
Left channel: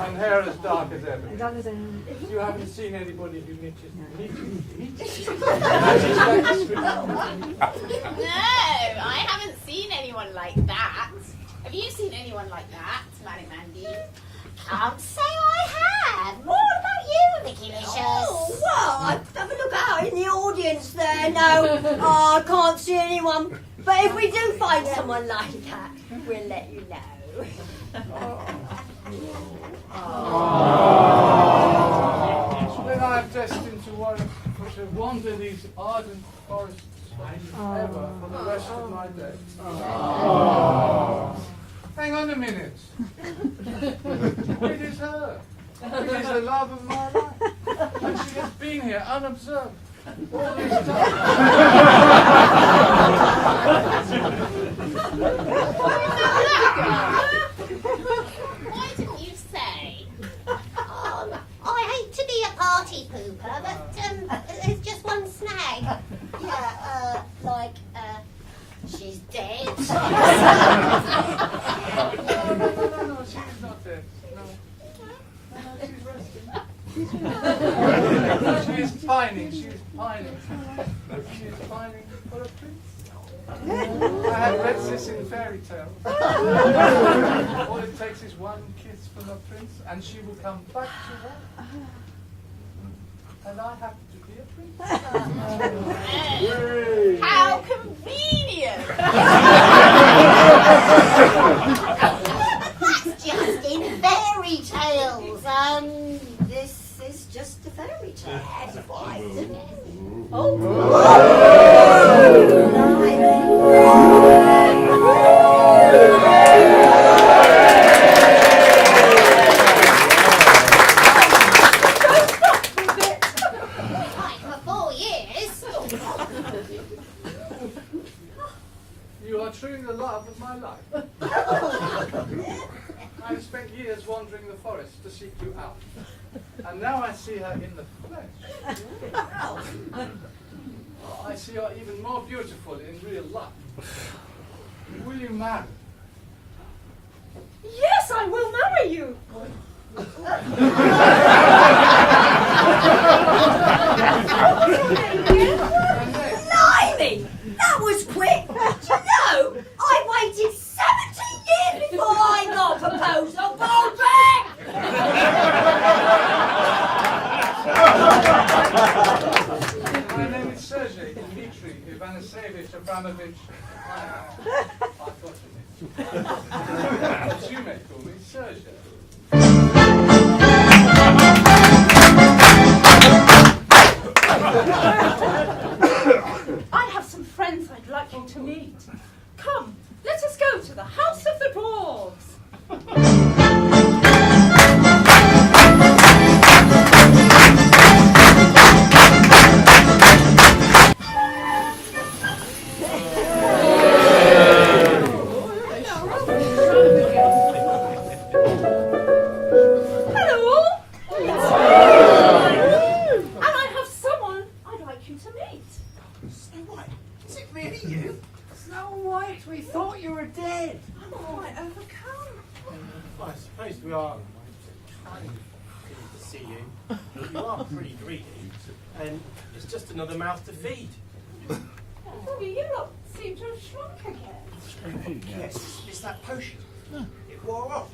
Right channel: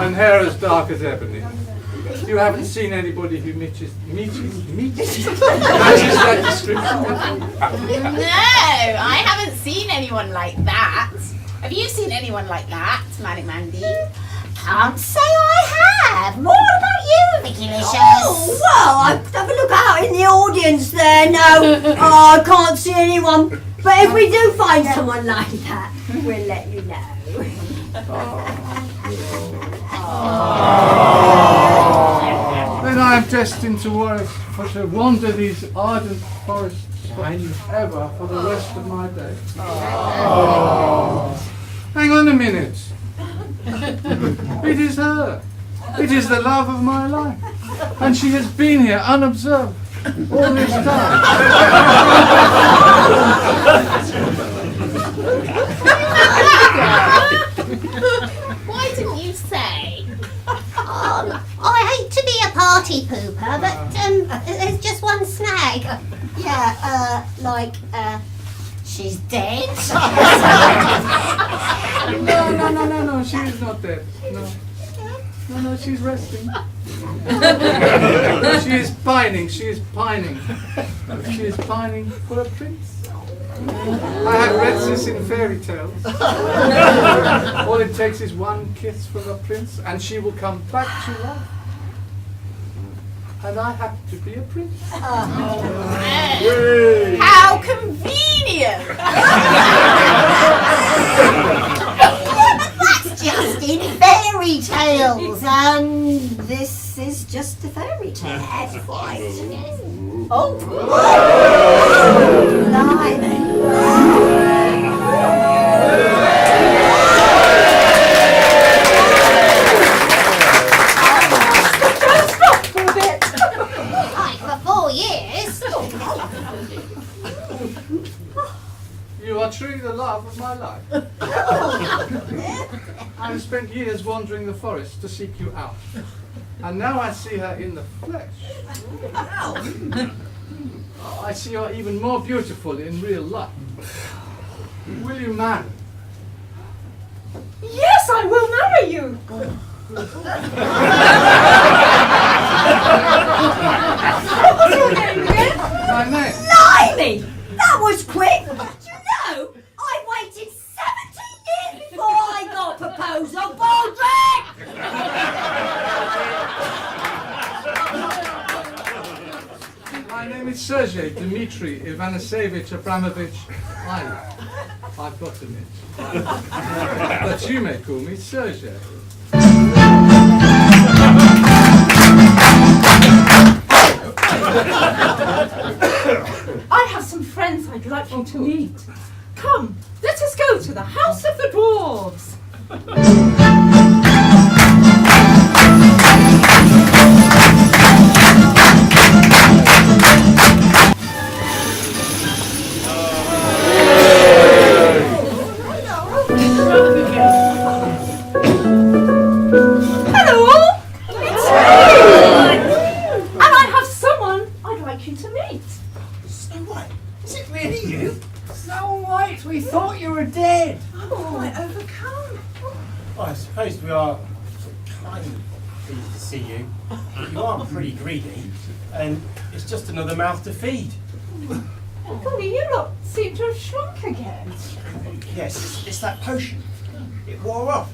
And hair as dark as ebony. You haven't seen anybody who matches that description. No, I haven't seen anyone like that. Have you seen anyone like that, Manny Mandy? Can't say I have. More about you, Vicky Licious. Oh, well, I have a look out in the audience there. No, I can't see anyone. But if we do find someone like that, we'll let you know. Then I am destined to wander these ardent forests forever for the rest of my days. on a minute. It is her. It is the love of my life. And she has been here unobserved all this time. Why didn't you say? I hate to be a party pooper, but there's just one snag. Yeah, she's dead. No, she is not dead. No, she's resting. She is pining, she is pining. She is pining for a prince. I have read this in fairy tales. All it takes is one kiss from a prince and she will come back to life. And I have to be a prince. How convenient! That's just in fairy tales, and this is just a fairy tale. Oh! Like for 4 years. You are truly the love of my life. I have spent years wandering the forest to seek you out. And now I see her in the flesh. Oh, I see her even more beautiful in real life. Will you marry? Yes, I will marry you. What was your name again? My name? Blimey! That was quick! Do you know, I waited 17 years before I got proposed on Baldrick! My name is Sergei Dmitri Ivanasevich Abramovich. I've got to admit. But you may call me Sergei. I have some friends I'd like you to meet. Come, let us go to the House of the Dwarves. Hello, it's me. And I have someone I'd like you to meet. Snow White, is it really you? Snow White, we thought you were dead. I'm quite overcome. Well, I suppose we are kind of pleased to see you. You are pretty greedy, and it's just another mouth to feed. Golly, you lot seem to have shrunk again. Yes, it's that potion. It wore off.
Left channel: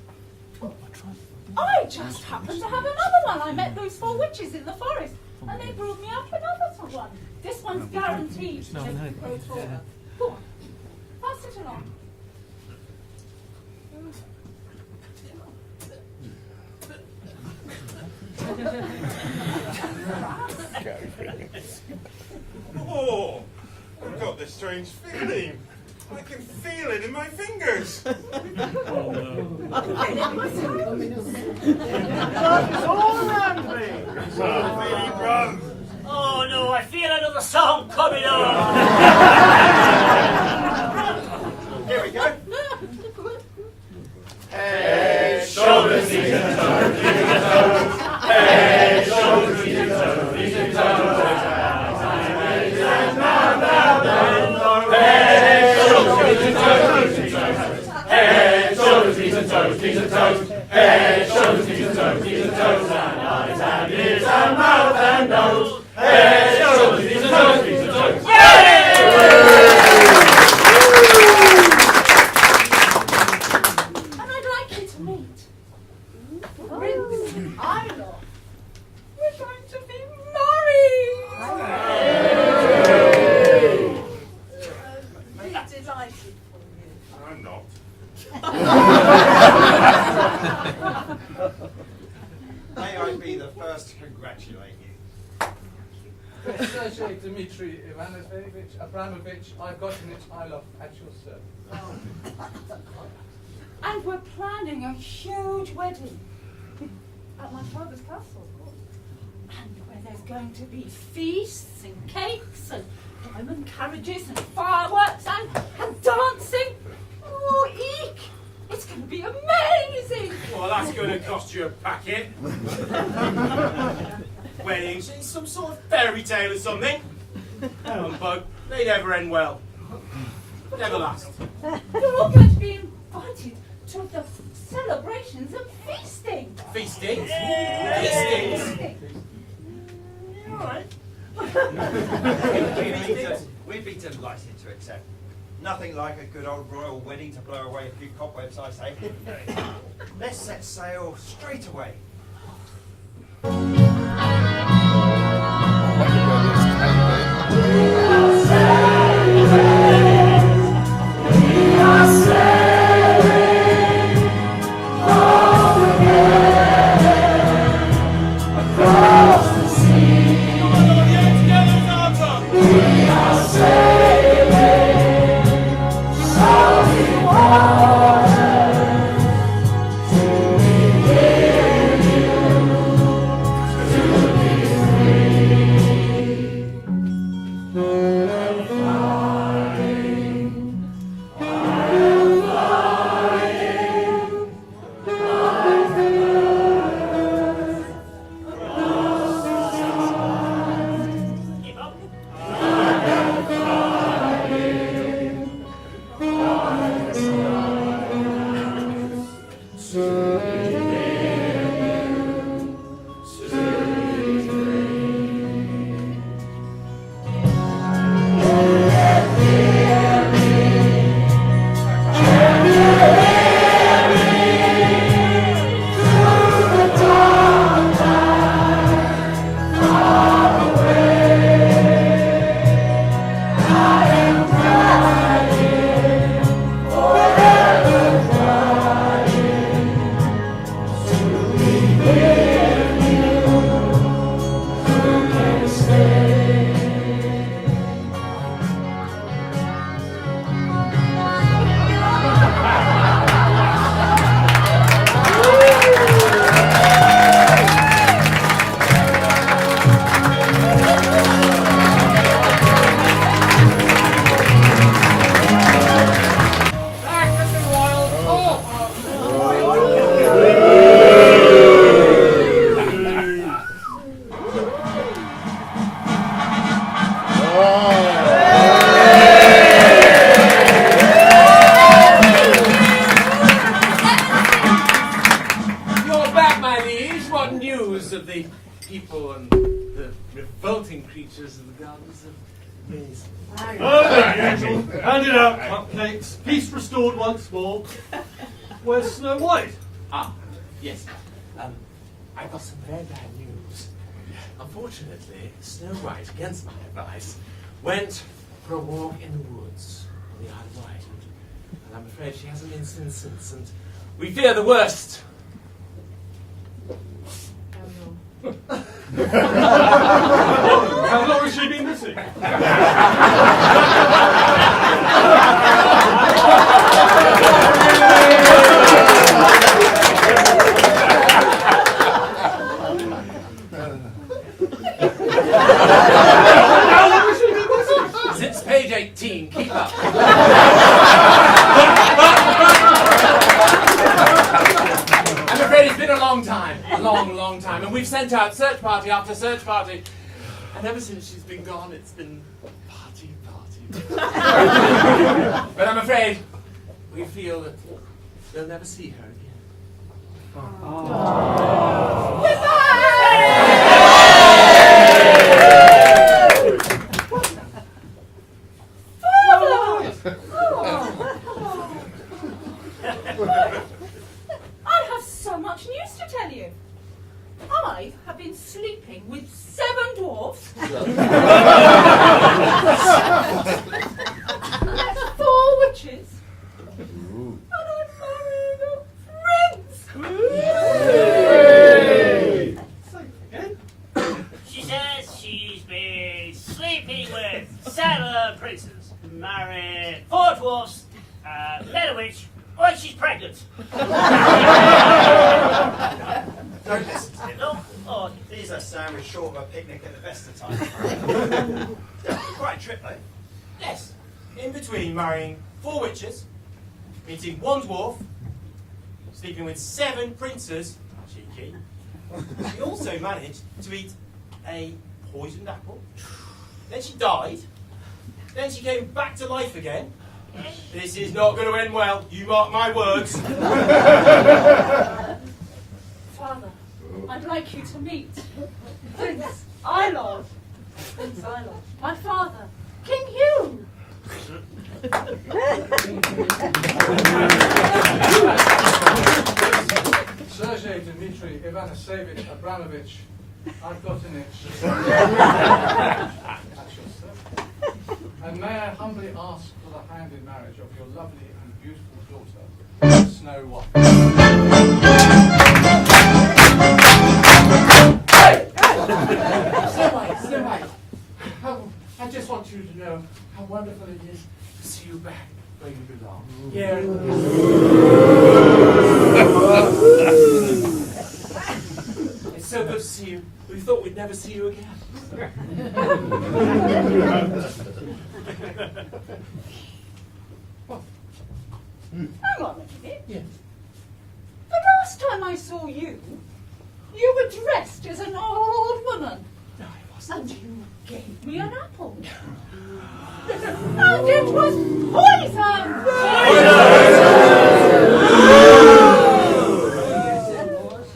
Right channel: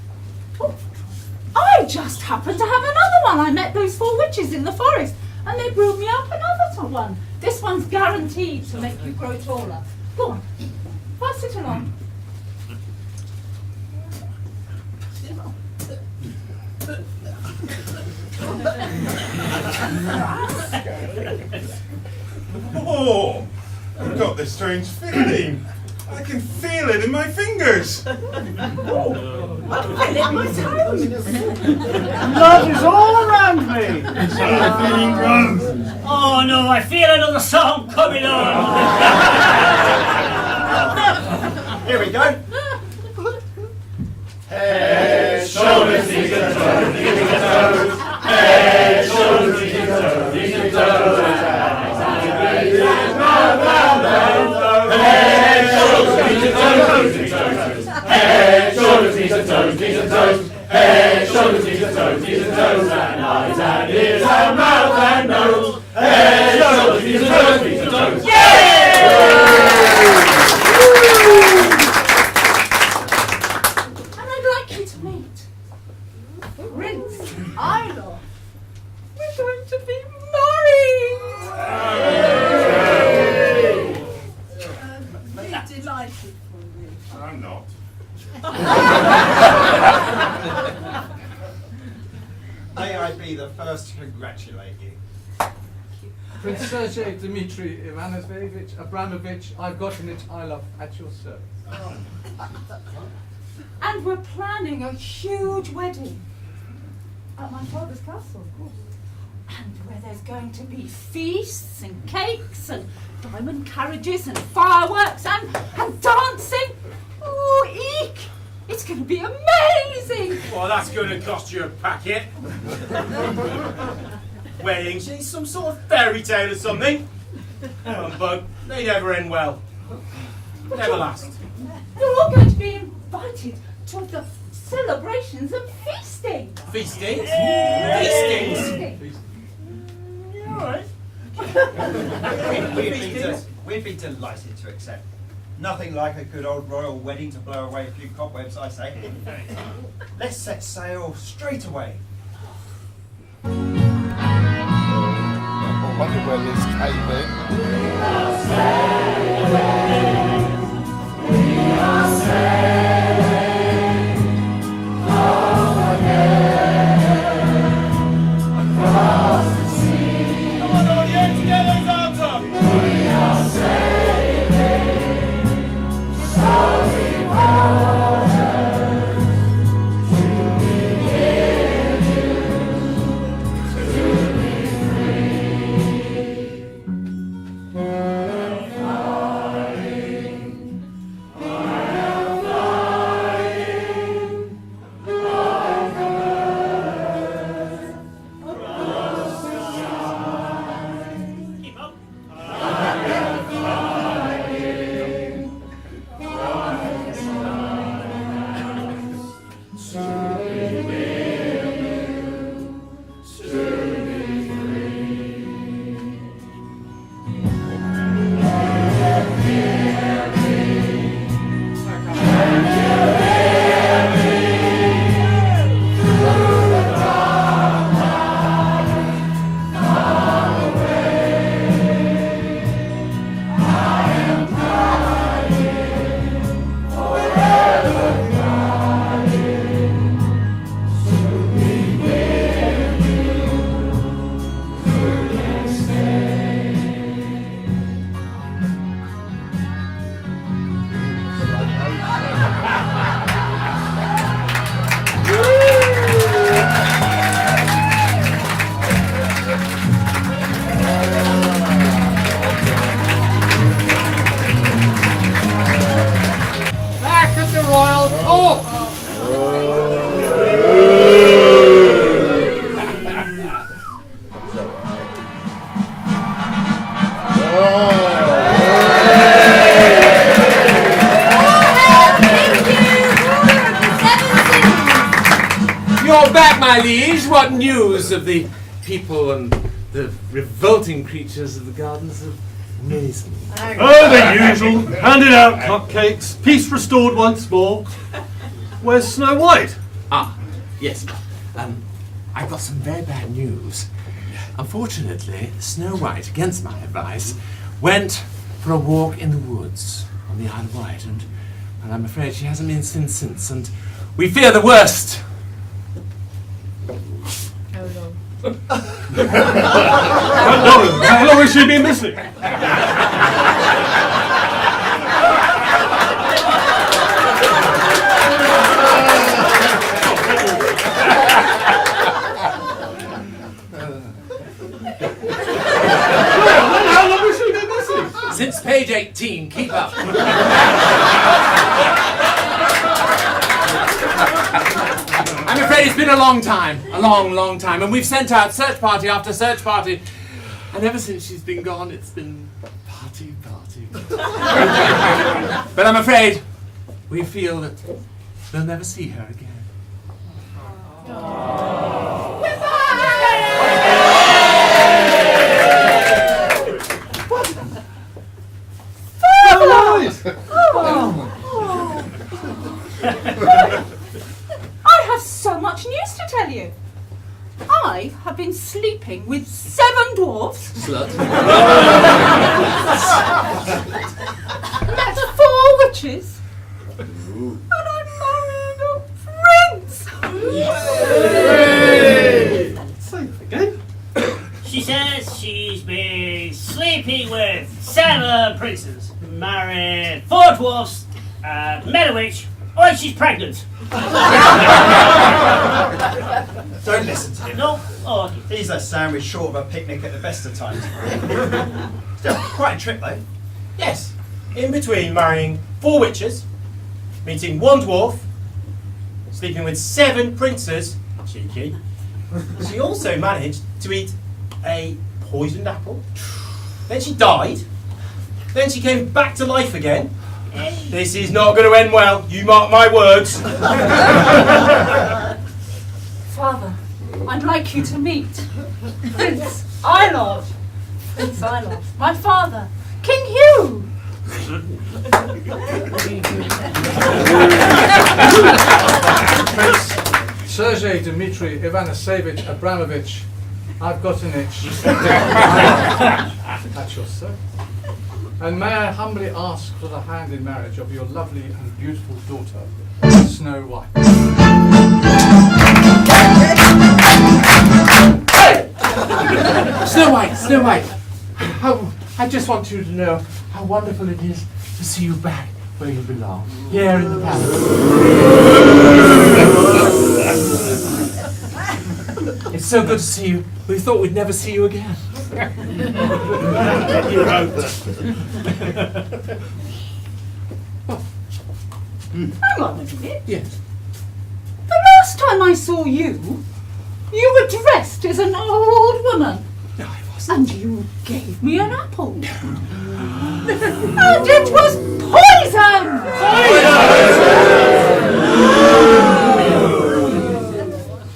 I just happened to have another one. I met those 4 witches in the forest, and they brewed me up another one. This one's guaranteed to make you grow taller. Go on, pass it along. Oh, I've got this strange feeling. I can feel it in my fingers. Love is all around me. feeling wrong. Oh no, I feel another song coming on. Here we go. Head, shoulders, knees and toes, knees and toes. Head, shoulders, knees and toes, knees and toes. Head, shoulders, knees and toes, knees and toes. Head, shoulders, knees and toes, knees and toes. Head, shoulders, knees and toes, knees and toes. And eyes and ears and mouth and nose. Head, shoulders, knees and toes, knees and toes. Isla. We're going to be married! Very delightful for you. I'm not. May I be the first to congratulate you. Prince Sergei Dmitri Ivanovich Abramovich, I've gotten it, I love, at your service. And we're planning a huge wedding. At my father's castle, of course. And where there's going to be feasts and cakes and diamond carriages and fireworks and dancing. Oh, eek! It's going to be amazing! Well, that's going to cost you a packet. Weddings, it's some sort of fairy tale or something. Humbug, they never end well. Never last. You're all going to be invited to the celebrations and feasting. Feastings? Yeah. Feastings? Alright. We'd be delighted to accept. Nothing like a good old royal wedding to blow away a few cobwebs, I say. Let's set sail straight away. I wonder where this came in. We are sailing. We are sailing. Across the sea. Come on, audience, get those arms up. We are sailing. Sorry waters. To be with you. To be free. I am flying. I am flying. Like a bird. Across the sky. Keep up. I am flying like a sky. To be near you, to be free. Hear me, can you hear me? Through the dark night, far away. I am crying, forever crying, to be with you. Who can stay? Back at the Royal Court! You're back, my liege. What news of the people and the revolting creatures of the gardens of Mason? Oh, the usual. Handed out cupcakes. Peace restored once more. Where's Snow White? Ah, yes. I've got some very bad news. Unfortunately, Snow White, against my advice, went for a walk in the woods on the Isle of Wight, and I'm afraid she hasn't been seen since, and we fear the worst. How long has she been missing? Since page 18, keep up. I'm afraid it's been a long time, long time, and we've sent out search party after search party, and ever since she's been gone, it's been party. But I'm afraid we feel that we'll never see her again. I have so much news to tell you. I have been sleeping with 7 dwarfs. Met 4 witches. And I'm marrying a prince. She says she's been sleeping with 7 princes, married 4 dwarfs, met a witch, Oh, she's pregnant. Don't listen to him. No? Oh, okay. He's a sandwich short of a picnic at the best of times. Still, quite a trip though. Yes, in between marrying 4 witches, meeting 1 dwarf, sleeping with 7 princes, cheeky, she also managed to eat a poisoned apple. Then she died. Then she came back to life again. This is not going to end well, you mark my words. Father, I'd like you to meet Prince Eilord. Prince Eilord. My father, King Hugh. Sergei Dmitri Ivanasevich Abramovich, I've got an itch. That's yours, sir. And may I humbly ask for the hand in marriage of your lovely and beautiful daughter, Snow White. Snow White, Snow White. I just want you to know how wonderful it is to see you back where you belong, here in the palace. It's so good to see you. We thought we'd never see you again. Hang on a minute. Yes. The last time I saw you, you were dressed as an old woman. No, I wasn't. And you gave me an apple. And it was poison!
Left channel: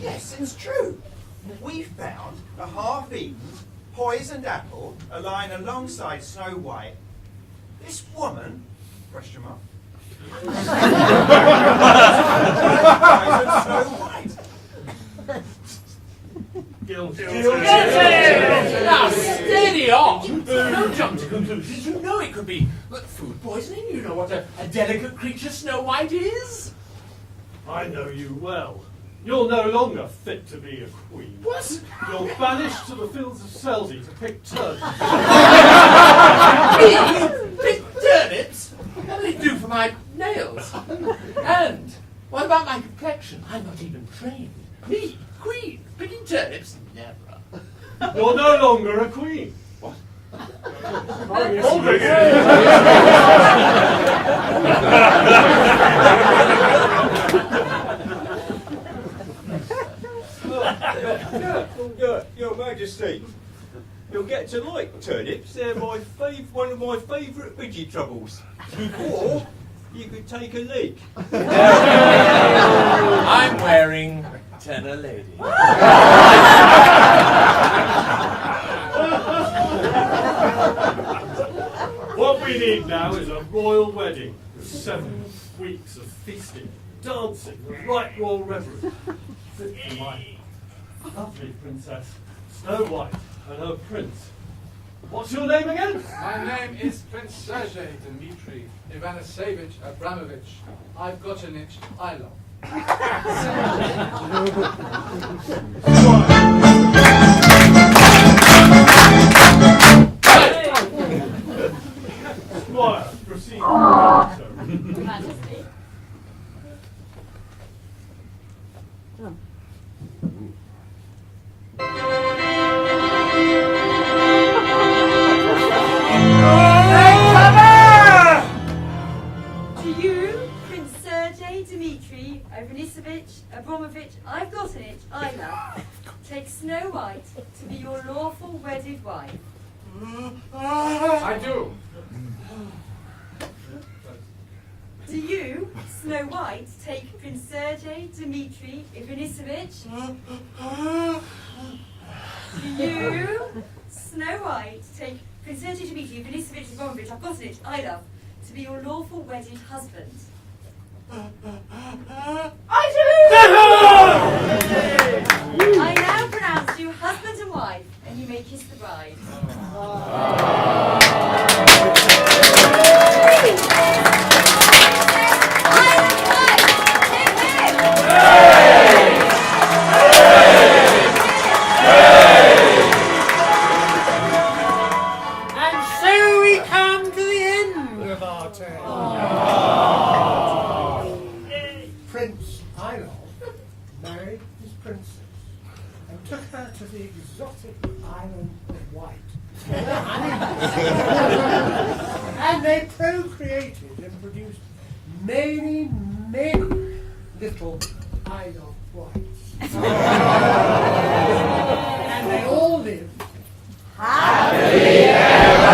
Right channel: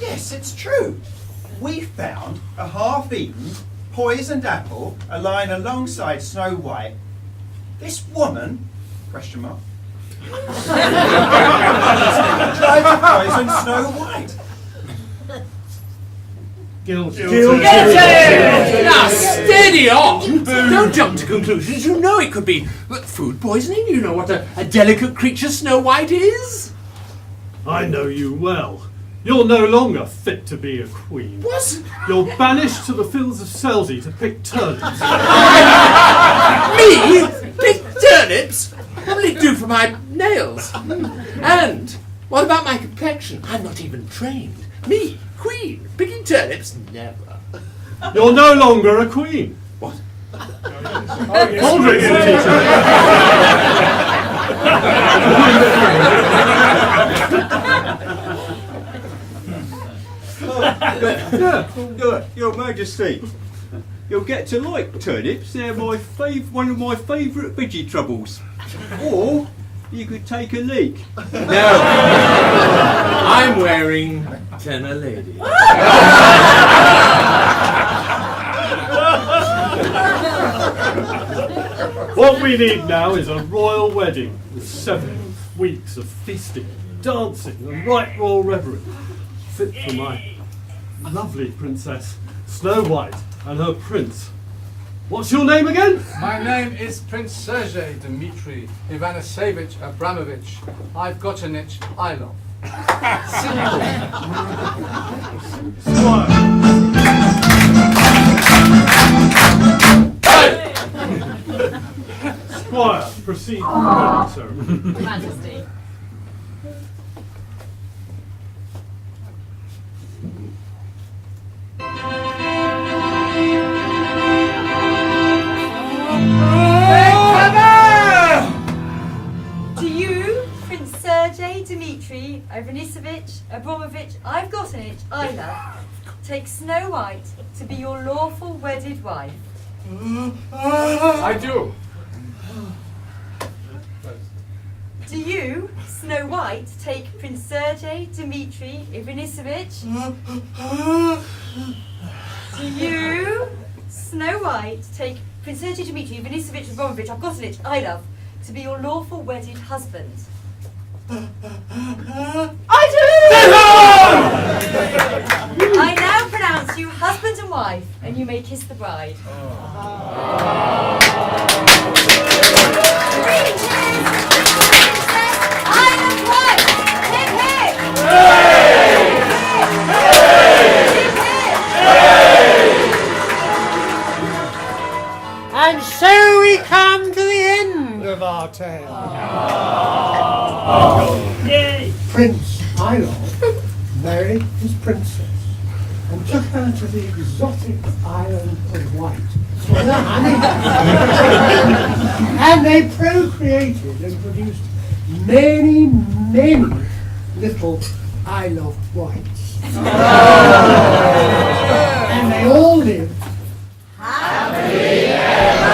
Yes, it's true. We found a half-eaten, poisoned apple lying alongside Snow White. This woman, question mark, tried to poison Snow White. Guilty. Now, steady on! Don't jump to conclusions. You know it could be food poisoning. You know what a delicate creature Snow White is. I know you well. You're no longer fit to be a queen. What? You're banished to the fields of Selsey to pick turnips. Me? Pick turnips? What will it do for my nails? And what about my complexion? I'm not even trained. Me, queen, picking turnips? Never. You're no longer a queen. What? Aldrich, Your Majesty, you'll get to like turnips. They're one of my favourite veggie troubles. Or you could take a leak. No. I'm wearing tenor lady. what we need now is a royal wedding with 7 weeks of feasting, dancing, and right royal reverence, fit for my lovely princess Snow White and her prince. What's your name again? My name is Prince Sergei Dmitri Ivanasevich Abramovich. I've got an itch I love. Squire, proceed, sir. Majesty. To you, Prince Sergei Dmitri Ivanisovich Abramovich, I've got an itch I love. Take Snow White to be your lawful wedded wife. I do. To you, Snow White, take Prince Sergei Dmitri Ivanisovich. To you, Snow White, take Prince Sergei Dmitri Ivanisovich Abramovich, I've got an itch I love, to be your lawful wedded husband. I do! I now pronounce you husband and wife, and you may kiss the bride. And so we come to the end of our tale. Prince Iroh married his princess and took her to the exotic island of Wight for the honeymoon. And they procreated and produced many, many little Isle of Wights. And they all lived happily ever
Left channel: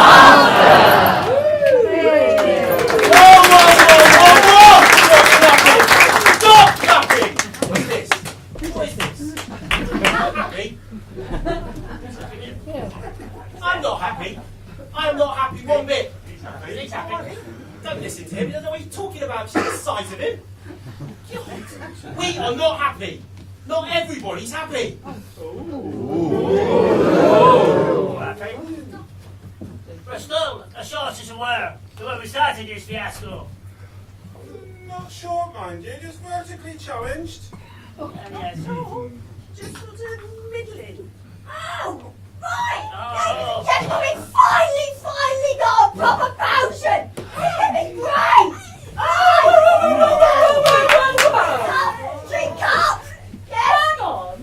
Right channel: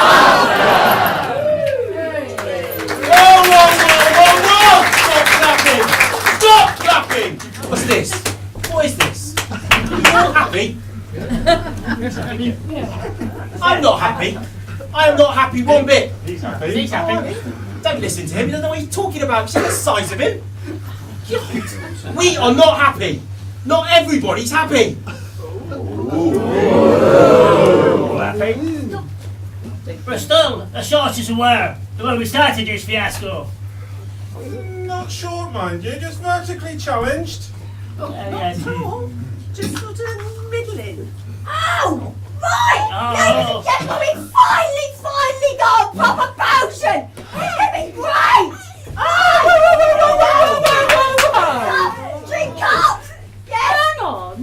after. Stop clapping! What's this? What is this? Happy? I'm not happy. I am not happy one bit. He's happy. He's happy. Don't listen to him. You don't know what he's talking about. See the size of him? God. We are not happy. Not everybody's happy. Bristol, the shortest were the when we started this fiasco. Not short, mind you, just vertically challenged. Yes. Just sort of middling. Oh, right! Oh. Ladies and gentlemen, we finally got a proper potion! It's gonna be great! Drink up! Hang on.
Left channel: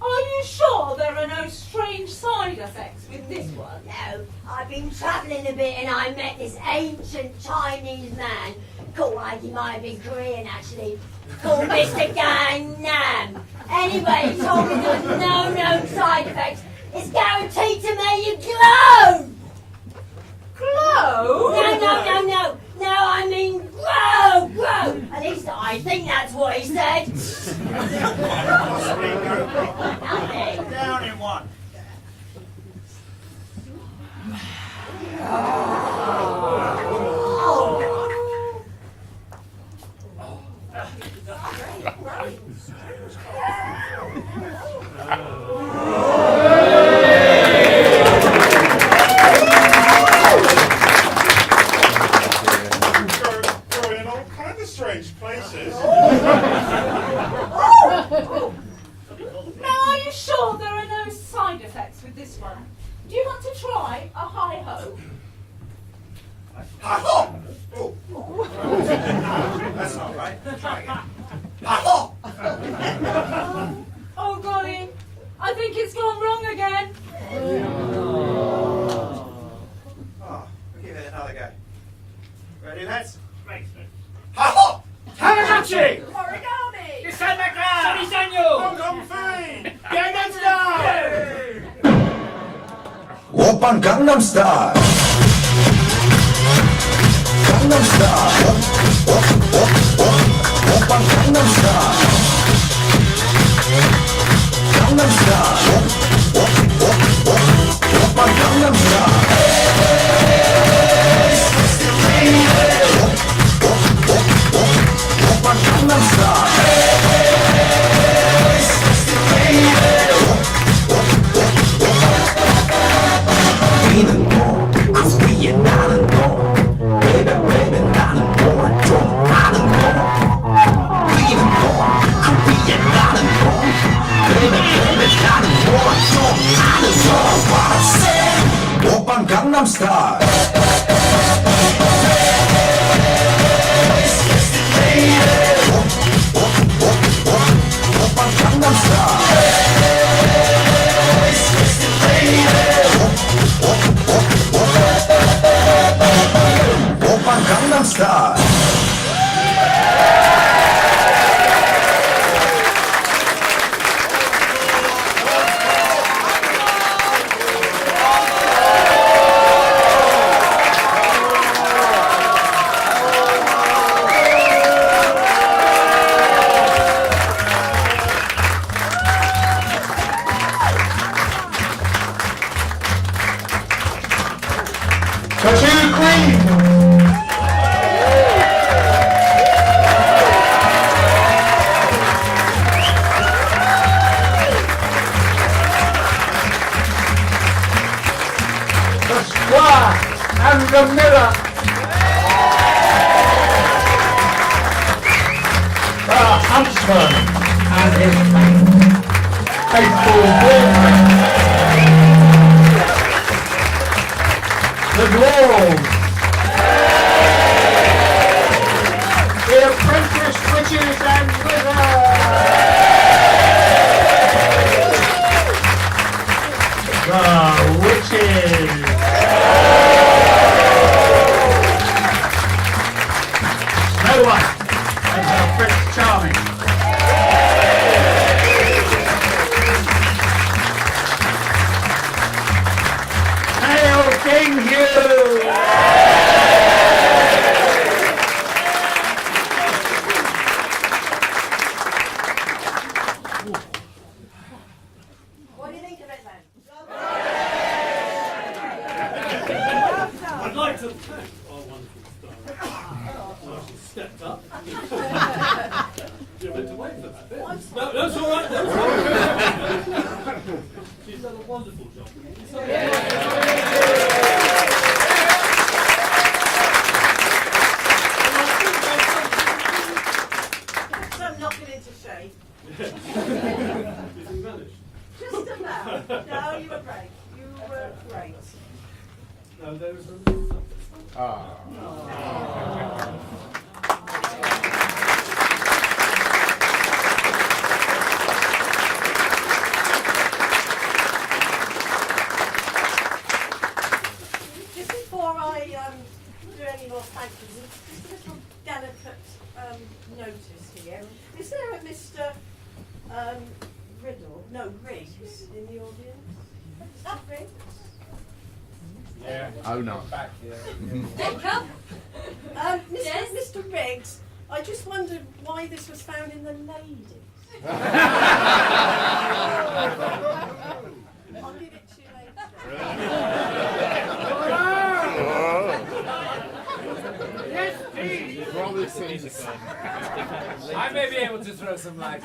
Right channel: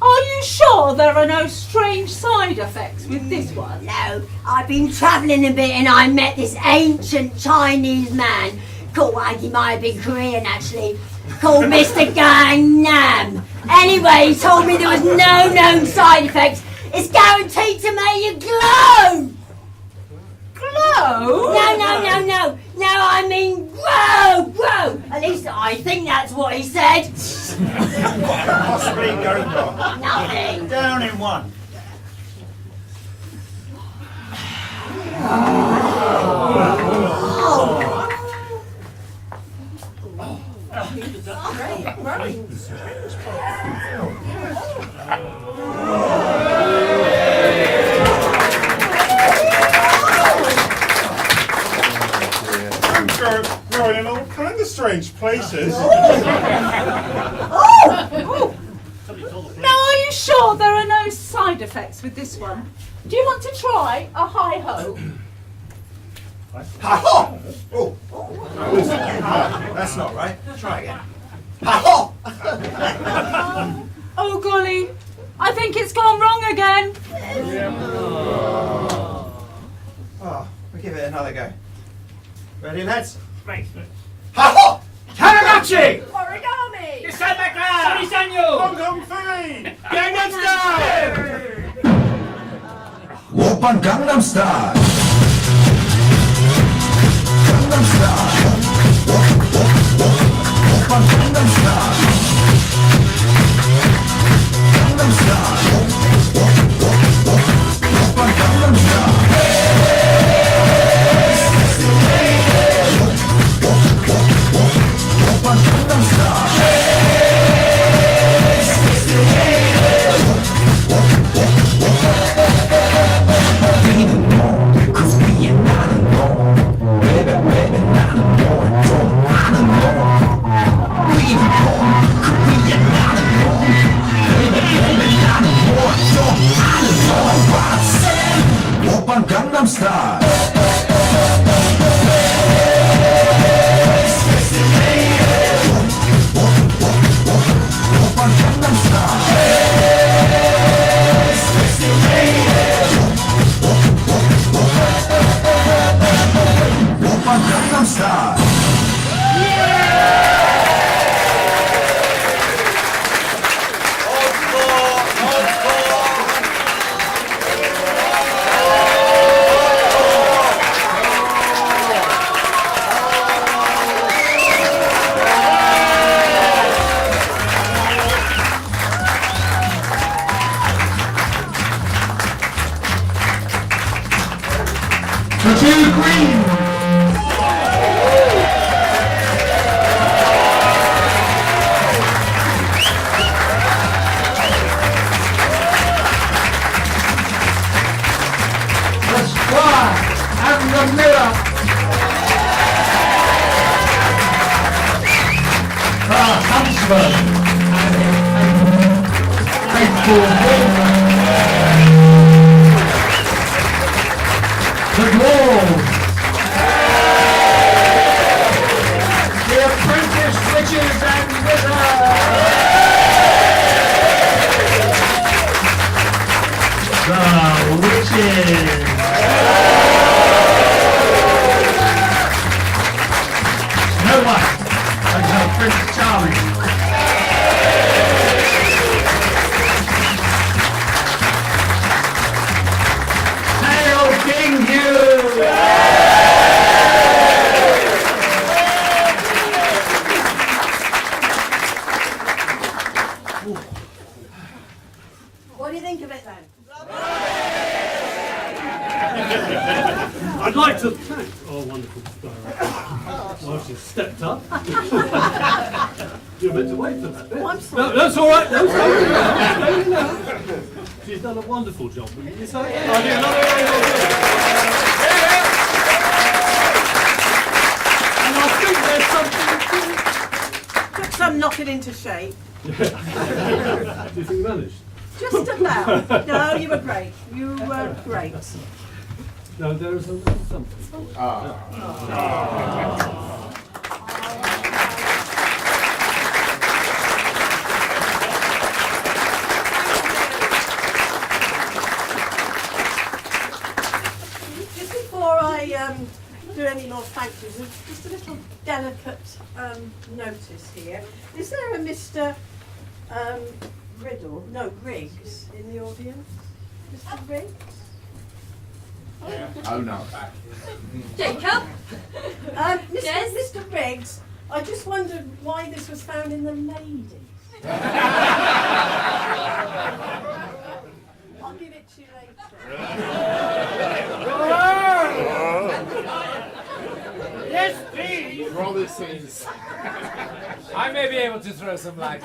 Are you sure there are no strange side effects with this one? No, I've been travelling a bit and I met this ancient Chinese man called, he might have been Korean actually, called Mr. Gangnam. Anyway, he told me there was no known side effects. It's guaranteed to make you glow! Glow? No, I mean grow! At least I think that's what he said. Possibly go wrong. Nothing. Down in one. Growing in all kind of strange places. Now, are you sure there are no side effects with this one? Do you want to try a hi-ho? Ha-ho! Oh. That's not right. Try again. Ha-ho! Oh, golly, I think it's gone wrong again. Oh, we'll give it another go. Ready, lads? Right. Ha-ho! Tamagotchi! Origami! December Cloud! Sunny Sanyo! Hong Kong Fee! Gangnam Style! Oppan Gangnam Style. Gangnam Style. Oppan Gangnam Style. Gangnam Style. Oppan Gangnam Style. Oppan Gangnam Style. 우리는 뭐 그 위에 나는 너 baby 나는 뭘 좀 아는 너 우리는 뭐 그 위에 나는 너 baby 나는 뭘 좀 아는 너 What I said 오빤 강남스타일 오빤 강남스타일 Gangnam Style. Tattoo Green. And the Miller. Huntsman and his faithful woman. The Gould. The apprentice Snow White and her Prince Charming. Hail King Hugh! What do you think of it then? I'd like to thank our wonderful director. Well, she's stepped up. You're meant to wait for that bit. I'm sorry. No, that's all right. That's all right. She's done a wonderful job. Wouldn't you say? And I think there's something. Took some knocking into shape. Do you think managed? Just about. No, you were great. You were great. No, there's something. Just before I do any more thank yous, just a little delicate notice here. Is there a Mr. Riddle? No, Griggs in the audience? Mr. Griggs? Oh no. Jacob? Mr. Riggs, I just wondered why this was found in the ladies. I'll give it to you later. Yes, please. Roll scenes. I may be able to throw some light.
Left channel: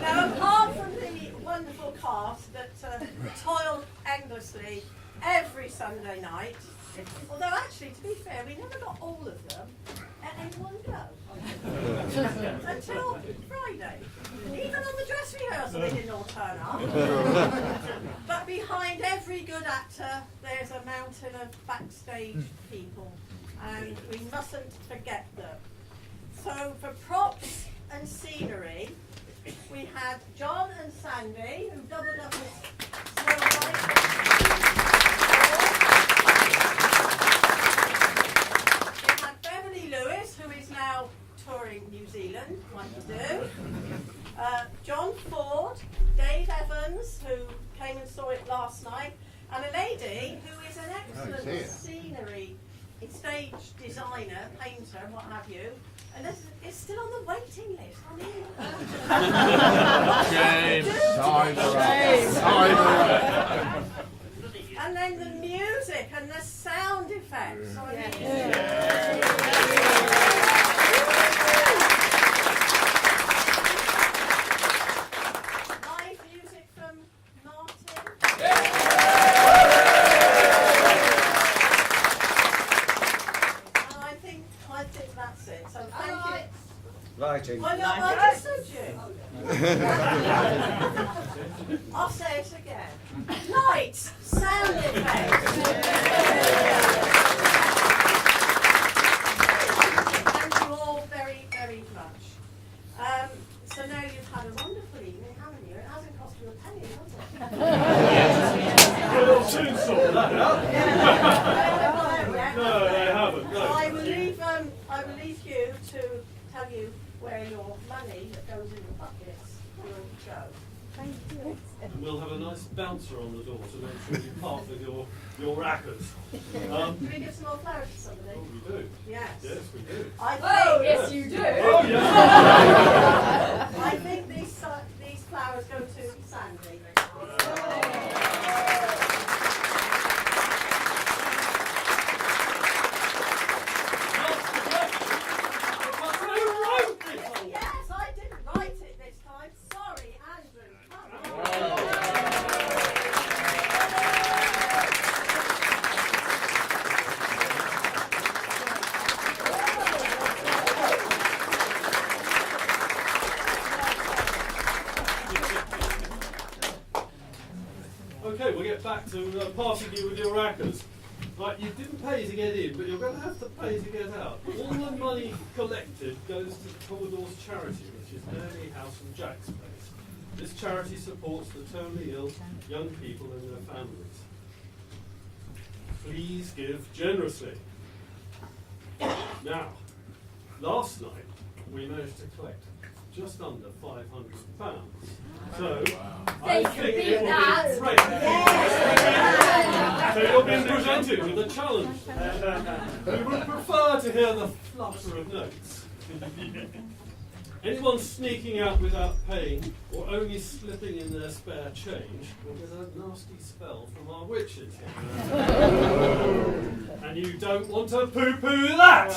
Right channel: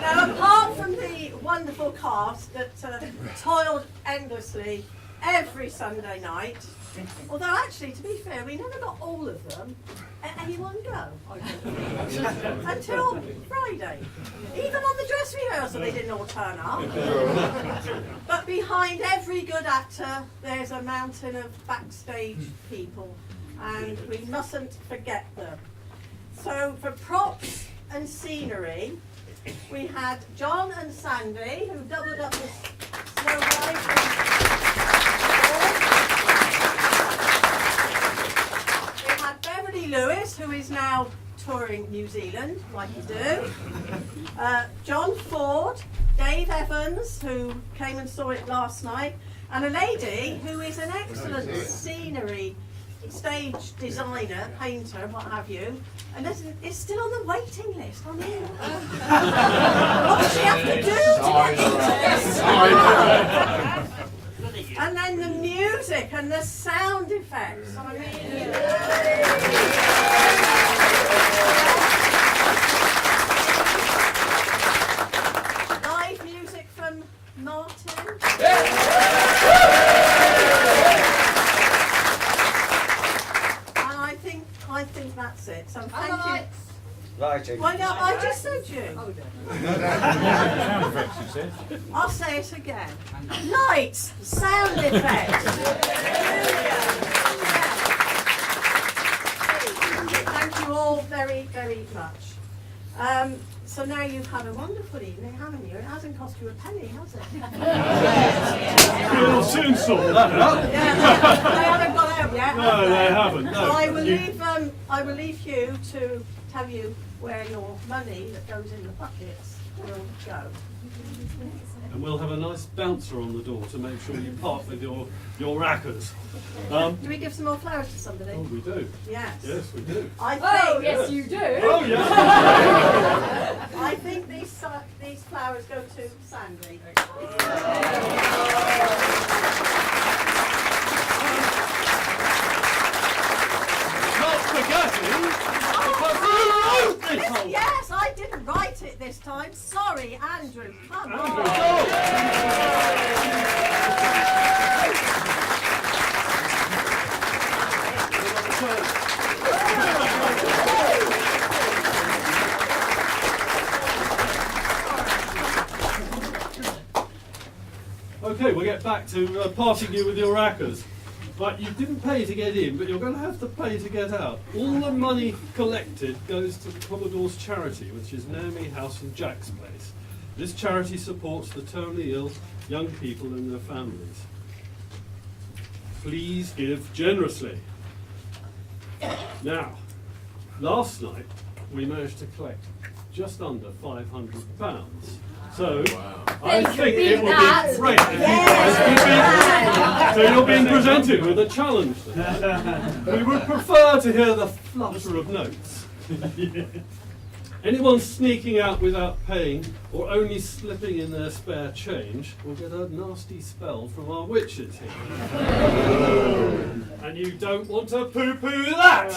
Now, apart from the wonderful cast that toiled endlessly every Sunday night, although actually, to be fair, we never got all of them at any one go. Until Friday. Even on the dress rehearsal, they didn't all turn up. But behind every good actor, there's a mountain of backstage people, and we mustn't forget them. So for props and scenery, we had John and Sandy, who doubled up as Snow White. We had Beverly Lewis, who is now touring New Zealand, like you do. John Ford, Dave Evans, who came and saw it last night, and a lady who is an excellent scenery stage designer, painter, what have you, and is still on the waiting list. I mean, what does she have to do to get And then the music and the sound effects. I mean, live music from Martin. I think that's it. So thank you. Lighting. Why not? I just said you. I'll say it again. Lights, sound effects. Thank you all very, very much. So now you've had a wonderful evening, haven't you? It hasn't cost you a penny, has it? We'll soon sort that out. They haven't got out yet. No, they haven't. No. So I will leave you to tell you where your money that goes in the buckets will go. And we'll have a nice bouncer on the door to make sure you part with your rackers. Do we give some more flowers to somebody? Oh, we do. Yes. Yes, we do. I think, Oh, yes, you do. Oh, yeah. I think these flowers go to Sandy. Yes, I didn't write it this time. Sorry, Andrew. Come on. Okay, we'll get back to parting you with your rackers. Right, you didn't pay to get in, but you're going to have to pay to get out. All the money collected goes to the Commodore's charity, which is Naomi House and Jack's Place. This charity supports the terminally ill young people and their families. Please give generously. Now, last night we managed to collect just under £500. So I think it will be great if you guys so you're being presented with a challenge. We would prefer to hear the flutter of notes. Anyone sneaking out without paying or only slipping in their spare change will get a nasty spell from our witches here. And you don't want to poo-poo that!